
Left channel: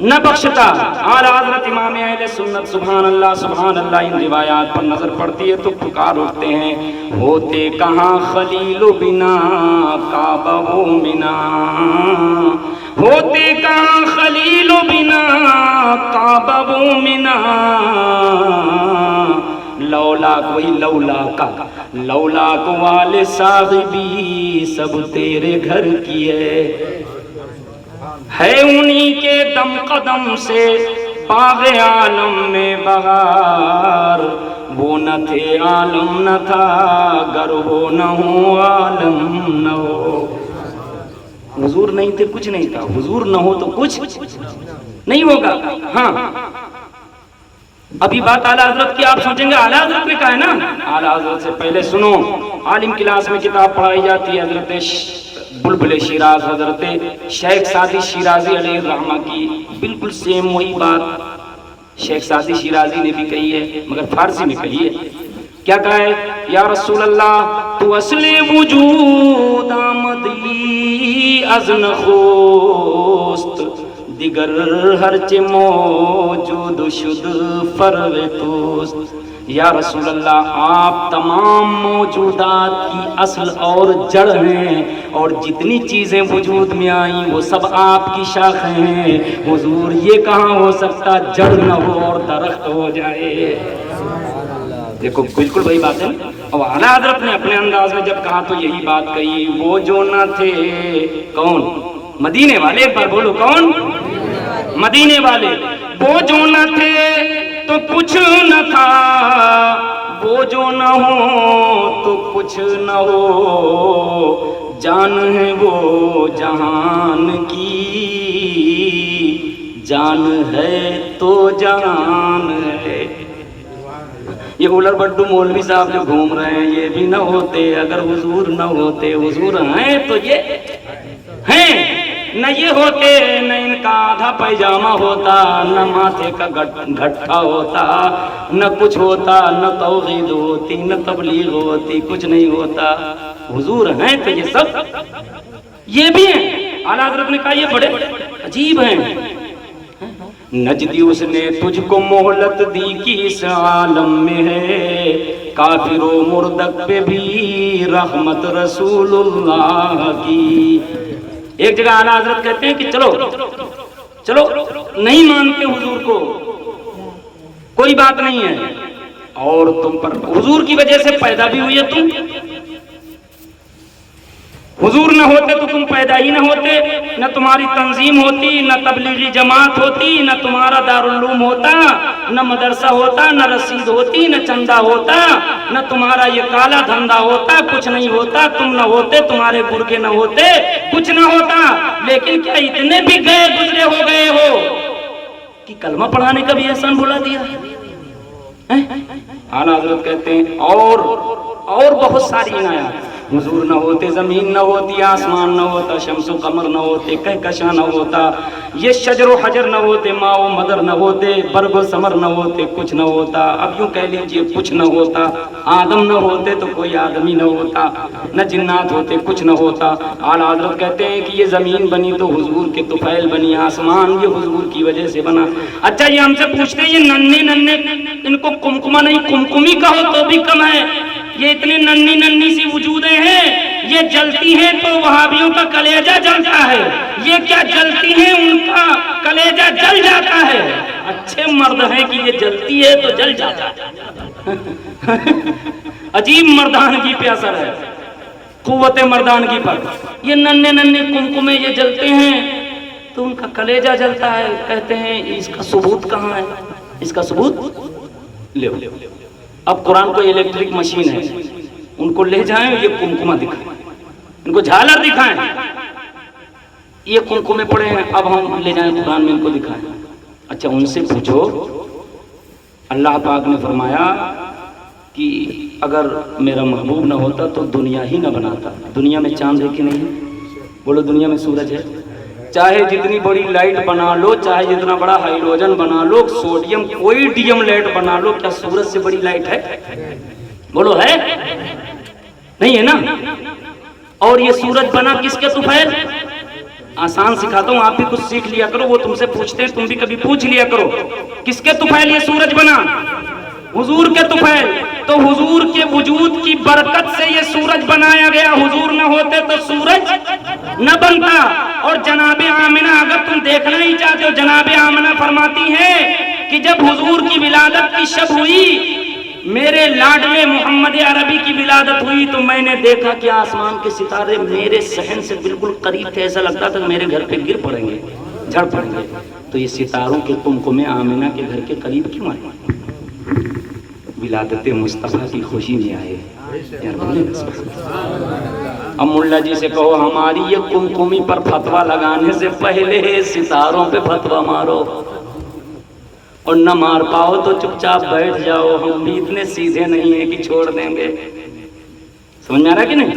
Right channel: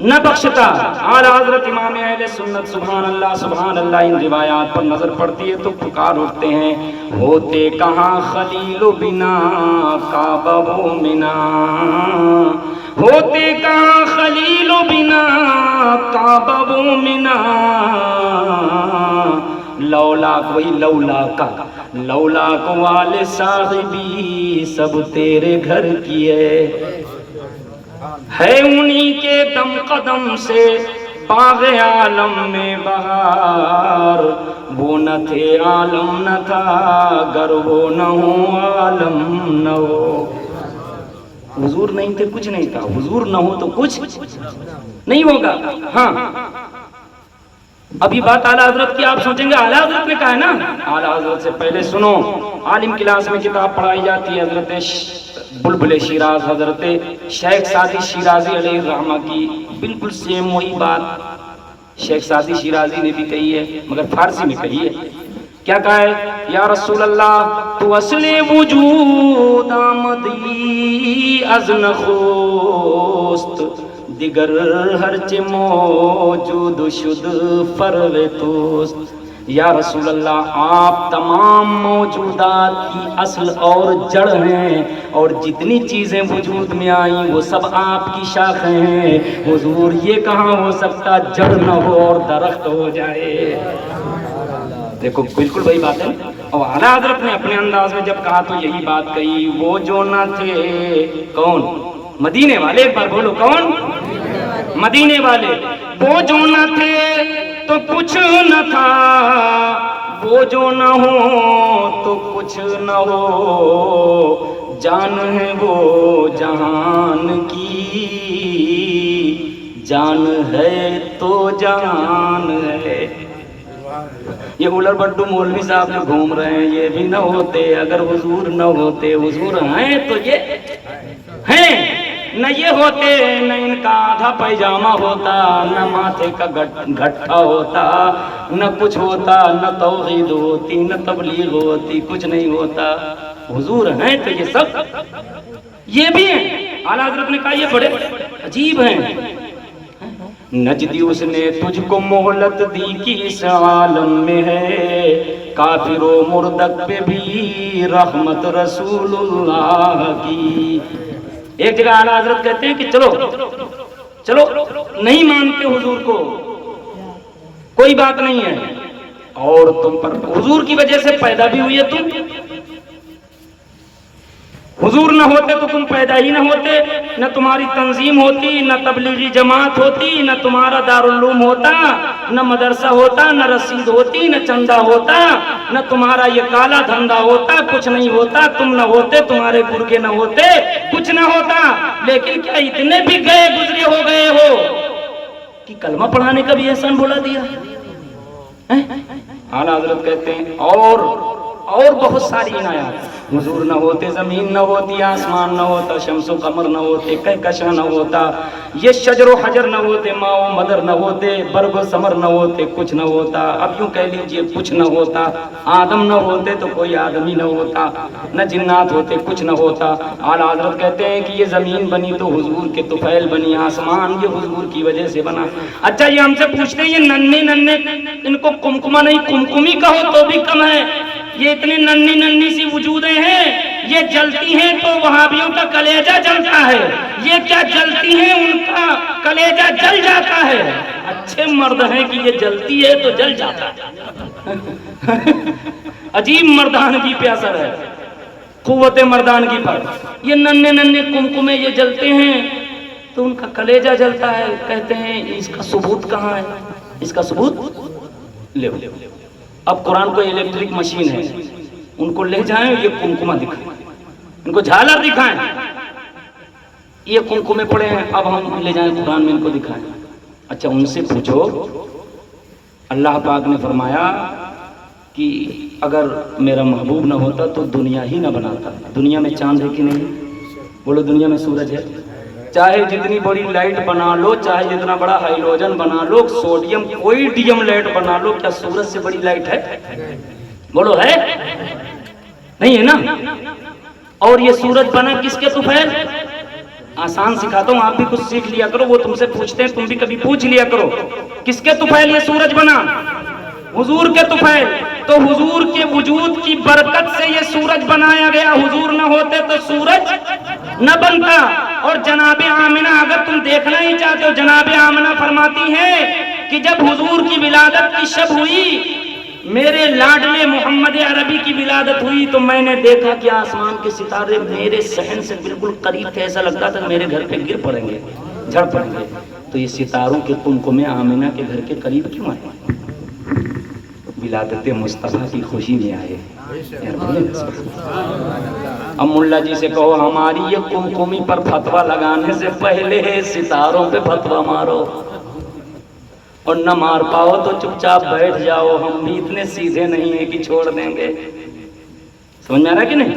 نہ بخشتا۔ اعلیٰ حضرت امام اہل سنت سبحان اللہ ان روایات پر نظر پڑتی ہے تو پکار اٹھتے ہیں، ہوتے کہاں خلیل بنا کعبہ منا، ہوتے کہاں خلیل بنا کعبہ منا، لولا کوئی لولا کا، لولا کو والے صاحبی سب تیرے گھر کی ہے انہی کے دم قدم سے باغ عالم میں بہار، وہ نہ تھے عالم نہ تھا، گر وہ نہ ہو عالم نہ ہو۔ حضور نہیں تھے کچھ نہیں تھا، حضور نہ ہو تو کچھ نہیں ہوگا۔ ہاں ابھی بات اعلیٰ حضرت کی، آپ سوچیں گے اعلیٰ حضرت نے کہا ہے نا، اعلیٰ حضرت سے پہلے سنو، عالم کلاس میں کتاب پڑھائی جاتی ہے حضرت بلبل شیراز، حضرت شیخ سعدی شیرازی علیہ الرحمہ کی بالکل سیم وہی بات شیخ سعدی شیرازی نے بھی کہی ہے، مگر فارسی میں کہی ہے۔ کیا کہا ہے؟ یا رسول اللہ تو اصل وجود آمدی از نخست، دیگر ہرچ موجود شد فرو توست۔ یا رسول اللہ آپ تمام موجودات کی اصل اور جڑ ہیں، اور جتنی چیزیں وجود میں آئیں وہ سب آپ کی شاخیں ہیں، حضور یہ کہاں ہو سکتا جڑ نہ ہو اور درخت ہو جائے۔ دیکھو بالکل وہی بات ہے، اور اعلیٰ حضرت نے اپنے انداز میں جب کہا تو یہی بات کہی، وہ جو نہ تھے کون؟ مدینے والے، ایک بار بولو کون؟ مدینے والے۔ وہ جو نہ تھے تو کچھ نہ تھا، وہ جو نہ ہو تو کچھ نہ ہو، جان ہے وہ جہان کی، جان ہے تو جہان ہے۔ یہ اولر بڈو مولوی صاحب جو گھوم رہے ہیں یہ بھی نہ ہوتے اگر حضور نہ ہوتے، حضور ہیں تو یہ ہیں، نہ یہ ہوتے نہ ان کا آدھا پیجامہ ہوتا، نہ ماتھے کا گھٹا ہوتا، نہ کچھ ہوتا، نہ توحید ہوتی، نہ تبلیغ ہوتی، کچھ نہیں ہوتا۔ حضور ہیں تو یہ سب یہ بھی ہیں۔ اعلیٰ حضرت نے کہا یہ بڑے عجیب ہیں۔ نجدی اس نے تجھ کو مہلت دی کہ اس عالم میں ہے، کافر و مردد پہ بھی رحمت رسول اللہ کی۔ ایک جگہ اعلیٰ حضرت کہتے ہیں کہ چلو نہیں مانتے حضور کو، کوئی بات نہیں ہے، اور تم پر حضور کی وجہ سے پیدا بھی ہوئی ہے تم، حضور نہ ہوتے تو تم پیدا ہی نہ ہوتے، نہ تمہاری تنظیم ہوتی، نہ تبلیغی جماعت ہوتی، نہ تمہارا دارالعلوم ہوتا، نہ مدرسہ ہوتا، نہ رسید ہوتی، نہ چندہ ہوتا، نہ تمہارا یہ کالا دھندا ہوتا، کچھ نہیں ہوتا، تم نہ ہوتے، تمہارے گرگے نہ ہوتے، کچھ نہ ہوتا۔ لیکن کیا اتنے بھی گئے گزرے ہو گئے ہو کہ کلمہ پڑھانے کا بھی احسان بولا دیا؟ اعلیٰ حضرت کہتے ہیں اور بہت ساری عنایات حضور نہ ہوتے زمین نہ ہوتی، آسمان نہ ہوتا، شمس و قمر نہ ہوتے، کہکشاں نہ ہوتا، یہ شجر و حجر نہ ہوتے، ماں و مدر نہ ہوتے، برگ و ثمر نہ ہوتے، کچھ نہ ہوتا۔ اب یوں کہہ لیجئے کچھ نہ ہوتا، آدم نہ ہوتے تو کوئی آدمی نہ ہوتا، نہ جنات ہوتے کچھ نہ ہوتا۔ اعلیٰ حضرت کہتے ہیں کہ یہ زمین بنی تو حضور کے طفیل بنی، آسمان یہ حضور کی وجہ سے بنا۔ اچھا یہ ہم سے پوچھتے ہیں یہ ننھے ننھے ان کو کمکما نہیں کمکمی کہو تو بھی کم ہے، یہ اتنی ننھی ننھی سی وجودیں ہیں، یہ جلتی ہیں تو وہابیوں کا کلیجہ جلتا ہے، یہ کیا جلتی ہیں ان کا کلیجہ جل جاتا ہے۔ اچھے مرد ہیں کہ یہ جلتی ہے تو جل جاتا ہے۔ عجیب مردانگی پہ اثر ہے، قوت مردانگی پر۔ یہ ننھے ننھے کمکمے یہ جلتے ہیں تو ان کا کلیجہ جلتا ہے۔ کہتے ہیں اس کا ثبوت کہاں ہے؟ اس کا ثبوت لے۔ اب قرآن کو الیکٹرک مشین ہے، ان کو لے جائیں یہ کمکمہ دکھائیں، ان کو جھالر دکھائیں، یہ کمکمے پڑے ہیں، اب ہم لے جائیں قرآن میں ان کو دکھائیں۔ اچھا ان سے پوچھو، اللہ پاک نے فرمایا کہ اگر میرا محبوب نہ ہوتا تو دنیا ہی نہ بناتا۔ دنیا میں چاند ہے کہ نہیں؟ بولو دنیا میں سورج ہے؟ چاہے جتنی بڑی لائٹ بنا لو، چاہے جتنا بڑا ہائیڈروجن بنا لو، سوڈیم کوئی ڈیم لائٹ بنا لو، کیا سورج سے بڑی لائٹ ہے؟ بولو ہے؟ نہیں ہے نا؟ اور یہ سورج بنا کس کے طفیل؟ آسان سکھاتا ہوں، آپ بھی کچھ سیکھ لیا کرو، وہ تم سے پوچھتے ہیں تم بھی کبھی پوچھ لیا کرو، کس کے طفیل یہ سورج بنا؟ حضور کے طفیل۔ تو حضور کے وجود کی برکت سے یہ سورج بنایا گیا، حضور نہ ہوتے تو سورج نہ بنتا۔ اور جناب آمنہ اگر تم دیکھنا ہی چاہتے ہو، جناب آمنہ فرماتی ہیں کہ جب حضور کی ولادت کی شب ہوئی، میرے لاڈلے محمد عربی کی ولادت ہوئی، تو میں نے دیکھا کہ آسمان کے ستارے میرے صحن سے بالکل قریب تھے، ایسا لگتا تھا میرے گھر پہ گر پڑیں گے، جھڑ پڑیں گے۔ تو یہ ستاروں کے کمکمے آمنہ کے گھر کے قریب کیوں آئے؟ ولادت مصطفیٰ کی خوشی میں آئے۔ اب ملا جی سے کہو ہماری یہ کمکمی پر فتویٰ لگانے سے پہلے ستاروں پہ فتویٰ مارو، اور نہ مار پاؤ تو چپ چاپ بیٹھ جاؤ، ہم بھی اتنے سیدھے نہیں ہیں کہ چھوڑ دیں گے۔ سمجھ میں آ رہا کہ نہیں؟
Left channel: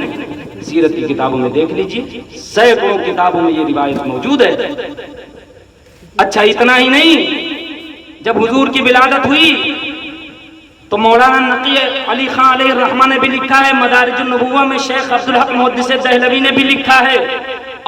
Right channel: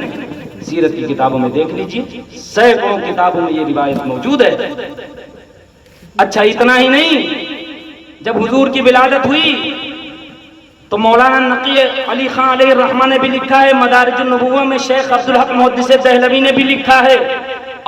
سیرت کی کتابوں میں دیکھ لیجیے، سینکڑوں کتابوں میں یہ روایت موجود ہے۔ اچھا اتنا ہی نہیں، جب حضور کی ولادت ہوئی تو مولانا نقی علی خان علیہ الرحمہ نے بھی لکھا ہے، مدارج النبوہ میں شیخ عبدالحق محدث دہلوی نے بھی لکھا ہے،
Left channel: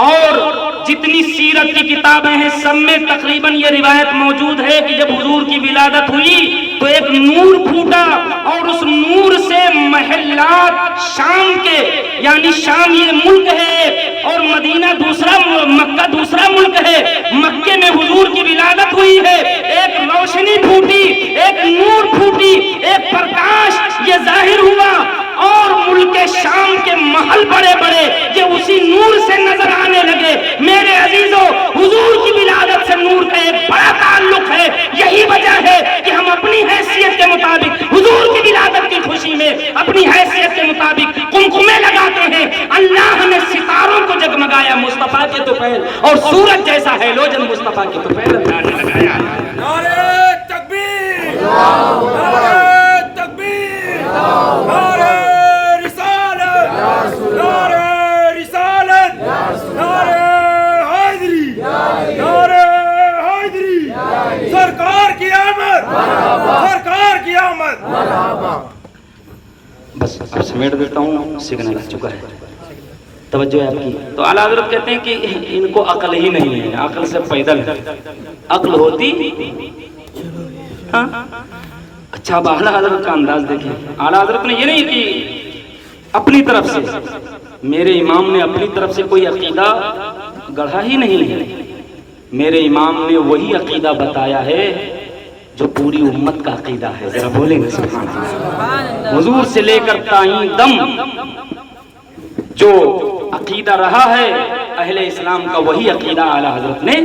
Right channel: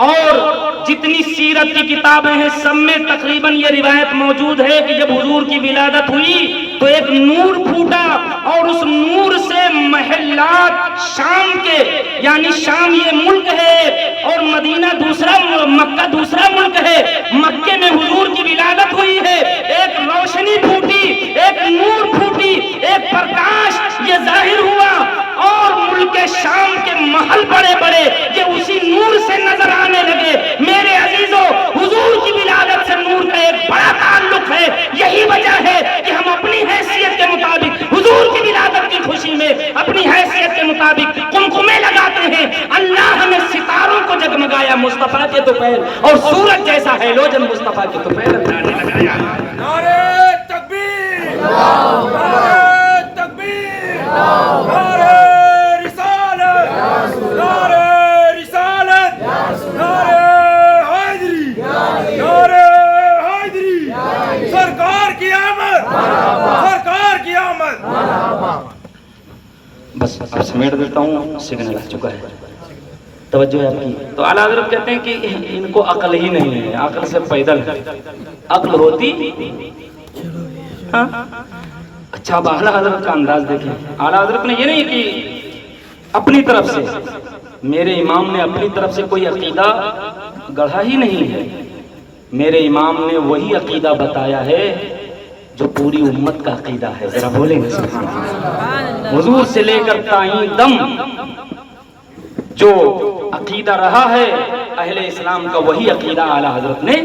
اور جتنی سیرت کی کتابیں ہیں سب میں تقریباً یہ روایت موجود ہے کہ جب حضور کی ولادت ہوئی تو ایک نور پھوٹا، اور اس نور سے محلات شام کے، یعنی شام یہ ملک ہے اور مدینہ دوسرا، مکہ دوسرا ملک ہے، مکے میں حضور کی ولادت ہوئی ہے، ایک روشنی پھوٹی، ایک نور پھوٹی، ایک پرکاش یہ ظاہر ہوا، اور ملک شام کے محل بڑے بڑے یہ اسی نور سے نظر آنے لگے۔ میرے عزیزو، حضور کی ولادت سے نور کا ایک بڑا تعلق ہے، یہی وجہ ہے کہ ہم اپنی حیثیت کے مطابق حضور کی ولادت کی خوشی میں اپنی حیثیت کے مطابق کمکمے لگاتے ہیں۔ اللہ نے ستاروں کو جگمگایا مصطفیٰ کے طفیل، اور سورج جیسا ہیلوجن مصطفیٰ کے طفیل اللہ نے لگایا۔ نعرہ تکبیر، نعرہ تکبیر، نعرہ رسالت، نعرہ رسالت، نعرہ حیدری، نعرہ حیدری، سرکار کی آمد، سرکار کی آمد۔ بس اب سمیٹ دیتا ہوں، سگنل آ چکا ہے، توجہ ہے آپ کی۔ تو اعلیٰ حضرت کہتے ہیں کہ ان کو عقل ہی نہیں ہے، عقل سے پیدل ہے، عقل ہوتی ہاں۔ اچھا اب اعلیٰ حضرت کا انداز دیکھیں، اعلیٰ حضرت نے یہ نہیں کہ اپنی طرف سے، میرے امام نے اپنی طرف سے کوئی عقیدہ گڑھا ہی نہیں ہے، میرے امام نے وہی عقیدہ بتایا ہے جو پوری امت کا عقیدہ ہے۔ ذرا بولیں گے سبحان اللہ۔ حضور سے لے کر تائیں دم جو عقیدہ رہا ہے اہل اسلام کا، وہی عقیدہ اعلیٰ حضرت نے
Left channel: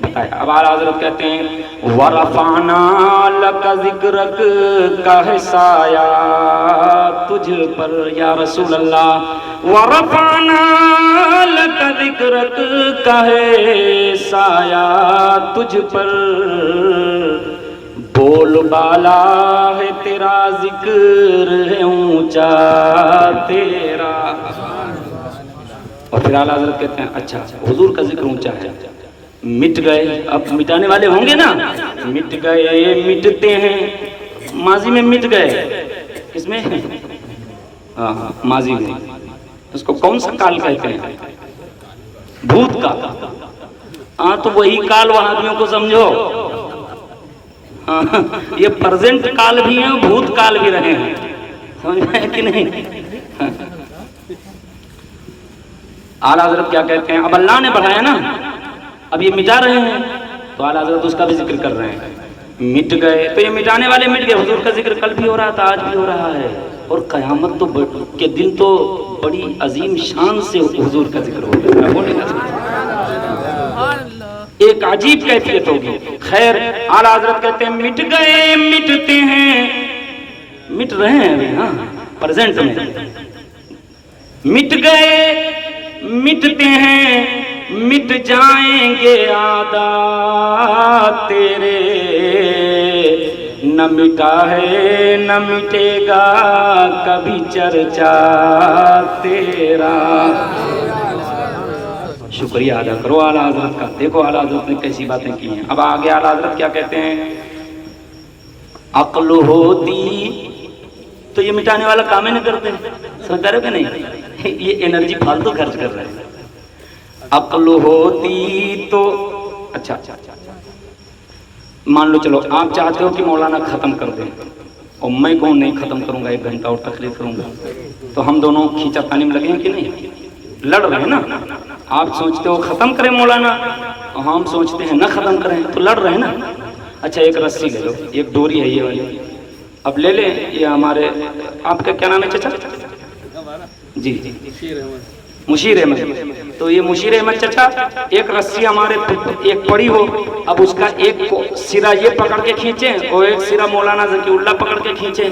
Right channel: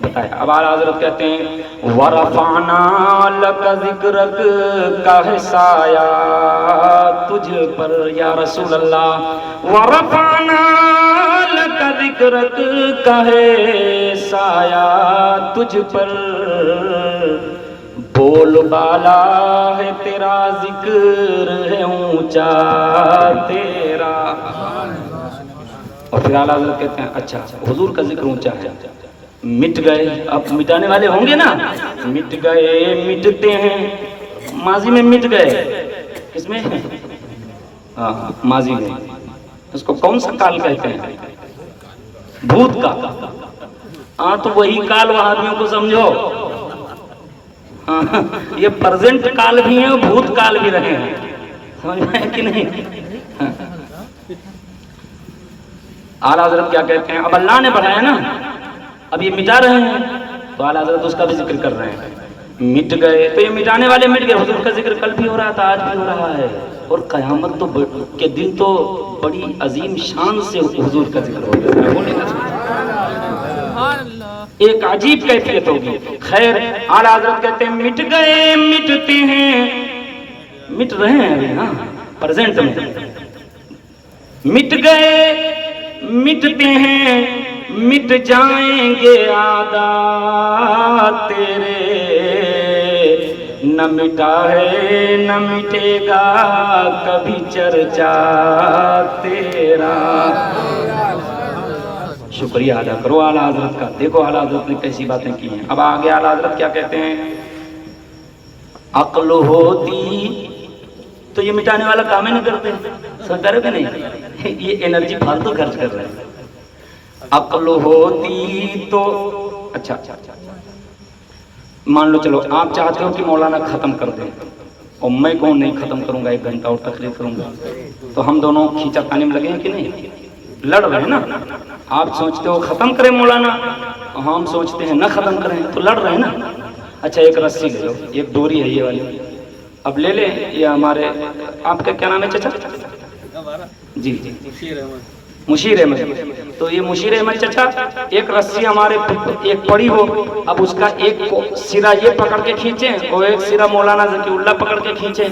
بتایا۔ اب اعلیٰ حضرت کہتے ہیں وَرَفَعْنَا لَكَ ذِكْرَكَ کا ہے سایہ تجھ پر یا رسول اللہ، وَرَفَعْنَا لَكَ ذِكْرَكَ کا ہے سایہ تجھ پر، بول بالا ہے تیرا، ذکر ہے اونچا تیرا. اور پھر اعلیٰ حضرت کہتے ہیں اچھا حضور کا ذکر اونچا ہے، مٹ گئے، اب مٹانے والے ہوں گے نا، مٹ گئے مٹتے ہیں، ماضی میں مٹ گئے، کس میں؟ ہاں ماضی میں. اس کو کون سا کال کہتے ہیں؟ بھوت کا. ہاں تو وہی کال وہابیوں کو سمجھو. یہ پرزنٹ کال بھی ہیں، بھوت کال بھی رہے ہیں، سمجھ میں کہ نہیں؟ اعلیٰ حضرت کیا کہتے ہیں؟ اب اللہ نے بڑھایا نا، اب یہ مٹا رہے ہیں، تو اعلیٰ حضرت اس کا بھی ذکر کر رہے ہیں. مٹ گئے تو یہ مٹانے والے مٹ گئے. حضور کا ذکر کل بھی ہو رہا تھا، آج بھی ہو رہا ہے، اور قیامت تو کے دن تو بڑی عظیم شان سے حضور کا ذکر ہو گیا. بولے ایک عجیب کیفیت ہوگی. خیر اعلیٰ حضرت کہتے ہیں مٹ گئے مٹتے ہیں، مٹ رہے ہیں ابھی، ہاں پریزنٹ میں. مٹ گئے مٹتے ہیں، مٹ جائیں گے عادات تیرے، نہ مٹا ہے نہ مٹے گا کبھی چرچا تیرا. شکریہ ادا کرو اعلیٰ حضرت کا. دیکھو اعلیٰ حضرت نے کیسی باتیں کی ہیں. اب آگے اعلیٰ حضرت کیا کہتے ہیں؟ عقل ہوتی تو یہ مٹانے والا کام ہی نہیں کرتے، سمجھ رہے کہ نہیں؟ یہ انرجی فالتو خرچ کر رہے ہیں. عقل ہوتی تو اچھا مان لو، چلو آپ چاہتے ہو کہ مولانا ختم کر دیں، اور میں کون نہیں ختم کروں گا، 1 گھنٹہ اور تقریر کروں گا، تو ہم دونوں کھینچا پانی میں لگے ہیں کہ نہیں؟ لڑ رہے ہیں نا. آپ سوچتے ہو ختم کریں مولانا، اور ہم سوچتے ہیں نہ ختم کریں، تو لڑ رہے ہیں نا. اچھا ایک رسی لے لو، ایک ڈوری ہے یہ والی، اب لے لیں. یہ ہمارے، آپ کا کیا نام ہے چچا؟ جی مشیر احمد. تو یہ مشیر احمد چچا، ایک رسی ہمارے ایک پڑی ہو، اب اس کا ایک سرا یہ پکڑ کے کھینچیں اور ایک سرا مولانا ذکی اللہ پکڑ کے کھینچیں،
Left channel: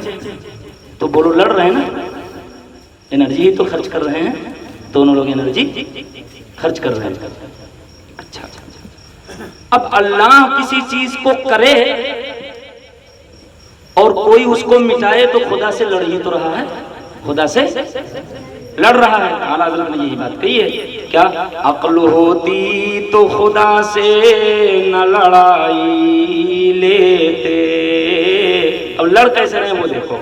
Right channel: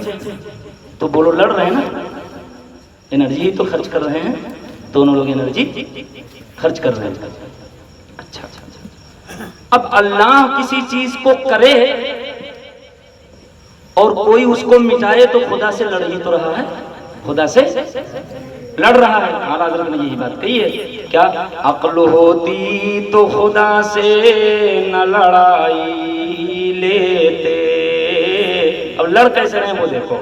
تو بولو لڑ رہے ہیں نا. انرجی تو خرچ کر رہے ہیں، دونوں لوگ انرجی خرچ کر رہے ہیں. اچھا اب اللہ کسی چیز کو کرے اور کوئی اس کو مٹائے تو خدا سے لڑ ہی تو رہا ہے، خدا سے لڑ رہا ہے. اعلیٰ حضرت نے یہی بات کہی ہے. کیا؟ عقل ہوتی تو خدا سے نہ لڑائی لیتے. اب لڑ کیسے رہے وہ دیکھو.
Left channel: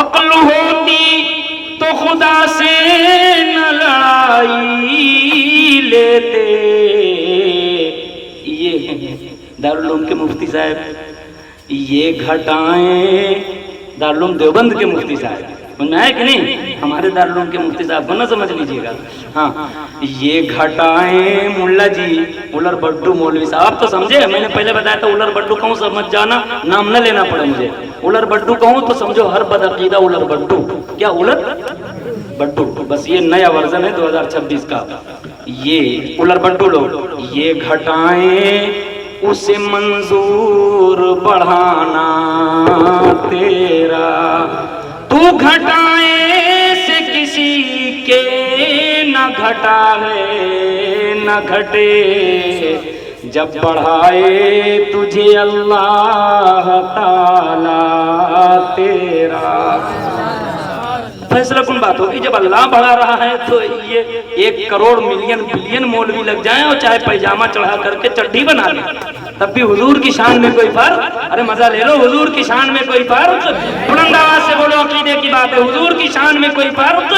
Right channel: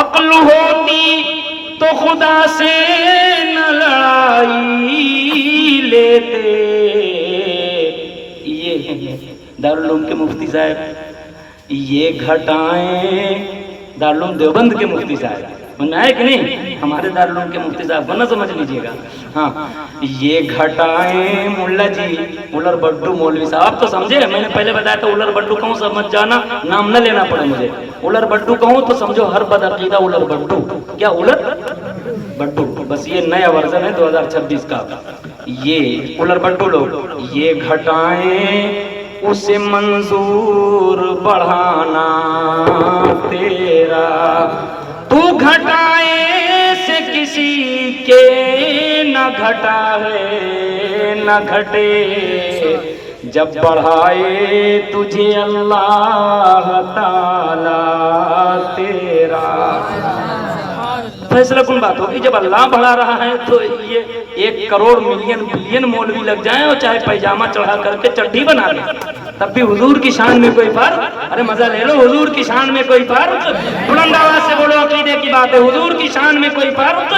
عقل ہوتی تو خدا سے نہ لڑائی لیتے. یہ دارالعلوم کے مفتی صاحب، یہ گھٹائیں دارالعلوم دیوبند کے مفتی صاحب، سمجھ میں آئے کہ نہیں؟ ہمارے دارالعلوم کے مفتی صاحب کو نہ سمجھ لیجیے گا. ہاں یہ گھٹائیں ملا جی، الر بڈو مولوی صاحب تو سمجھے. میں نے پہلے بتایا تھا الر بڈو کہوں سمجھ جانا، نام نہ لینا پڑے مجھے. الر بڈو کہوں تو سمجھو ہر بدعقیدہ الر بڈو. کیا الر بڈو؟ بس یہ نیا ورژن ہے 2026 کا. یہ الر بڈو لوگ، یہ گھٹائیں اسے منظور بڑھانا تیرا. تو گھٹائے سے کسی کے نہ گھٹا ہے نہ گھٹے، جب بڑھائے تجھے اللہ تعالی تیرا. فیصلہ کن بات ہوگی، جب اللہ بڑھا رہا ہے تو یہ 1 کروڑ ملین بلین مولوی لگ جائیں اور چاہے پیجامہ چڑھا کر کے چڈی بنا لیں، تب بھی حضور کی شان میں کوئی فرق؟ ارے مزہ لے لو، حضور کی شان میں کوئی فرق؟ بلند آواز سے بولو، عقیدے کی بات ہے، حضور کی شان میں کوئی فرق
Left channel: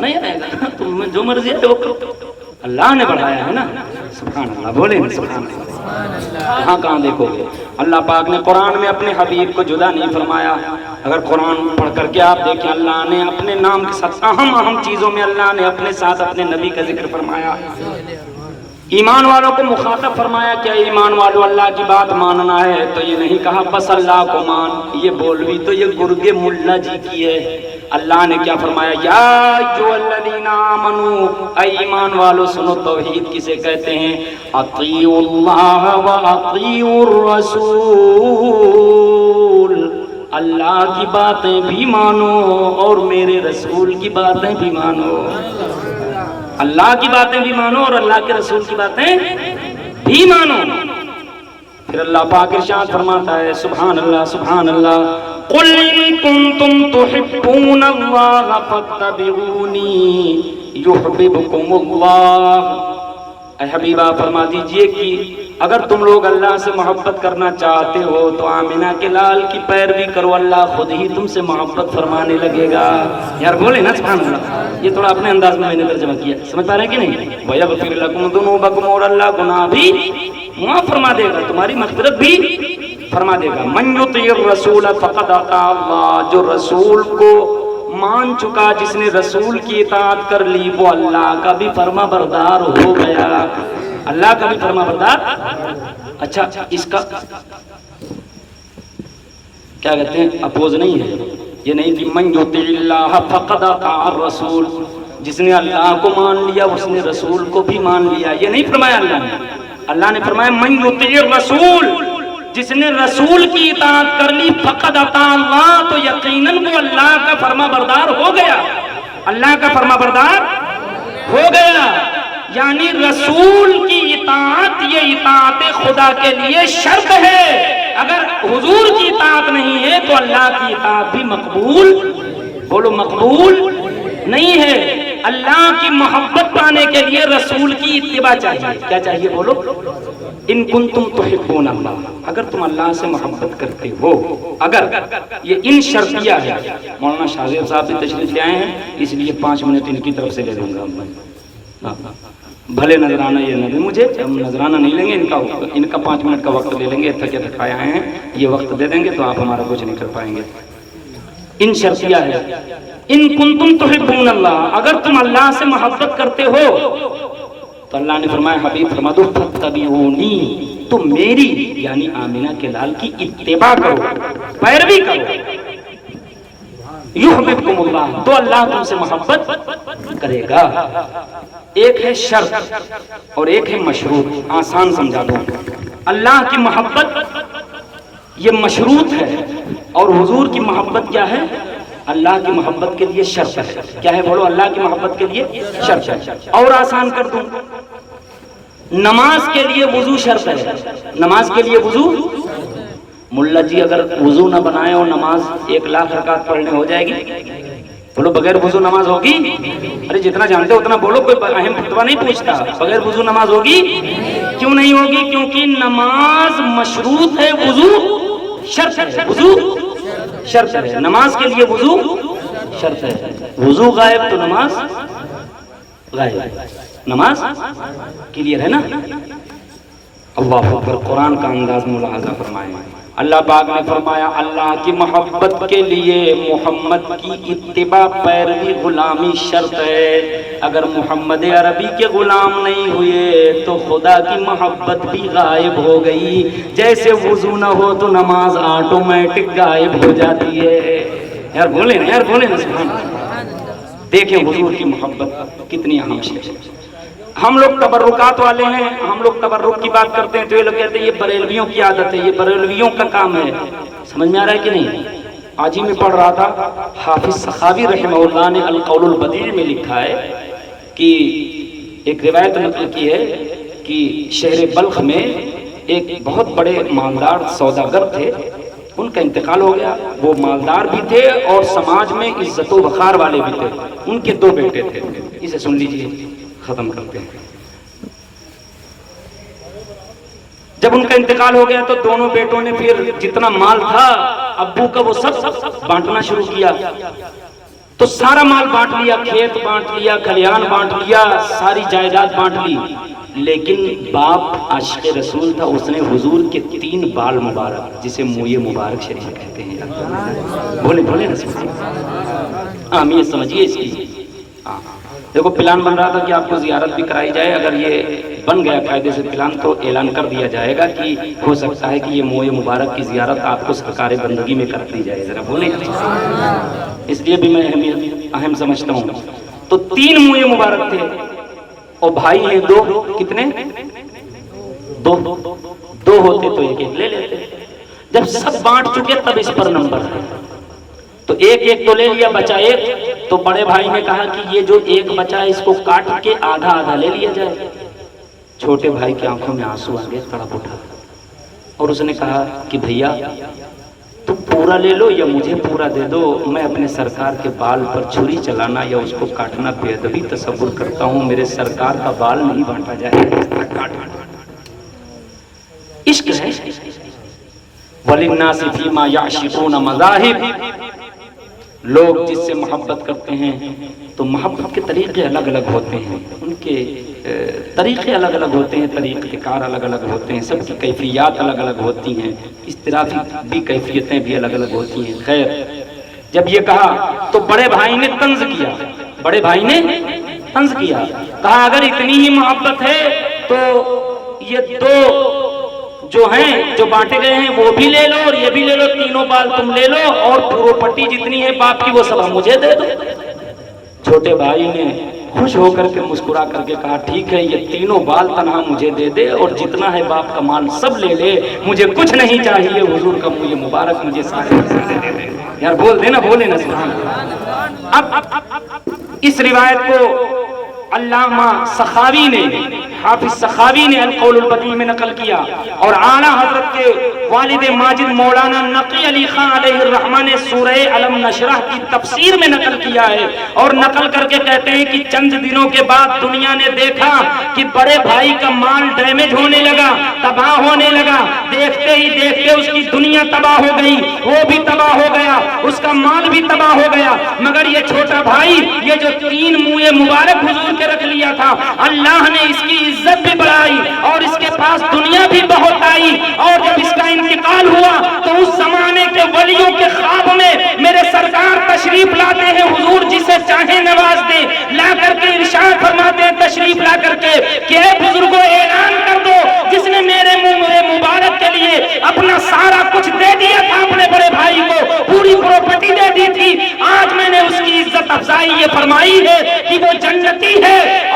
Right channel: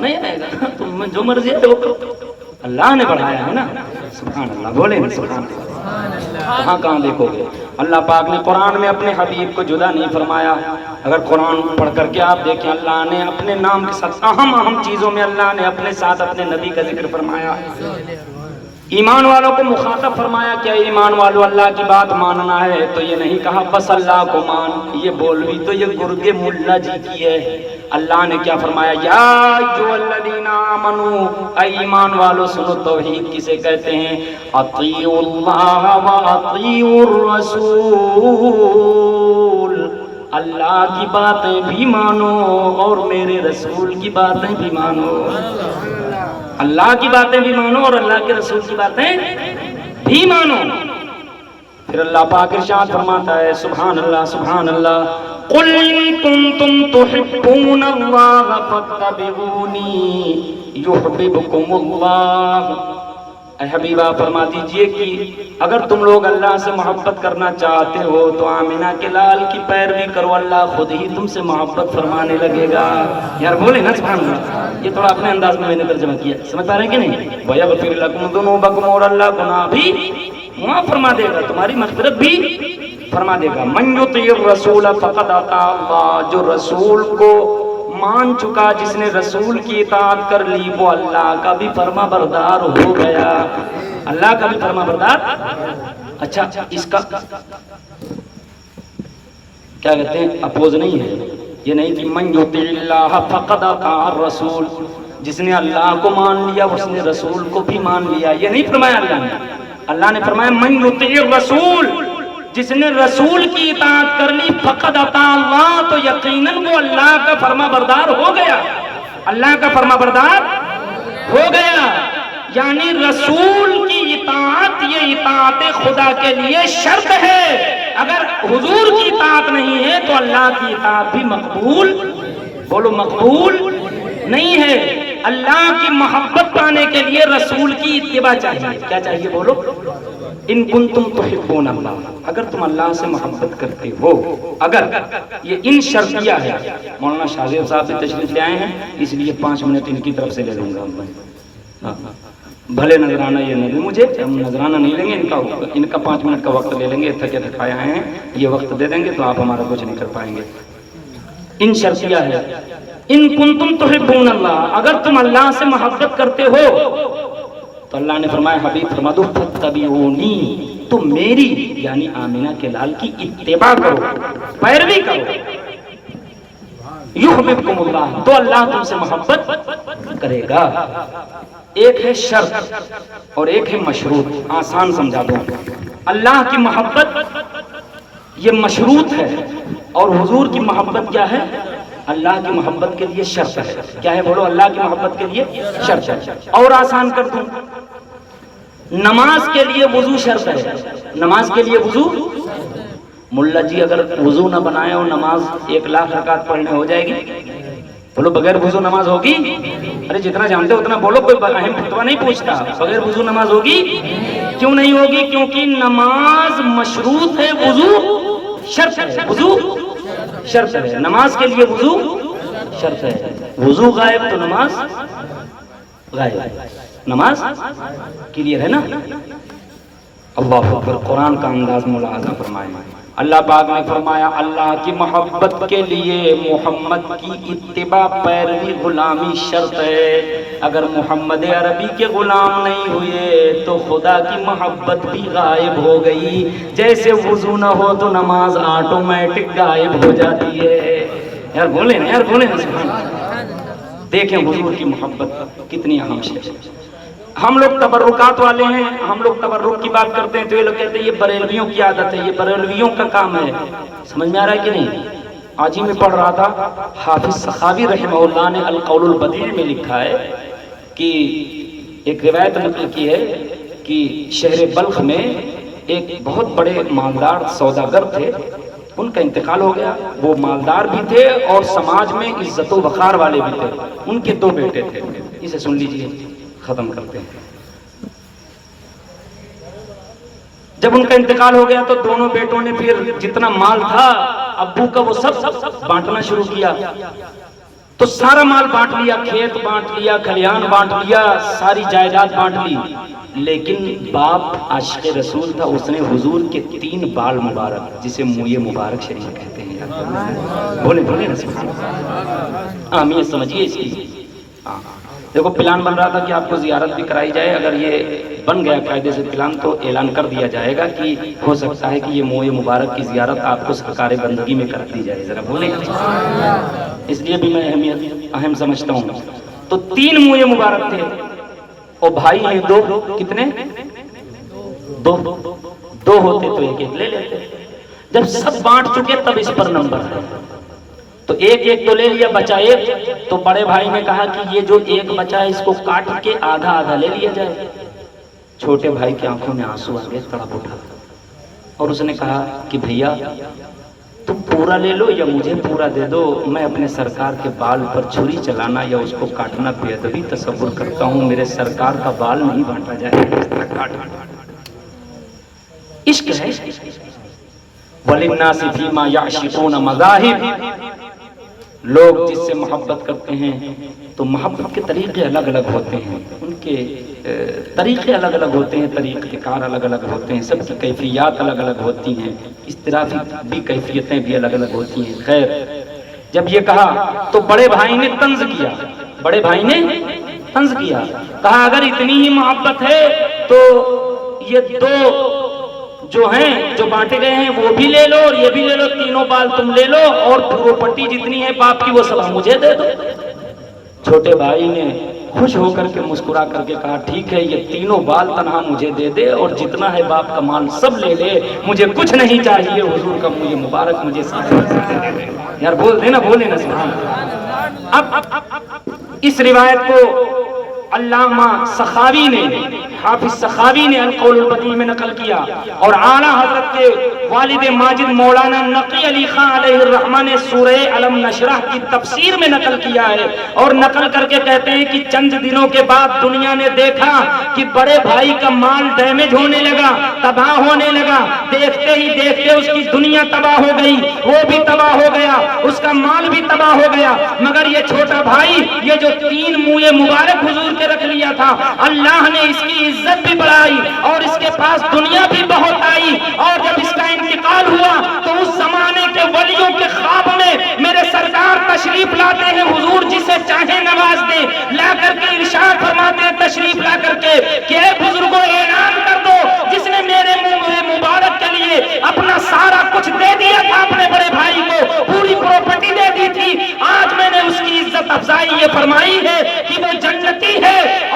نہیں آئے گا. تم جو مرضی ہے وہ کرو، اللہ نے بڑھایا ہے نا. سبحان اللہ، بولیں گے سبحان اللہ. کہاں دیکھو گے؟ اللہ پاک نے قرآن میں اپنے حبیب کو جدا نہیں فرمایا. اگر قرآن پڑھ کر کے آپ دیکھیں، اللہ نے اپنے نام کے ساتھ اہم چیزوں میں اللہ نے اپنے ساتھ اپنے نبی کا ذکر فرمایا. ایمان والوں کو مخاطب فرمایا، کیا ایمان والوں اللہ کی بات ماننا ہے؟ تو یہ نہیں کہا بس اللہ کو مان. یہ بولوی تو یہ گرگے ملا جی کی ہے. اللہ نے کیا فرمایا؟ یا ایھا الذین آمنو، اے ایمان والو سنو، توحید کسے کہتے ہیں؟ اطیعوا اللہ و اطیعوا الرسول. اللہ کی باتیں بھی مانو اور میرے رسول کی باتیں بھی مانو. اللہ کی باتیں بھی مانو اور اللہ کے رسول کی باتیں بھی مانو. پھر اللہ پاک ارشاد فرماتا ہے سبحان اللہ سبحان اللہ قل ان کنتم تحبون اللہ فاتبعونی یحببکم اللہ، اے حبیبہ فرما دیجئے کہ اگر تم لوگ اللہ سے محبت کرنا چاہتے ہو تو آمنہ کے لال کی پیروی کرو، اللہ خود ہی تم سے محبت فرمانے لگے گا۔ یار بولے نا سبحان اللہ، یہ تھوڑا اپنے انداز میں نے ترجمہ کیا، سمجھ پا رہے ہیں کہ نہیں؟ وَيَغْفِرْ لَكُمْ ذُنُوبَكُمْ، اور اللہ گناہ بھی معاف فرما دے گا، تمہاری مغفرت بھی فرما دے گا۔ مَن يُطِعِ الرَّسُولَ فَقَدْ أَطَاعَ اللَّهَ، جو رسول کو مان چکا، جس نے رسول کی اطاعت کر لی، وہ اللہ کا بھی فرما بردار ہو گیا، اللہ کا بھی فرما بردار۔ اچھا اس کا کیا کہتے ہیں اپوز نہیں ہے، یہ نہیں کہ من یطع اللہ فقد اطاع الرسول، جس نے اللہ کو مان لیا اس نے رسول کو بھی مان لیا، یہ نہیں فرمایا اللہ نے۔ اللہ نے فرمایا من یطع الرسول، جس نے رسول کی اطاعت کر لی، فقد اطاع اللہ، تو یقیناً وہ اللہ کا فرما بردار ہو گیا، اللہ کا فرما بردار ہو گیا۔ یعنی رسول کی اطاعت یہ اطاعت خدا کے لیے شرط ہے، اگر حضور کی اطاعت نہیں ہے تو اللہ کی اطاعت بھی مقبول، بولو مقبول نہیں ہے۔ اللہ کی محبت پانے کے لیے رسول کی اتباع چاہیے، کیا چاہیے بولو؟ ان کنتم تحبون اللہ، اگر تم اللہ سے محبت کرتے ہو، اگر یہ ان شرطیہ ہے۔ مولانا شاہ صاحب بھی تشریف لے آئے ہیں، اس لیے 5 منٹ ان کی طرف سے لے لوں گا میں، بھلے نظرانہ یہ نہ دیں مجھے، ہم نظرانہ نہیں لیں گے، ان کا 5 منٹ کا وقت لے لیں گے، تھکے تھکائے آئے ہیں، یہ وقت دے دیں گے تو آپ ہمارا کچھ نہیں کر پائیں گے۔ ان شرطیہ ہے، ان کنتم تحبون اللہ، اگر تم اللہ سے محبت کرتے ہو تو اللہ نے فرمایا حبیب فرما دو فاتبعونی، تم میری یعنی آمنہ کے لال کی اتباع کرو، پیروی کرو، یحببکم اللہ، تو اللہ تم سے محبت کرے گا۔ ایک ہے شرط اور ایک ہے مشروط، آسان سمجھا دو۔ اللہ کی محبت یہ مشروط ہے، اور حضور کی محبت کیا ہے؟ اللہ کی محبت کے لیے شرط ہے، کیا ہے بولو؟ اللہ کی محبت کے لیے شرط ہے۔ اور آسان کر دوں، نماز کے لیے وضو شرط ہے، نماز کے لیے وضو، ملا جی اگر وضو نہ بنائے اور نماز 1,00,000 رکعت پڑھنے ہو جائے گی؟ بولو بغیر وضو نماز ہوگی؟ ارے جتنا جانتے ہو اتنا بولو، کوئی اہم فتویٰ نہیں پوچھتا، بغیر وضو نماز ہوگی؟ کیوں نہیں ہوگی؟ کیونکہ نماز مشروط ہے، وضو شرط ہے، وضو شرط ہے، نماز کے لیے وضو شرط ہے، وضو غائب تو نماز غائب، نماز کلیئر ہے نا؟ اللہ اکبر، قرآن کا انداز ملاحظہ فرمائیں۔ اللہ پاک نے فرمایا اللہ کی محبت کے لیے محمد کی اتباع پیروی غلامی شرط ہے، اگر محمد عربی کے غلام نہیں ہوئے تو خدا کی محبت بھی غائب ہو گئی، جیسے وضو نہ ہو تو نماز آٹومیٹک غائب ہو جاتی ہے۔ یار بولیں یار بولیں، دیکھیں حضور کی محبت کتنی اہم چیز ہے۔ ہم لوگ تبرکات والے ہیں، ہم لوگ تبرک کی بات کرتے ہیں تو یہ لوگ کہتے ہیں یہ بریلویوں کی عادت ہے، یہ بریلویوں کا کام ہے۔ سمجھ میں آ رہا ہے کہ نہیں؟ آج ہی میں پڑھ رہا تھا، حافظ سخاوی رحمہ اللہ نے القول البدیع میں لکھا ہے کہ ایک روایت نقل کی ہے کہ شہر بلخ میں ایک بہت بڑے مالدار سوداگر تھے، ان کا انتقال ہو گیا۔ وہ مالدار بھی تھے اور سماج میں عزت و وقار والے بھی تھے، ان کے 2 بیٹے تھے، اسے سن لیجئے، ختم کرتے ہیں۔ جب ان کا انتقال ہو گیا تو دونوں بیٹوں نے پھر جتنا مال تھا ابو کا وہ سب بانٹنا شروع کیا، تو سارا مال بانٹ لیا، کھیت بانٹ لیا، کھلیان بانٹ لیا، ساری جائیداد بانٹ لی، لیکن باپ عاشق رسول تھا، اس نے حضور کے 3 بال مبارک جسے موئے مبارک شریف کہتے ہیں، بولے بولے آمین، سمجھیے اس کی۔ دیکھو پلان بن رہا تھا کہ آپ کو زیارت بھی کرائی جائے، اگر یہ بن گیا قاعدے سے پلان تو اعلان کر دیا جائے گا کہ ہو سکتا ہے کہ یہ موئے مبارک کی زیارت آپ کو سرکار بندگی میں کر دی جائے، ذرا بولیں، اس لیے بھی میں اہم سمجھتا ہوں۔ تو 3 موئے مبارک تھے اور بھائی ہیں 2، کتنے؟ 2 ہوتے تو ایک لے لیتے، جب سب بانٹ چکے تب اس پر نمبر ہے، تو ایک تو لے لیا، بچا 1، تو بڑے بھائی نے کہا کہ یہ جو 1 بچا ہے اس کو کاٹ کے آدھا لے لیا جائے۔ چھوٹے بھائی کی آنکھوں میں آنسو آ گئے، تڑپ اٹھا، اور اس نے کہا کہ بھیا تم پورا لے لو یا مجھے پورا دے دو، میں اپنے سرکار کے بال پر چھری چلانا یا اس کو کاٹنا بے ادبی تصور کرتا ہوں، میرے سرکار کا بال نہیں بانٹا جائے۔ عشق ہے۔ وَلِلنَّاسِ فِي مَا يَعْشِقُونَ مَذَاهِبُ، لوگ جس سے محبت کرتے ہیں تو محبت کے طریقے الگ الگ ہوتے ہیں، ان کے طریقے الگ الگ ہوتے ہیں، طریقہ کار الگ الگ ہوتے ہیں، سب کی کیفیات الگ الگ ہوتی ہیں، اضطرابی بھی کیفیتیں بھی الگ الگ ہوتی ہیں۔ خیر، جب یہ کہا تو بڑے بھائی نے طنز کیا، بڑے بھائی نے طنز کیا، کہا اگر اتنی ہی محبت ہے تو یہ دو جو ہیں جو بانٹے گئے ہیں وہ بھی لے لو اور یہ بھی لے لو، تینوں بال تم لے لو اور پراپرٹی جتنی ہے باپ کی وہ سب مجھے دے دو۔ چھوٹے بھائی نے خوش ہو کر کے مسکرا کر کے کہا ٹھیک ہے، یہ تینوں بال تنہا مجھے دے دے اور جتنا ہے باپ کا مال سب لے لے، مجھے کچھ نہیں چاہیے، حضور کا یہ مبارک مجھے ساتھ یار بول دینا، بولے نا سبحان اللہ۔ اب اس روایت کو علامہ سخاوی نے، حافظ سخاوی نے القول البدیع میں نقل کیا، اور اعلیٰ حضرت کے والد ماجد مولانا نقی علی خان علیہ الرحمہ نے سورہ علم نشرح کی تفسیر میں نقل کیا ہے، اور نقل کر کے کہتے ہیں کہ چند دنوں کے بعد دنیا نے دیکھا کہ بڑے بھائی کا مال ڈیمیج ہونے لگا، تباہ ہونے لگا، دیکھتے ہی دیکھتے اس کی دنیا تباہ ہو گئی، وہ بھی تباہ ہو گیا، اس کا مال بھی تباہ ہو گیا، مگر یہ چھوٹا بھائی یہ جو 3 منہ مبارک حضور کے رکھ لیا تھا، اللہ نے اس کی عزت بھی بڑھائی اور اس کے پاس دنیا بھی بہت آئی، اور جب اس کا انتقال ہوا تو اس زمانے کے ولیوں کے خواب میں میرے سرکار تشریف لاتے ہیں، حضور جسے چاہے نواز دے، لا کر کے ارشاد فرماتے ہیں تشریف لا کر کے کہ اے بزرگوں اعلان کر دو، جس نے میرے منہ مبارک کے لیے اپنا سارا کچھ دے دیا تھا، اپنے بڑے بھائی کو پوری پراپرٹی دے دی تھی، آج میں نے اس کی عزت افزائی یہ فرمائی ہے کہ وہ جنتی ہے،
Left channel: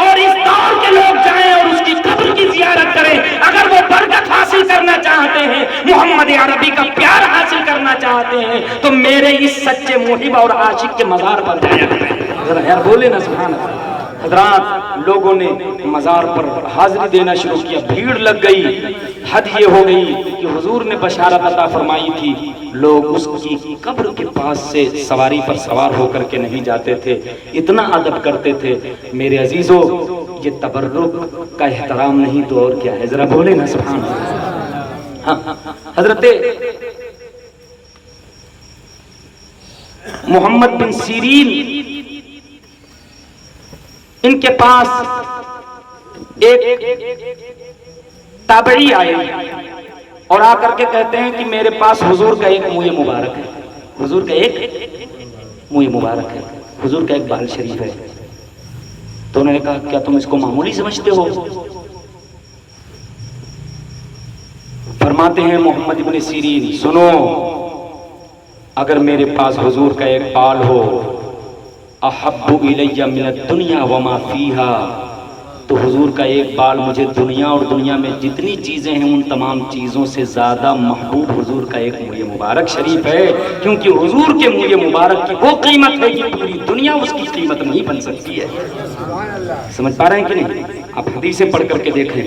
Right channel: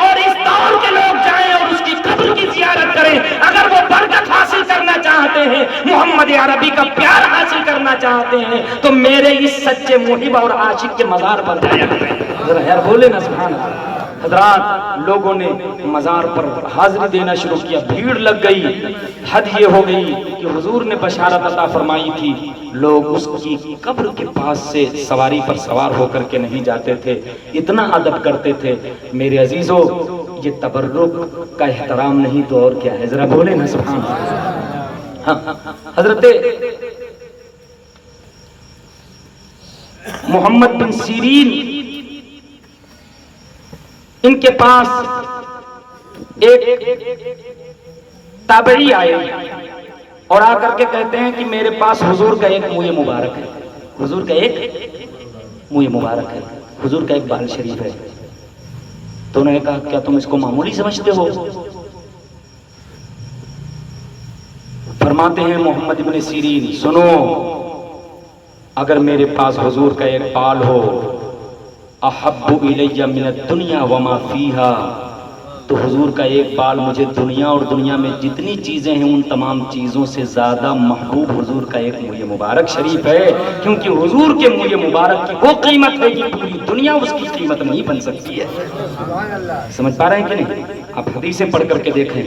اور اس دور کے لوگ جائیں اور اس کی قبر کی زیارت کریں، اگر وہ برکت حاصل کرنا چاہتے ہیں، محمد عربی کا پیار حاصل کرنا چاہتے ہیں، تو میرے اس سچے محب اور عاشق کے مزار پر جایا کریں۔ یار بولے نا سبحان اللہ۔ حضرات لوگوں نے مزار پر حاضری دینا شروع کیا، بھیڑ لگ گئی، حد یہ ہو گئی کہ حضور نے بشارت عطا فرمائی تھی، لوگ اس کی قبر کے پاس سے سواری پر سوار ہو کر کے نہیں جاتے تھے، اتنا ادب کرتے تھے۔ میرے عزیزو، یہ تبرک کا احترام نہیں تو اور کیا ہے، ذرا بولے نا سبحان اللہ۔ حضرت محمد بن سیرین ان کے پاس ایک تابعی آئے اور آ کر کے کہتے ہیں کہ میرے پاس حضور کا ایک منہ مبارک ہے، حضور کا ایک منہ مبارک ہے، حضور کا ایک بال شریف ہے۔ تو انہوں نے کہا کیا تم اس کو معمولی سمجھتے ہو؟ فرماتے ہیں محمد ابن سیرین سنو، اگر میرے پاس حضور کا ایک بال ہو احب الی من الدنیا وما فیہا، تو حضور کا ایک بال مجھے دنیا اور دنیا میں جتنی چیزیں ہیں ان تمام چیزوں سے زیادہ محبوب حضور کا ایک منہ مبارک شریف ہے، کیونکہ حضور کے منہ مبارک کی وہ قیمت ہے کہ پوری دنیا اس کی قیمت نہیں بن سکتی ہے۔ سمجھ پا رہے ہیں کہ نہیں؟ آپ حدیثیں پڑھ کر کے دیکھیں،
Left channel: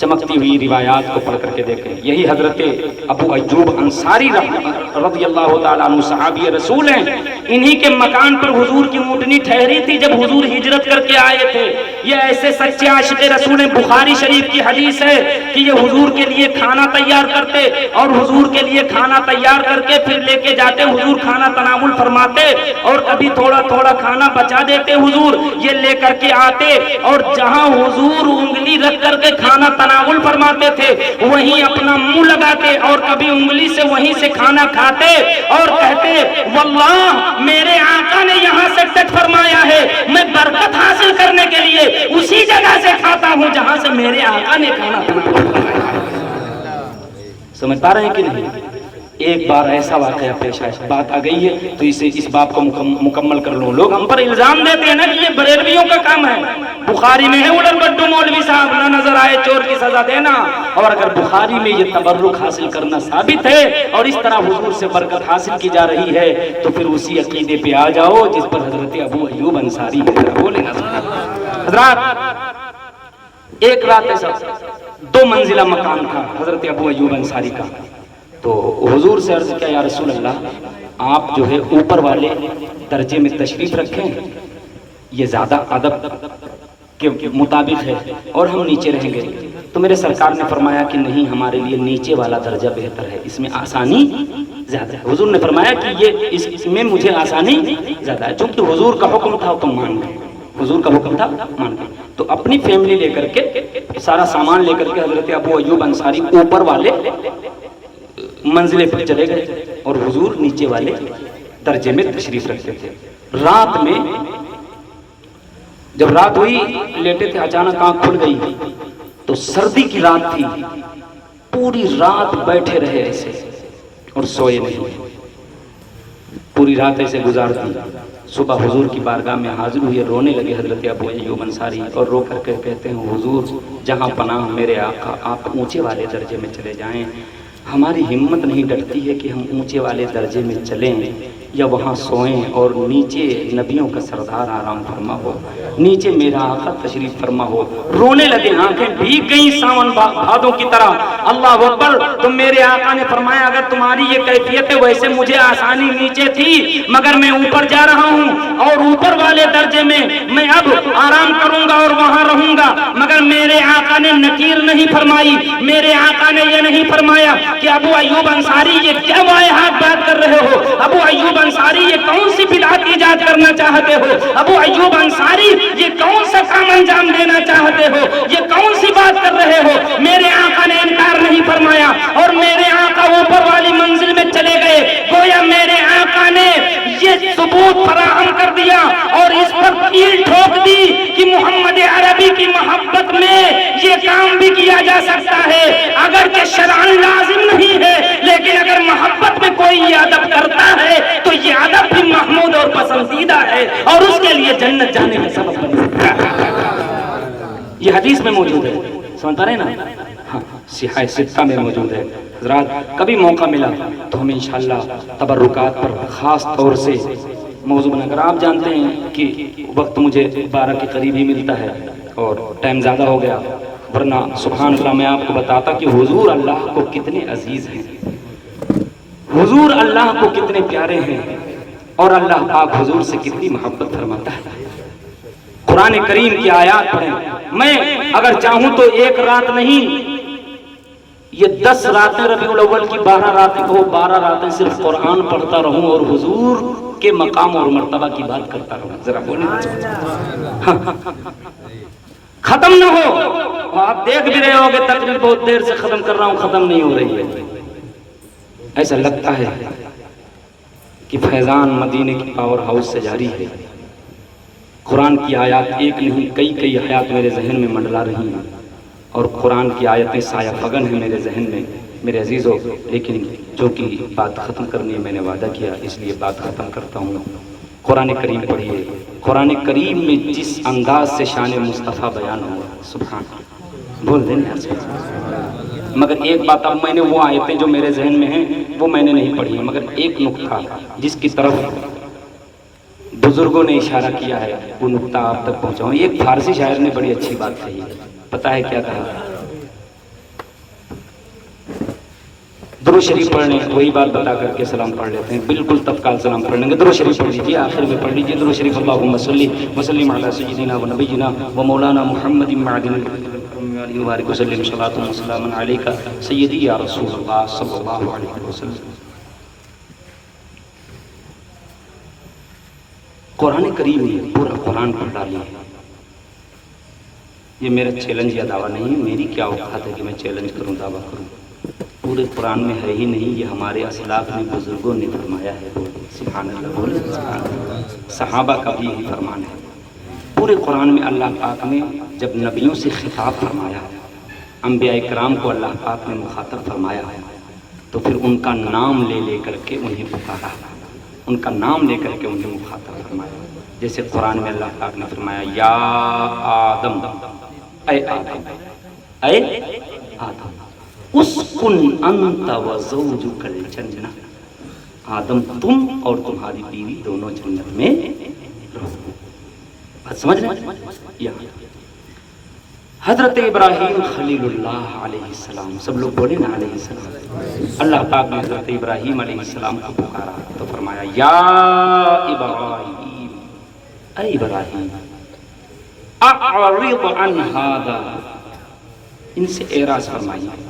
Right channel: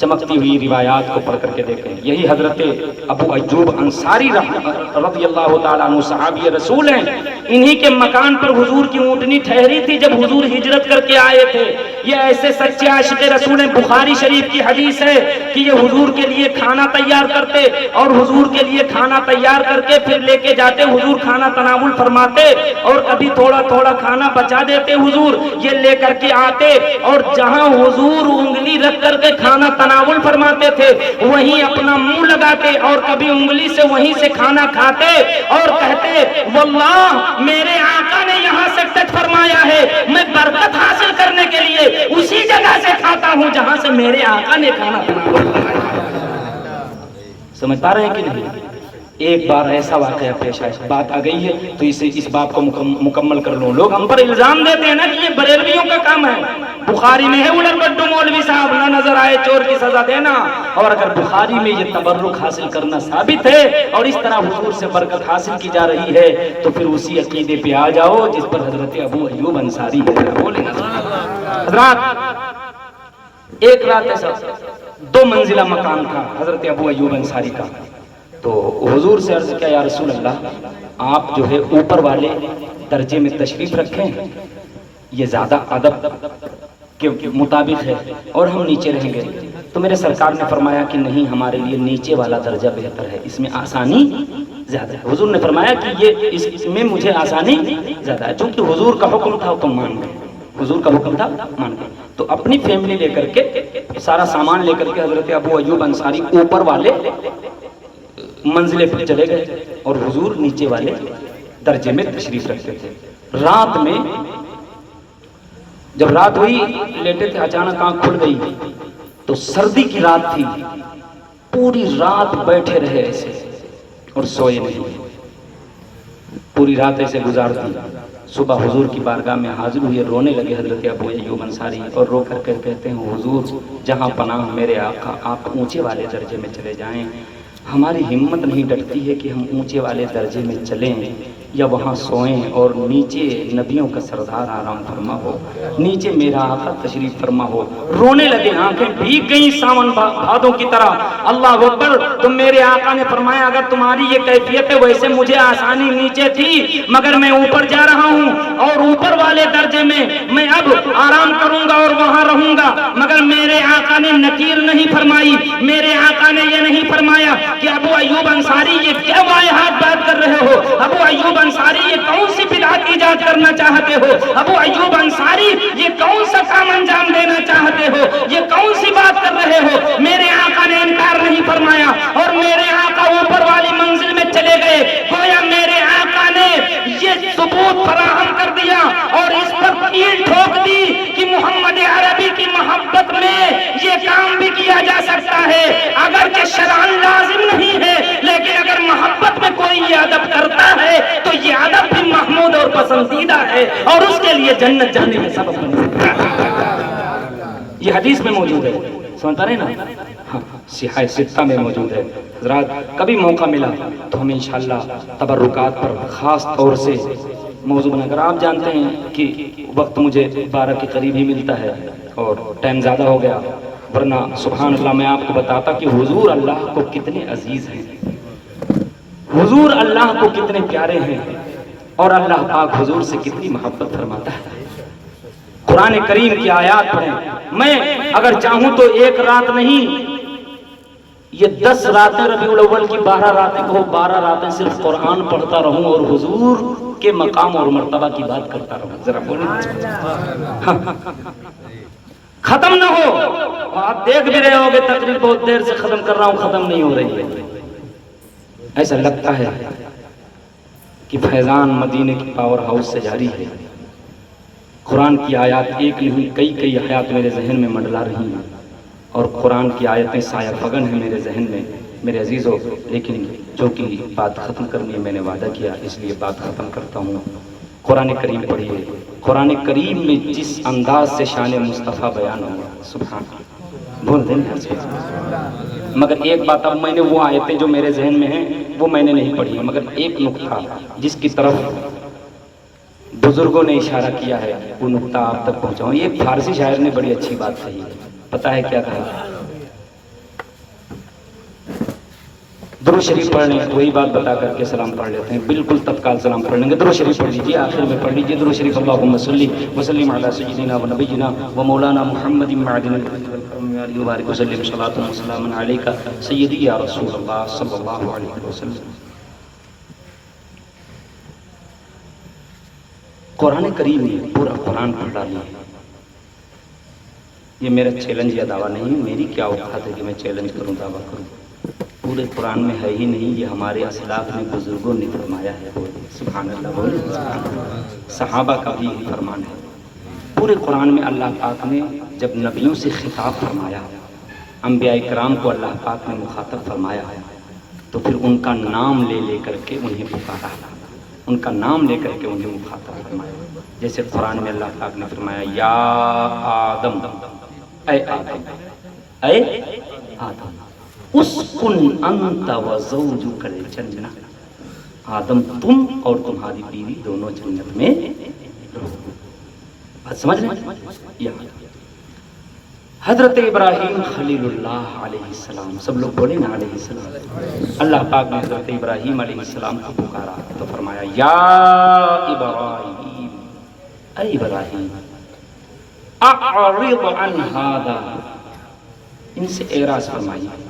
چمکتی ہوئی روایات کو پڑھ کر کے دیکھیں۔ یہی حضرت ابو ایوب انصاری رضی اللہ تعالیٰ عنہ صحابی رسول ہیں، انہی کے مکان پر حضور کی اونٹنی ٹھہری تھی جب حضور ہجرت کر کے آئے تھے۔ یہ ایسے سچے عاشق رسول ہیں، بخاری شریف کی حدیث ہے کہ یہ حضور کے لیے کھانا تیار کرتے اور حضور کے لیے کھانا تیار کر کے پھر لے کے جاتے، حضور کھانا تناول فرماتے اور کبھی تھوڑا تھوڑا کھانا بچا دیتے، حضور یہ لے کر کے آتے اور جہاں حضور انگلی رکھ کر کے کھانا تناول فرماتے تھے وہیں اپنا منہ لگاتے اور کبھی انگلی سے وہیں سے کھانا کھاتے اور کہتے واللہ میرے آقا نے یہاں سے ٹچ فرمایا ہے، میں برکت حاصل کرنے کے لیے اسی جگہ سے کھاتا ہوں جہاں سے میرے آقا نے کھانا تناول فرمایا۔ سمجھ پا رہے ہیں کہ نہیں؟ ایک بار ایسا واقعہ پیش آیا، بات آ گئی ہے تو اسے اس بات کو مکمل کر لو۔ لوگ ہم پر الزام دیتے ہیں نا کہ یہ بریلویوں کا کام ہے، بخاری میں ہے اڑن بڈو مولوی صاحب نہ نظر آئے چور کی سزا دینا، اور اگر بخاری میں یہ تبرک حاصل کرنا ثابت ہے اور اس طرح حضور سے برکت حاصل کی جا رہی ہے تو پھر اسی عقیدے پہ آ جاؤ جس پر حضرت ابو ایوب انصاری بولے نا۔ حضرات ایک رات ایسا 2 منزلہ مکان تھا حضرت ابو ایوب انصاری کا. تو حضور سے عرض کیا یا رسول اللہ آپ جو ہے اوپر والے درجے میں تشریف رکھیں, یہ زیادہ ادب کے مطابق ہے, اور ہم نیچے رہیں گے. تو میرے سرکار نے فرمایا کہ نہیں, ہمارے لیے نیچے والا درجہ بہتر ہے, اس میں آسانی زیادہ ہے. حضور نے فرمایا کہ یہ اس میں مجھے آسانی زیادہ ہے, چونکہ حضور کا حکم تھا تو مان گئے, حضور کا حکم تھا مان گئے. تو اپنی فیملی لے کر کے, سارا سامان لے کر کے حضرت ابو ایوب انصاری اوپر والے منزلے پر چلے گئے اور حضور نیچے والے درجے میں تشریف رکھتے تھے. رات میں جب رات ہوئی لیٹے تھے, اچانک آنکھ کھل گئی تو سردی کی رات تھی, پوری رات بیٹھے رہے ایسے اور سوئے نہیں, پوری رات ایسے گزار دی. صبح حضور کی بارگاہ میں حاضر ہوئے, رونے لگے حضرت ابو ایوب انصاری, اور رو کر کے کہتے ہیں حضور جہاں پناہ میرے آقا, آپ اونچے والے درجے میں چلے جائیں, ہماری ہمت نہیں ڈٹتی ہے کہ ہم اونچے والے درجے میں چلیں یا وہاں سوئیں, اور نیچے نبیوں کا سردار آرام فرما ہو, نیچے میرا آقا تشریف فرما ہو. رونے لگے, آنکھیں بھیگ گئیں ساون بھادوں کی طرح. اللہ اکبر. تو میرے آقا نے فرمایا اگر تمہاری یہ کیفیت ہے, ویسے مجھے آسانی نیچے تھی مگر میں اوپر جا رہا ہوں اور اوپر والے درجے میں اب آرام کروں گا اور وہاں رہوں گا. مگر میرے آقا نے نکیر نہیں فرمائی, میرے آقا نے یہ نہیں فرمایا کہ ابو ایوب انصاری یہ کیا واہیات بات کر رہے ہو, ابو ایوب انصاری یہ کون سی بدعت ایجاد کرنا چاہتے ہو, ابو ایوب انصاری یہ کون سا کام انجام دینا چاہتے ہو, یہ کون سی بات کر رہے ہو. میرے آقا نے انکار نہیں فرمایا اور میرے آقا اوپر والی منزل میں چلے گئے. گویا میرے آقا نے یہ ثبوت فراہم کر دیا اور اس پر کیل ٹھوک دی کہ محمد عربی کی محبت میں یہ کام بھی کیا جا سکتا ہے, اگرچہ شرعاً لازم نہیں ہے, لیکن اگر محبت میں کوئی یہ ادب کرتا ہے تو یہ ادب بھی محمود اور پسندیدہ ہے اور اس کے لیے جنت جانے کا سبب بن سکتا ہے. یہ حدیث میں موجود ہے, سمجھ پا رہے نا, ہاں صحیح ستہ میں موجود ہے. حضرات کبھی موقع ملا تو ہم انشاءاللہ تبرکات پر خاص طور سے موضوع بنا کر, آپ جانتے ہیں کہ وقت مجھے 12 کے قریب ہی ملتا ہے اور ٹائم زیادہ ہو گیا, ورنہ سبحان اللہ میں آپ کو بتاتا کہ حضور اللہ کو کتنے عزیز ہیں, حضور اللہ کو کتنے پیارے ہیں, اور اللہ پاک حضور سے کتنی محبت فرماتا ہے. قرآن کریم کی آیات پڑھیں, میں اگر چاہوں تو ایک رات نہیں, یہ 10 راتیں ربیع الاول کی 12 راتیں کو 12 راتیں صرف قرآن پڑھتا رہوں اور حضور کے مقام اور مرتبہ کی بات کرتا رہوں. ذرا بولیں, ختم نہ ہو. آپ دیکھ بھی رہے ہو کہ تقریر بہت دیر سے ختم کر رہا ہوں, ختم نہیں ہو رہی ہے. ایسا لگتا ہے کہ فیضان مدینے کی پاور ہاؤس سے جاری ہے. قرآن کی آیات ایک نہیں کئی آیات میرے ذہن میں منڈلا رہی ہیں, اور قرآن کی آیتیں سایہ فگن ہیں میرے ذہن میں میرے عزیزوں. لیکن جو کہ بات ختم کرنی ہے, میں نے وعدہ کیا, اس لیے بات ختم کرتا ہوں. قرآن کریم پڑھیے, قرآن کریم میں جس انداز سے شان مصطفیٰ بیان ہوا, سبحان اللہ, بول دیں مگر ایک بات, اب میں نے وہ آیتیں جو میرے ذہن میں ہیں وہ میں نے نہیں پڑھی ہیں, مگر ایک نقطہ جس کی طرف بزرگوں نے اشارہ کیا ہے وہ نقطہ آپ تک پہنچاؤں. ایک فارسی شاعر نے بڑی اچھی بات کہی ہے, پتہ ہے کیا کہا؟ درود شریف پڑھ لیں, وہی بات بتا کر کے سلام پڑھ لیتے ہیں, بالکل تفکال سلام پڑھ لیں گے. درود شریف پڑھ لیجیے, آخر میں پڑھ لیجیے درود شریف. اللہم صلی وسلم علی سیدنا و نبینا و مولانا محمد معدن وبارک وسلم صلاۃ و سلام علیک سیدی یا رسول اللہ صلی اللہ علیہ وسلم. قرآن کریم میں پورا قرآن پڑھ ڈالیے. یہ میرا چیلنج یا دعویٰ نہیں, میری کیا اوقات ہے کہ میں چیلنج کروں, دعویٰ کروں. پورے قرآن میں ہے ہی نہیں, یہ ہمارے اسلاف نے بزرگوں نے فرمایا ہے. سبحان اللہ, بولے صحابہ کا بھی یہی فرمان ہے. پورے قرآن میں اللہ پاک نے جب نبیوں سے خطاب فرمایا, انبیاء کرام کو اللہ پاک نے مخاطب فرمایا, تو پھر ان کا نام لے کر کے انہیں پکارا, ان کا نام لے کر کے انہیں مخاطب فرمایا. جیسے قرآن میں اللہ پاک نے فرمایا یا آدم, اے آدم, اے آدم, اسکن انت و زوجک الجنہ, آدم تم اور تمہاری بیوی دونوں جنت میں رہو. بات سمجھ رہے ہیں؟ حضرت ابراہیم خلیل اللہ علیہ السلام، سب لوگ بولے نا علیہ السلام، اللہ پاک نے حضرت ابراہیم علیہ السلام کو پکارا تو فرمایا یا ابراہیم، اے ابراہیم اعرض عن ھذا، ان سے اعراض فرمائیے۔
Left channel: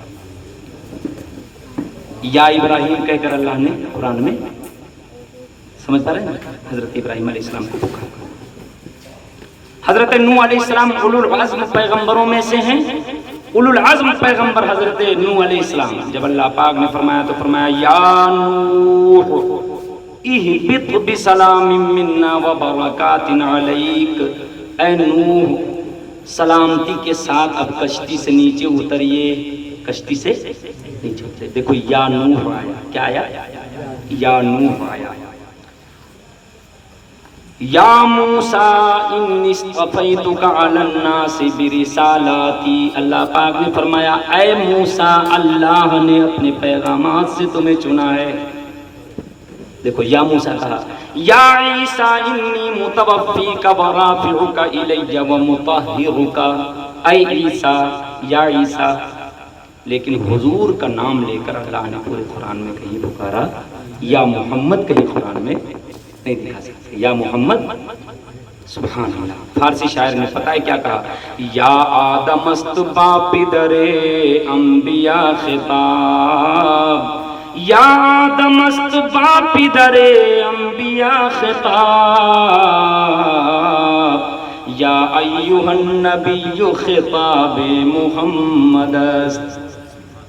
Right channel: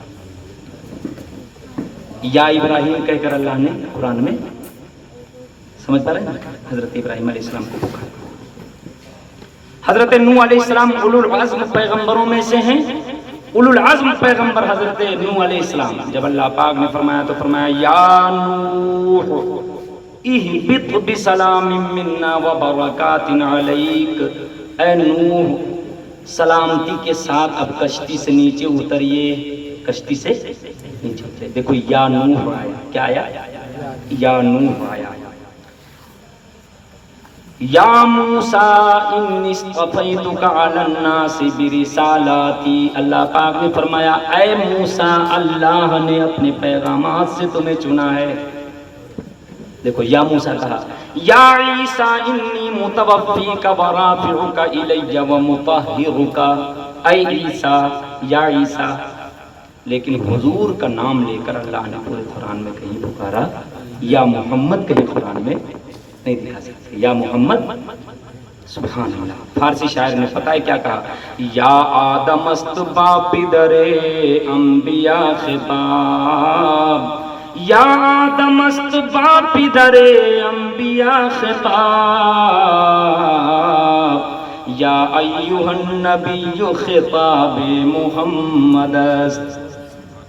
یا ابراہیم کہہ کر اللہ نے قرآن میں سمجھ پا رہے ہیں حضرت ابراہیم علیہ السلام کو پکارا۔ حضرت نوح علیہ السلام اولو العزم پیغمبروں میں سے ہیں، اولو العزم پیغمبر حضرت نوح علیہ السلام، جب اللہ پاک نے فرمایا تو فرمایا یا نوح اہبط بسلام منا وبرکات علیک، اے نوح سلامتی کے ساتھ اب کشتی سے نیچے اتریے، کشتی سے نیچے اترے۔ دیکھو یا نوح آیا، کیا آیا؟ یا نوح آیا۔ یا موسیٰ انی اصطفیتک علی الناس برسالاتی، اللہ پاک نے فرمایا اے موسیٰ اللہ نے اپنے پیغامات سے تمہیں چنا ہے۔ دیکھو یا موسیٰ کہا، یا عیسیٰ انی متوفیک ورافعک الی ومطہرک، اے عیسیٰ، یا عیسیٰ، لیکن حضور کا نام لے کر اللہ نے پورے قرآن میں کہیں پکارا، یا محمد کہیں قرآن میں نہیں دکھا سکتے، یا محمد، سبحان اللہ۔ فارسی شاعر نے پتہ ہے کیا کہا، یا آدم است با پدر انبیاء خطاب، یا آدم است با پدر انبیاء خطاب، یا ایھا النبی خطاب محمد است،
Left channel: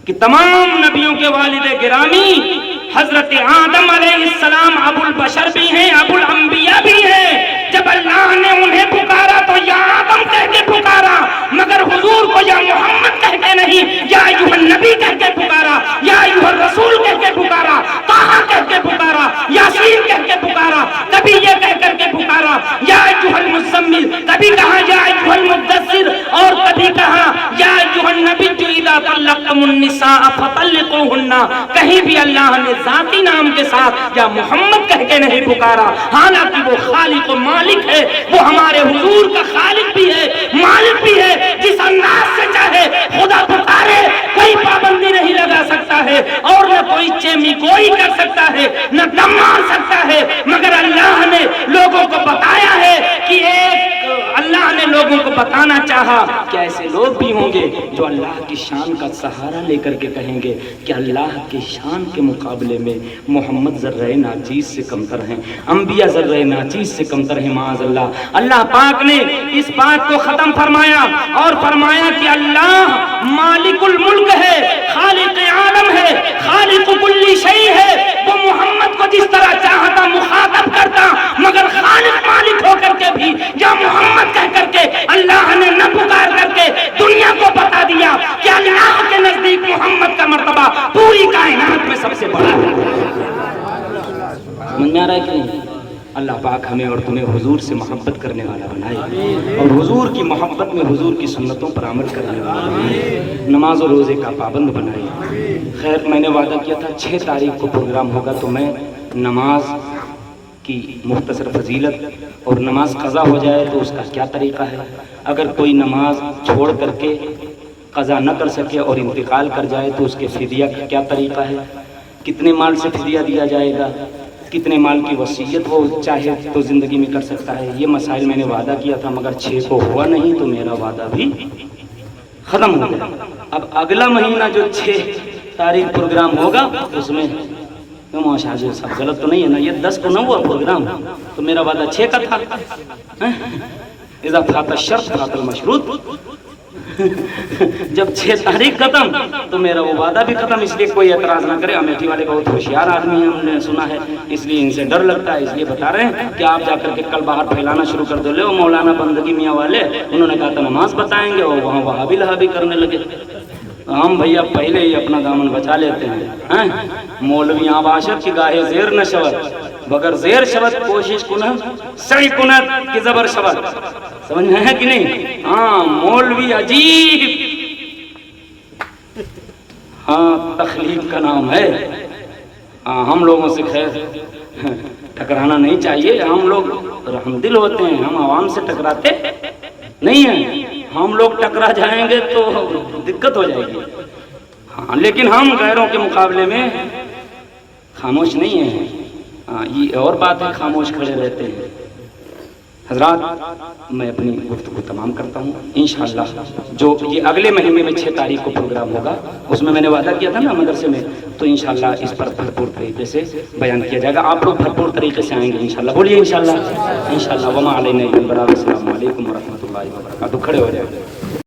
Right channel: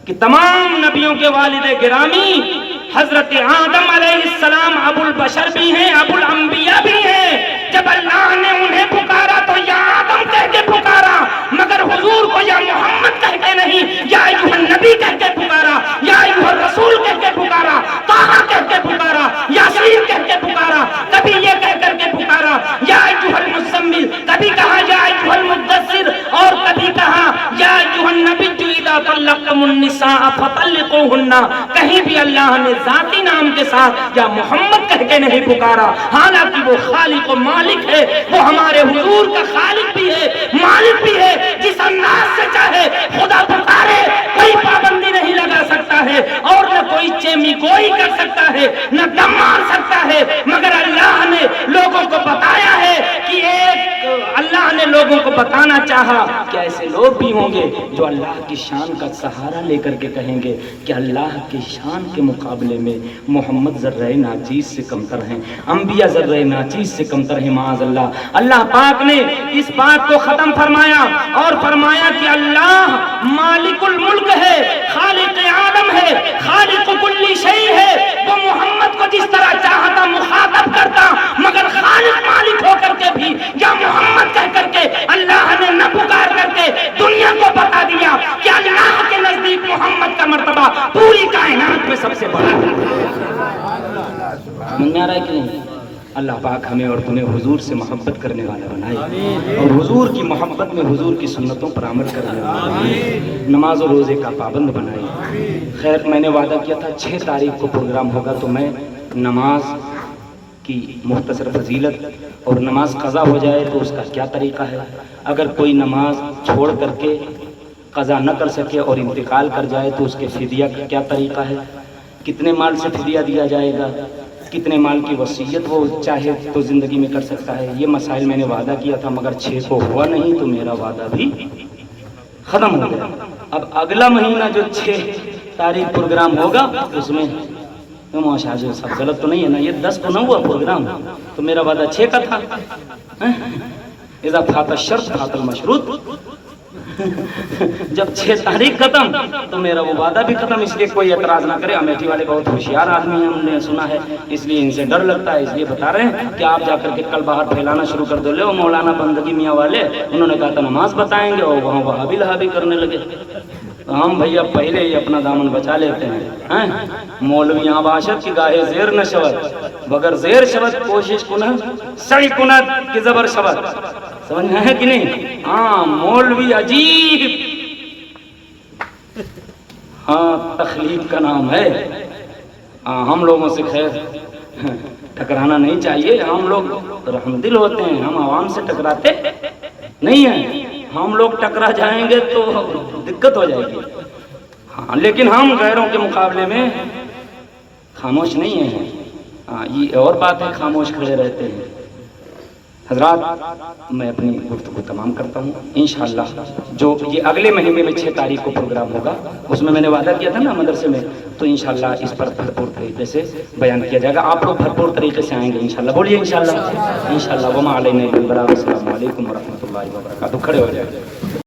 کہ تمام نبیوں کے والد گرامی حضرت آدم علیہ السلام ابو البشر بھی ہیں، ابو الانبیاء بھی ہیں۔ جب اللہ نے انہیں پکارا تو یا آدم کہہ کے پکارا، مگر حضور کو یا محمد کہہ کے نہیں، یا ایھا النبی کہہ کے پکارا، یا ایھا الرسول کہہ کے پکارا، طٰہٰ کہہ کے پکارا، یاسین کہہ کے پکارا، کبھی یہ کہہ کر کے پکارا یا ایھا المزمل، کبھی کہا یا ایھا المدثر، اور کبھی کہا یا ایھا النبی اذا طلقتم النساء فطلقوہن، کہیں بھی اللہ نے ذاتی نام کے ساتھ یا محمد کہہ کے نہیں پکارا، حالانکہ وہ خالق و مالک ہے، وہ ہمارے حضور کا خالق بھی ہے، مالک بھی ہے، جس انداز سے چاہے خدا پکارے کوئی پابندی نہیں لگا سکتا ہے، اور نہ کوئی چیمی گوئی کر سکتا ہے، نہ دم مار سکتا ہے، مگر اللہ نے لوگوں کو بتایا ہے کہ اللہ نے لوگوں کو بتانا چاہا کہ ایسے لوگ بھی ہوں گے جو اللہ کی شان کا سہارا لے کر کے کہیں گے کہ اللہ کی شان کے مقابلے میں محمد ذرہ ناچیز سے کمتر ہیں، انبیاء ذرہ ناچیز سے کمتر ہیں، معاذ اللہ۔ اللہ پاک نے اس بات کو ختم فرمایا اور فرمایا کہ اللہ مالک الملک ہے، خالق عالم ہے، خالق کل شیء ہے، وہ محمد کو جس طرح چاہتا مخاطب کرتا، مگر خالق مالک ہو کر کے بھی یا محمد کہہ کر کے اللہ نے نہ پکار کر کے دنیا کو بتا دیا کہ اللہ کے نزدیک محمد کا مرتبہ پوری کائنات میں سب سے بڑا ہے۔ من آ رہا ہے کہ نہیں؟ اللہ پاک ہمیں اور تمہیں حضور سے محبت کرنے والا بنائے، اور حضور کی محبت میں حضور کی سنتوں پر عمل کرنے والا بنائے، نماز و روزے کا پابند بنائے۔ خیر میں نے وعدہ کیا تھا 6 تاریخ کو پروگرام ہوگا، تو میں نماز کی مختصر فضیلت اور نماز قضا ہو جائے تو اس کا کیا طریقہ ہے، اگر کوئی نماز چھوڑ کر کے قضا نہ کر سکے اور انتقال کر جائے تو اس کے فدیہ کا کیا طریقہ ہے، کتنے مال سے فدیہ دیا جائے گا، کتنے مال کی وصیت وہ چاہے تو زندگی میں کر سکتا ہے، یہ مسائل میں نے وعدہ کیا تھا، مگر 6 کو ہوا نہیں تو میرا وعدہ بھی ختم ہو گیا۔ اب اگلا مہینہ جو 6 تاریخ پروگرام ہوگا اس میں ماشاء اللہ سب غلط تو نہیں ہے نا، یہ 10 کو نہ ہوا پروگرام تو میرا وعدہ 6 کا تھا، اذا فات الشرط فات المشروط، جب 6 تاریخ ختم تو میرا وہ وعدہ بھی ختم، اس لیے کوئی اعتراض نہ کرے۔ امیٹھی والے بہت ہوشیار آدمی ہیں، ہم نے سنا ہے، اس لیے ان سے ڈر لگتا ہے، اس لیے بتا رہے ہیں کہ آپ جا کر کے کل باہر پھیلانا شروع کر دو۔ لے وہ مولانا بندگی میاں والے انہوں نے کہا تھا نماز بتائیں گے اور وہاں وہابی لہابی کرنے لگے، ہم بھیا پہلے ہی اپنا دامن بچا لیتے ہیں۔ مولوی عاشق کی گاہے زیر نہ شود، بگر زیر شود کوشش کنت سعی کنت کی زبر شود، سمجھ میں ہے کہ نہیں؟ ہاں مولوی عجیب، ہاں تخلیق کا نام ہے، ہم لوگوں سے خیر ٹکرانا نہیں چاہیے، ہم لوگ رحم دل ہوتے ہیں، ہم عوام سے ٹکراتے نہیں ہیں، ہم لوگ ٹکرا جائیں گے تو دقت ہو جائے گی. ہاں لیکن ہم غیروں کے مقابلے میں خاموش نہیں ہیں. ہاں یہ اور بات ہے خاموش کھڑے رہتے ہیں. حضرات میں اپنی گفتگو تمام کرتا ہوں. انشاءاللہ جو یہ اگلے مہینے میں 6 تاریخ کو پروگرام ہوگا اس میں نے وعدہ کیا تھا نا مدرسے میں, تو انشاءاللہ اس پر بھرپور طریقے سے بیان کیا جائے گا. آپ لوگ بھرپور طریقے سے آئیں گے انشاءاللہ. بولیے انشاءاللہ. انشاءاللہ. وما علینا الا البلاغ. السلام علیکم ورحمۃ اللہ وبرکاتہ. کھڑے ہو جائیں.